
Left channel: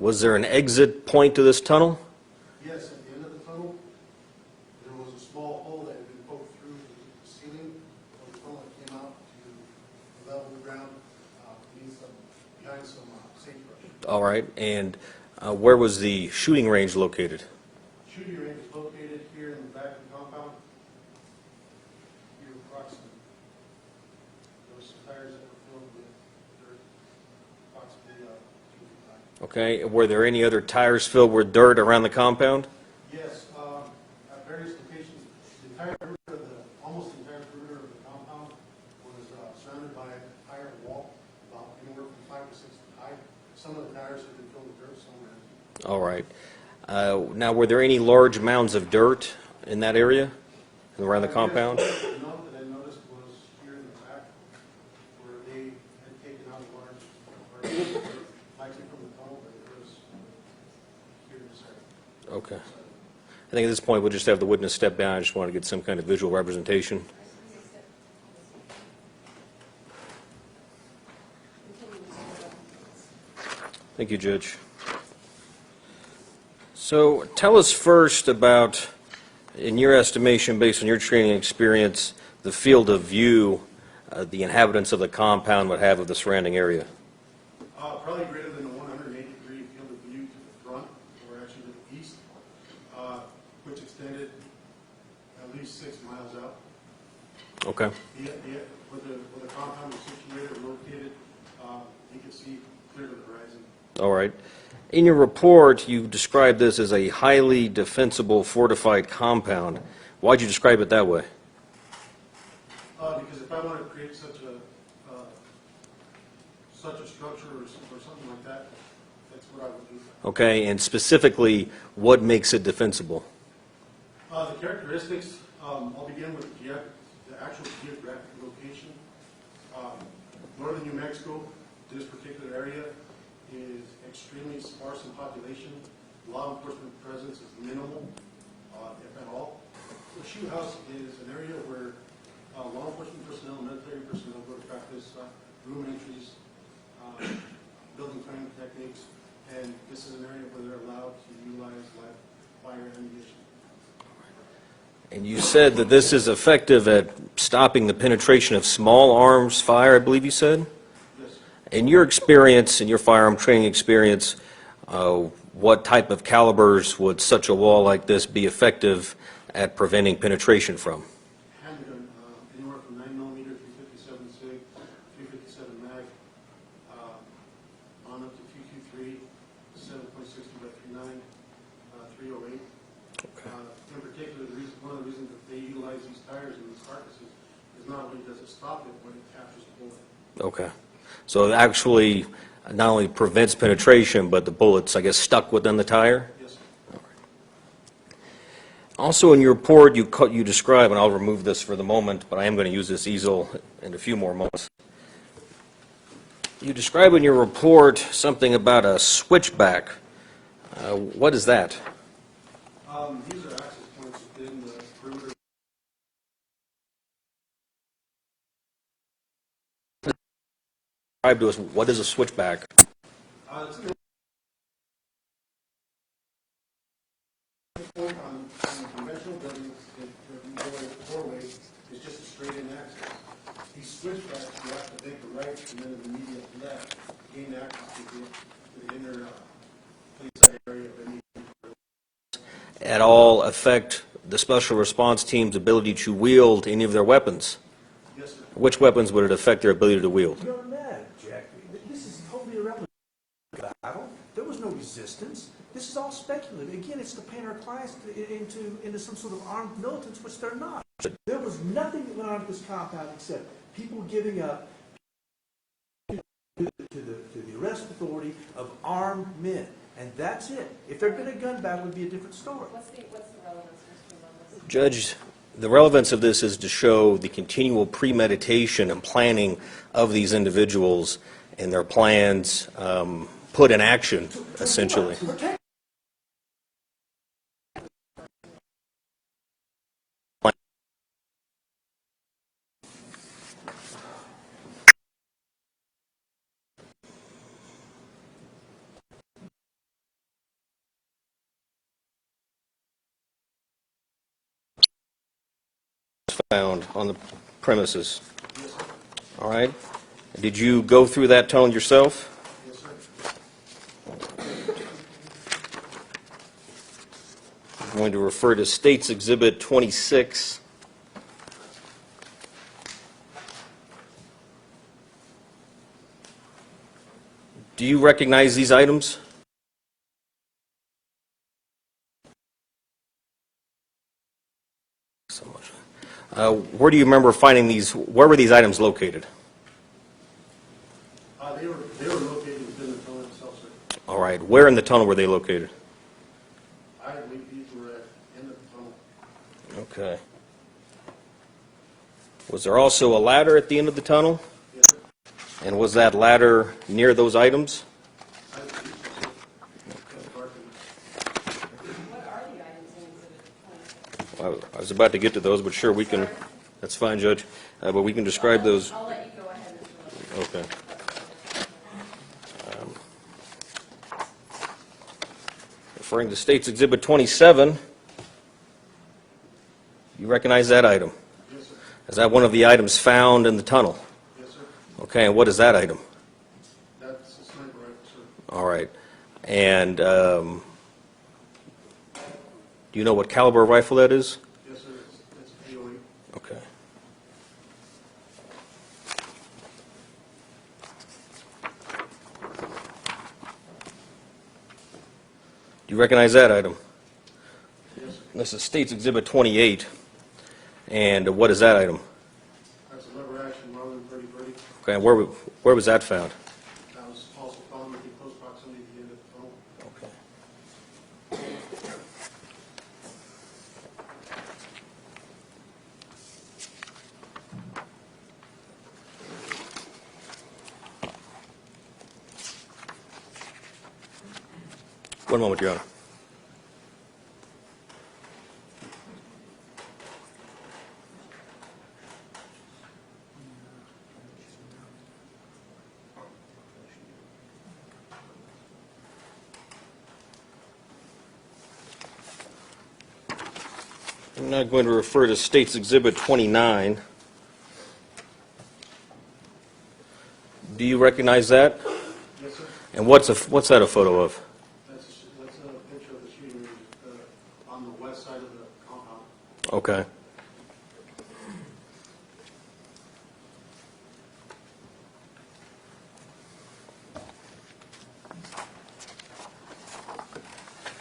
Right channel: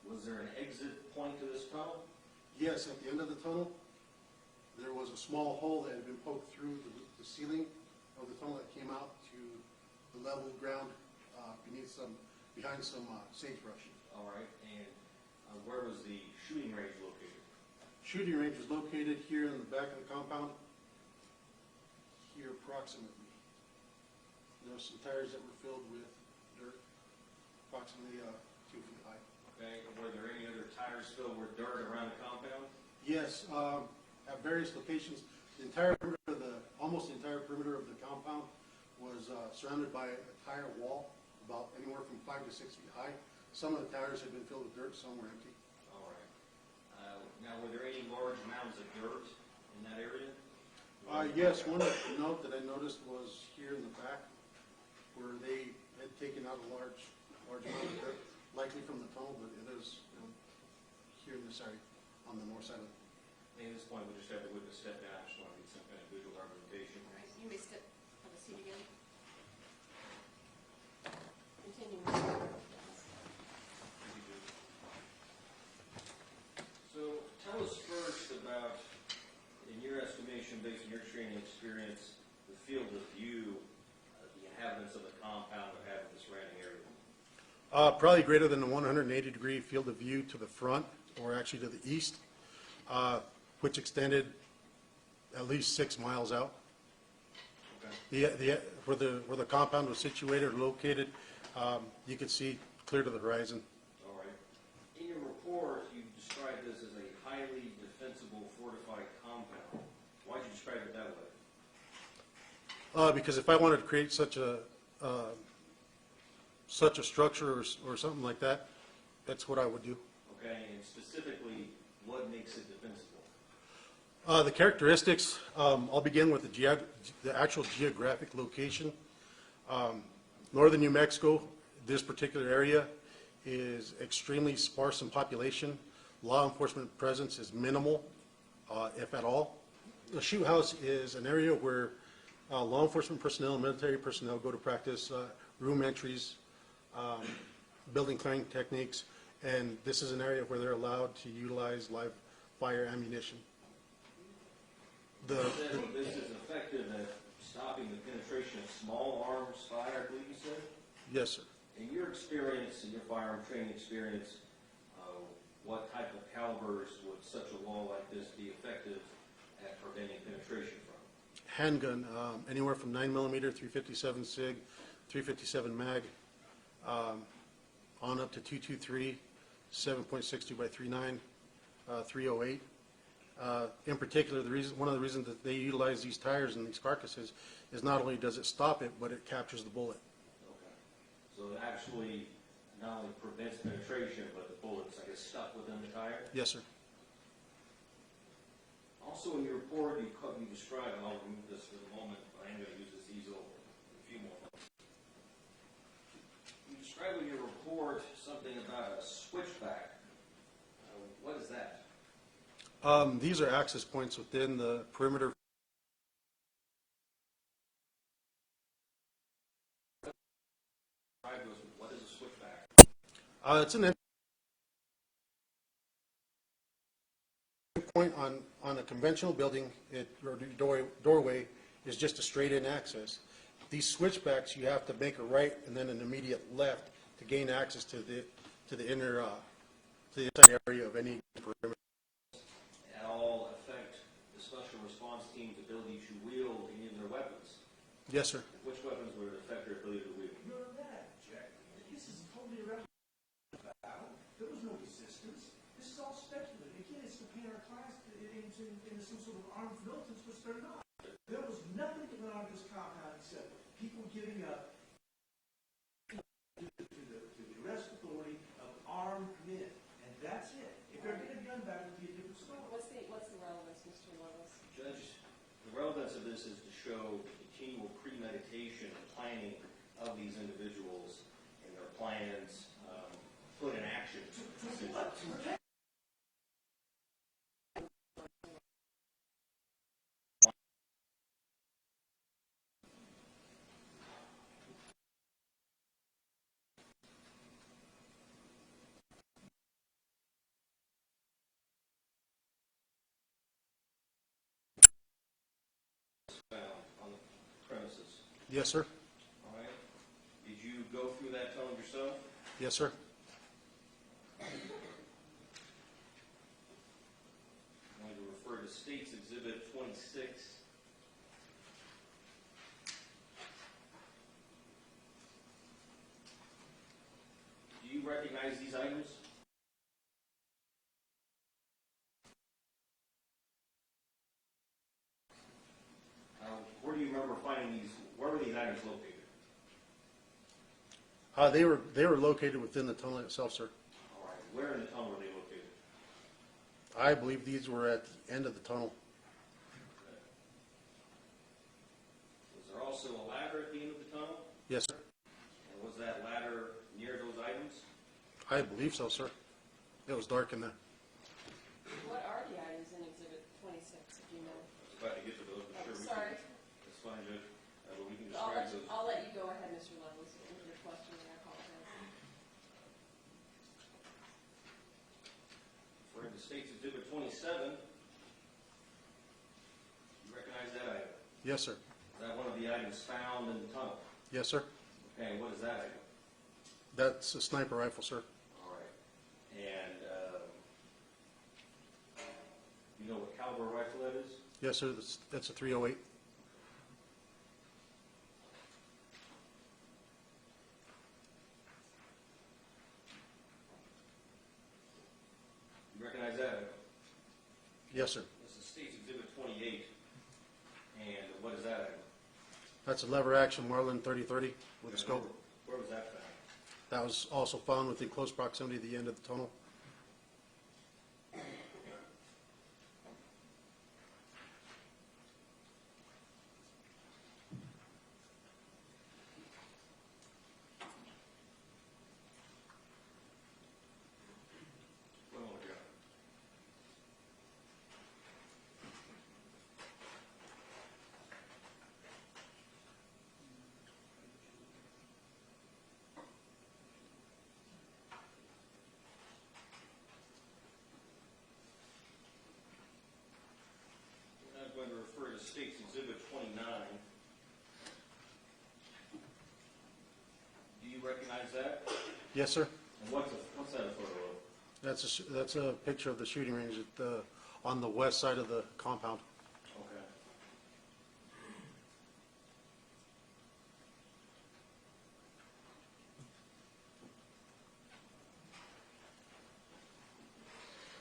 Was there an exit point to this tunnel? Yes, at the end of the tunnel, there was a small hole that had been poked through the ceiling of the tunnel that came out to the level of the ground behind some sagebrush. All right, and where was the shooting range located? Shooting range is located here in the back of the compound, here approximately. There was some tires that were filled with dirt, approximately 2 feet high. Okay, were there any other tires filled with dirt around the compound? Yes, at various locations, almost the entire perimeter of the compound was surrounded by a tire wall, about anywhere from 5 to 6 feet high. Some of the tires had been filled with dirt, some were empty. All right. Now, were there any large mounds of dirt in that area, around the compound? Yes, one note that I noticed was here in the back, where they had taken out a large likely from the tunnel, but it was here in this area. Okay. I think at this point, we'll just have the witness step down. I just want to get some kind of visual representation. Thank you, Judge. So tell us first about, in your estimation, based on your training experience, the field of view the inhabitants of the compound would have of the surrounding area. Probably greater than the 180-degree field of view to the front, or actually to the east, which extended at least 6 miles out. Okay. Where the compound was situated or located, you could see clear to the horizon. All right. In your report, you described this as a highly defensible fortified compound. Why'd you describe it that way? Because if I wanted to create such a structure or something like that, that's what I would do. Okay, and specifically, what makes it defensible? The characteristics, I'll begin with the actual geographic location. Northern New Mexico, this particular area, is extremely sparse in population. Law enforcement presence is minimal, if at all. The shoe house is an area where law enforcement personnel, military personnel go to practice room entries, building clearing techniques, and this is an area where they're allowed to utilize live fire ammunition. And you said that this is effective at stopping the penetration of small arms fire, I believe you said? Yes. In your experience, in your firearm training experience, what type of calibers would such a wall like this be effective at preventing penetration from? Handgun, anywhere from 9mm, 357 SIG, 357 mag, on up to 223, 7.62 by 39, 308. In particular, one of the reasons that they utilize these tires and these carcasses is not only does it stop it, but it captures the bullet. Okay. So it actually not only prevents penetration, but the bullet's, I guess, stuck within the tire? Yes, sir. Also in your report, you describe, and I'll remove this for the moment, but I am going to use this easel in a few more moments. You describe in your report something about a switchback. What is that? These are access points within the perimeter. Describe to us, what is a switchback? It's an point on a conventional building, doorway is just a straight-in access. These switchbacks, you have to make a right and then an immediate left to gain access to the inner, the inside area of any perimeter. At all affect the special response team's ability to wield any of their weapons? Yes, sir. Which weapons would it affect their ability to wield? You're mad, Jack. This is totally irrelevant. There was no resistance. This is all speculative. Again, it's to paint our clients into some sort of armed militants, which they're not. There was nothing that went on at this compound except people giving up to the arrest authority of armed men. And that's it. If there'd been a gun battle, it would be a different story. What's the relevance, Mr. Willis? Judge, the relevance of this is to show the continual premeditation and planning of these individuals and their plans put in action, essentially. found on the premises, Yes, sir. all right? Did you go through that tunnel yourself? Yes, sir. I'm going to refer to State's Exhibit 26. Do you recognize these items? So much. Where do you remember finding these? Where were these items located? They were located within the tunnel itself, sir. All right. Where in the tunnel were they located? I believe these were at the end of the tunnel. Okay. Was there also a ladder at the end of the tunnel? Yes, sir. And was that ladder near those items? I believe so, sir. It was dark in there. What are the items in Exhibit 26? I was about to get to those, but sure, we can, that's fine, Judge. But we can describe those. I'll let you go ahead, Mr. Lopez. Okay. Referring to State's Exhibit 27, you recognize that item? Yes, sir. Is that one of the items found in the tunnel? Yes, sir. Okay, and what is that item? That's a sniper rifle, sir. All right. And do you know what caliber rifle that is? Yes, sir. That's a 308. Okay. Do you recognize that item? Yes, sir. This is State's Exhibit 28. And what is that item? That's a lever action Marlin 3030. Okay, and where was that found? That was also found within close proximity to the end of the tunnel. Okay. One moment, Your Honor. I'm now going to refer to State's Exhibit 29. Do you recognize that? Yes, sir. And what's that a photo of? That's a picture of the shooting range on the west side of the compound. Okay.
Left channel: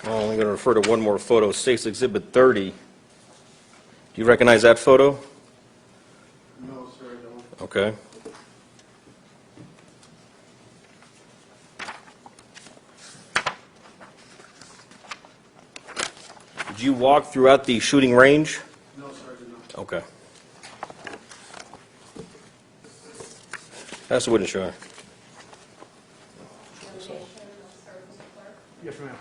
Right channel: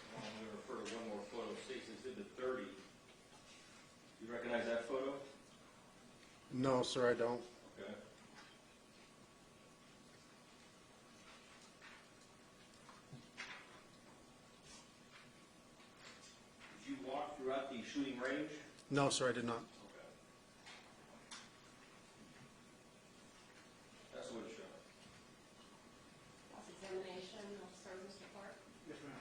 I'm only going to refer to one more photo, State's Exhibit 30. Do you recognize that photo? No, sir, I don't. Okay. Did you walk throughout the shooting range? No, sir, I did not. Okay. Pass the witness, Your Honor. Nomination of Sergeant Clark. Yes, ma'am.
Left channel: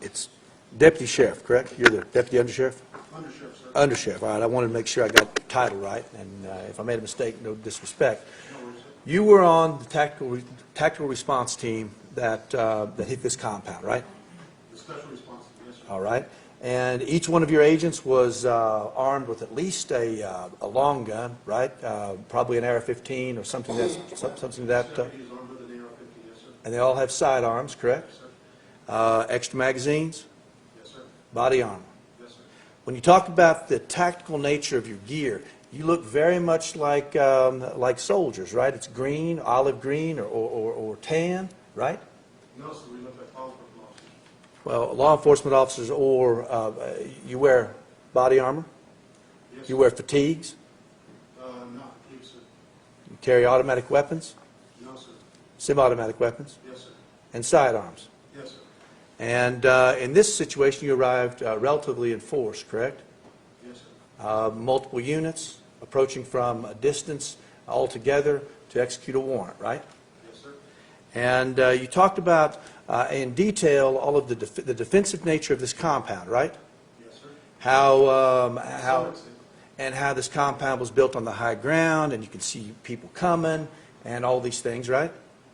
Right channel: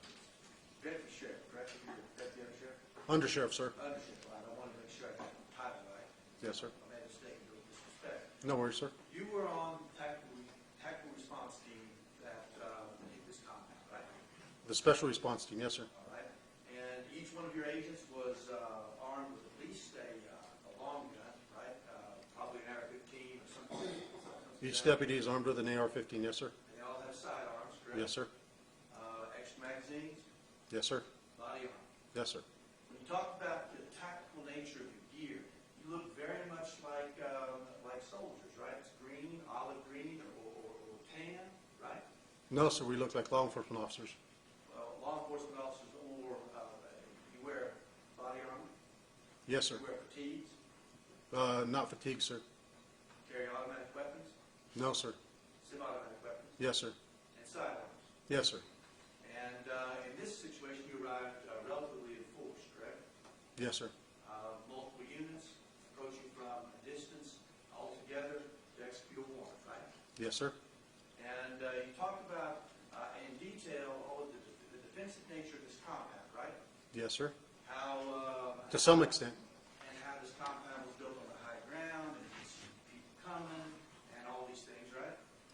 It's Deputy Sheriff, correct? You're the Deputy Undersheriff? Undersheriff, sir. Undersheriff, all right. I wanted to make sure I got the title right, and if I made a mistake, no disrespect. No worries, sir. You were on the tactical response team that hit this compound, right? The special response team, yes, sir. All right. And each one of your agents was armed with at least a long gun, right? Probably an AR-15 or something something Each that. deputy is armed with an AR-15, yes, sir. And they all have sidearms, correct? Yes, sir. Extra magazines, Yes, sir. body armor. Yes, sir. When you talk about the tactical nature of your gear, you look very much like soldiers, right? It's green, olive green, or tan, right? No, sir, we look like law enforcement officers. Well, law enforcement officers, or you wear body armor, Yes, sir. you wear fatigues, Not fatigue, sir. you carry automatic weapons, No, sir. semi-automatic weapons, Yes, sir. and sidearms. Yes, sir. And in this situation, you arrived relatively in force, correct? Yes, sir. Multiple units approaching from a distance altogether to execute a warrant, right? Yes, sir. And you talked about in detail all of the defensive nature of this compound, right? Yes, sir. To some extent. And how this compound was built on the high ground, and you could see people coming, and all these things, right?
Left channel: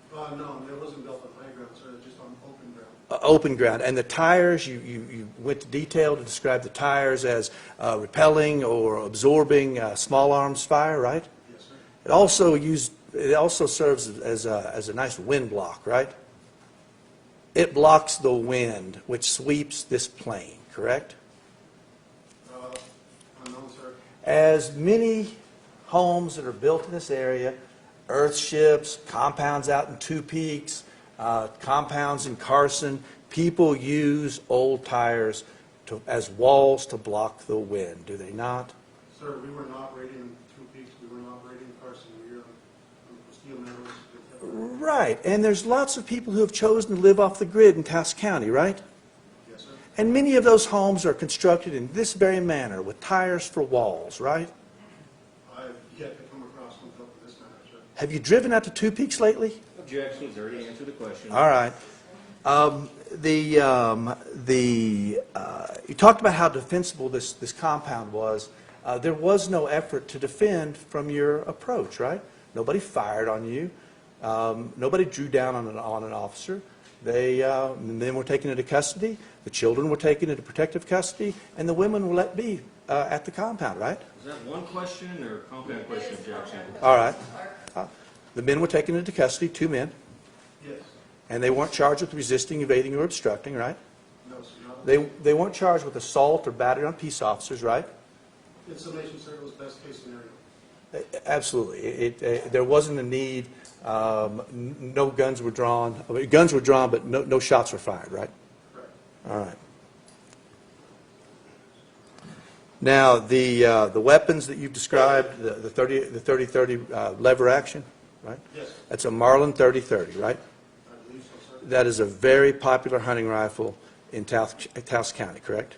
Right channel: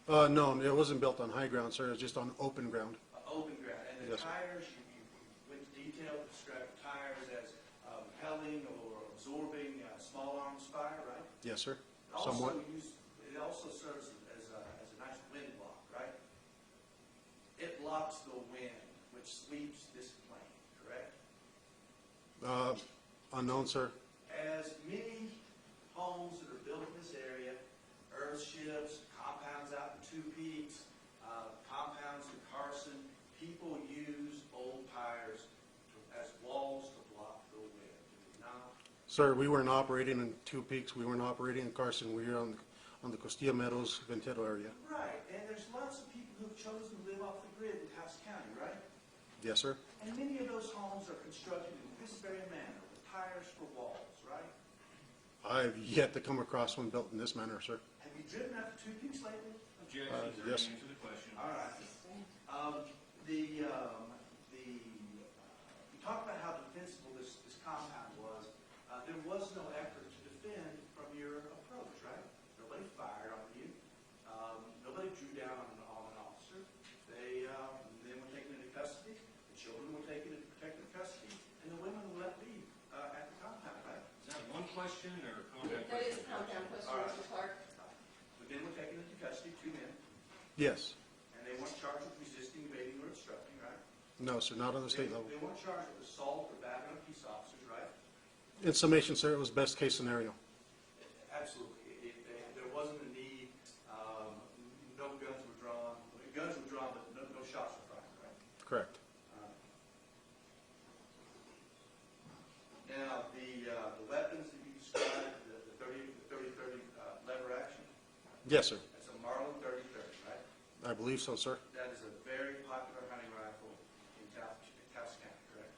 No, it wasn't built on high ground, sir. It was just on open ground. Open ground. And the tires, you went to detail to describe the tires as repelling or absorbing small arms fire, right? Yes, sir. It also serves as a nice wind block, right? It blocks the wind which sweeps this plane, correct? Unknown, sir. As many homes that are built in this area, earthships, compounds out in Two Peaks, compounds in Carson, people use old tires as walls to block the wind, do they not? Sir, we weren't operating in Two Peaks. We weren't operating in Carson. We're here on the Costilla Meadows, Ventura area. Right, and there's lots of people who have chosen to live off the grid in Taos County, right? Yes, sir. And many of those homes are constructed in this very manner, with tires for walls, right? I've yet to come across one built in this manner, sir. Have you driven out to Two Peaks lately? Objection, he's already answered the question. All right. You talked about how defensible this compound was. There was no effort to defend from your approach, right? Nobody fired on you. Nobody drew down on an officer. They then were taken into custody. The children were taken into protective custody, and the women were let be at the compound, right? Is that one question or compound question, objection? All right. The men were taken into custody, 2 men, Yes. and they weren't charged with resisting, evading, or obstructing, right? No, sir, not on the They weren't charged with assault or battery on peace officers, right? In summation, sir, it was best case scenario. Absolutely. There wasn't a need, no guns were drawn. I mean, guns were drawn, but no shots were fired, right? Correct. All right. Now, the weapons that you've described, the 30-30 lever action, right? Yes, sir. That's a Marlin 30-30, right? I believe so, sir. That is a very popular hunting rifle in Taos County, correct?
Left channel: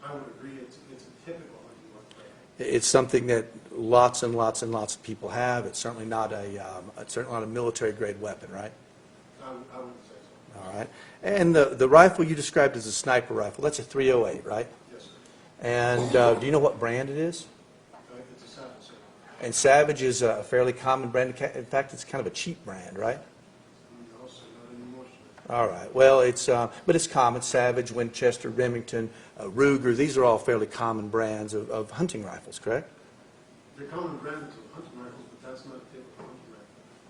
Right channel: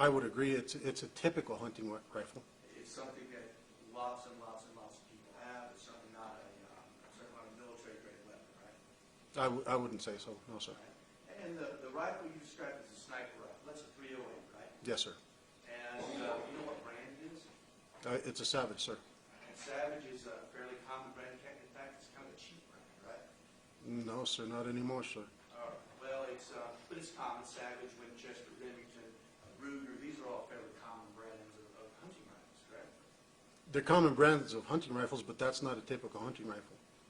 I would agree. It's a typical hunting rifle. It's something that lots and lots and lots of people have. It's certainly not a military-grade weapon, right? I wouldn't say so. No, sir. All right. And the rifle you described as a sniper rifle, that's a 308, right? Yes, sir. And do you know what brand it is? It's a Savage, sir. And Savage is a fairly common brand. In fact, it's kind of a cheap brand, right? No, sir, not anymore, sir. All right. Well, but it's common. Savage, Winchester, Remington, Ruger, these are all fairly common brands of hunting rifles, correct? They're common brands of hunting rifles, but that's not a typical hunting rifle.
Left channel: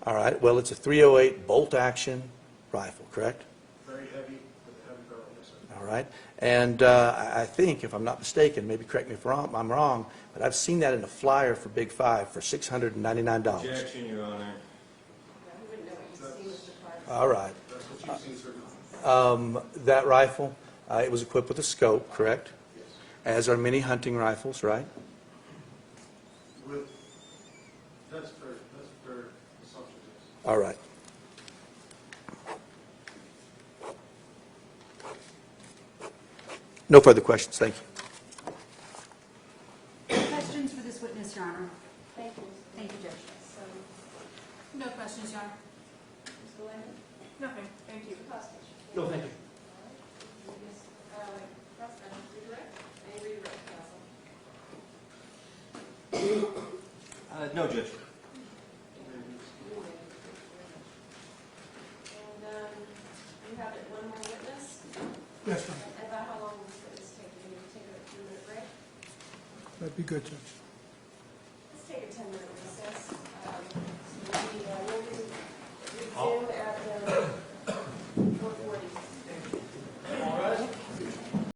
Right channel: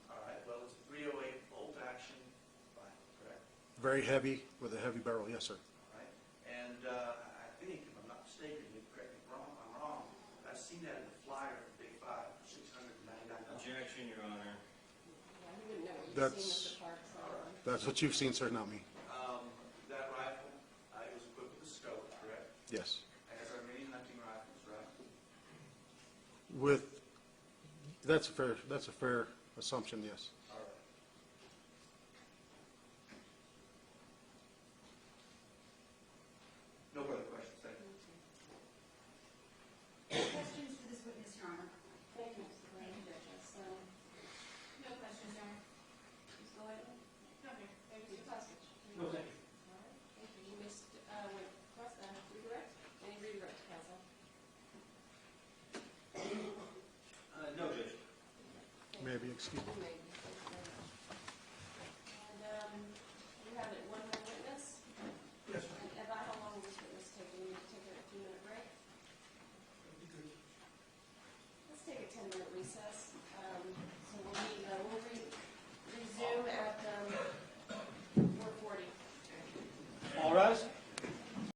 All right. Well, it's a 308 bolt-action rifle, correct? Very heavy with a heavy barrel, yes, sir. All right. And I think, if I'm not mistaken, maybe correct me if I'm wrong, but I've seen that in a flyer for Big Five for $699. Objection, Your Honor. All right. That's what you've seen, sir, not me. That rifle, it was equipped with a scope, correct? Yes. As are many hunting rifles, right? That's a fair assumption, yes. All right. No further questions. Thank you. Questions for this witness, Your Honor? Thank you. Thank you, Judge. So, No questions, Your Honor. Mr. Landon? Nothing, thank you. Mr. Costas? No, thank you. You just, redirect? Any redirect, counsel? No, Judge. Maybe, excuse me. And, you have one more witness? Yes, ma'am. About how long will this witness take? Do we need to take a few-minute break? That'd be good, Judge.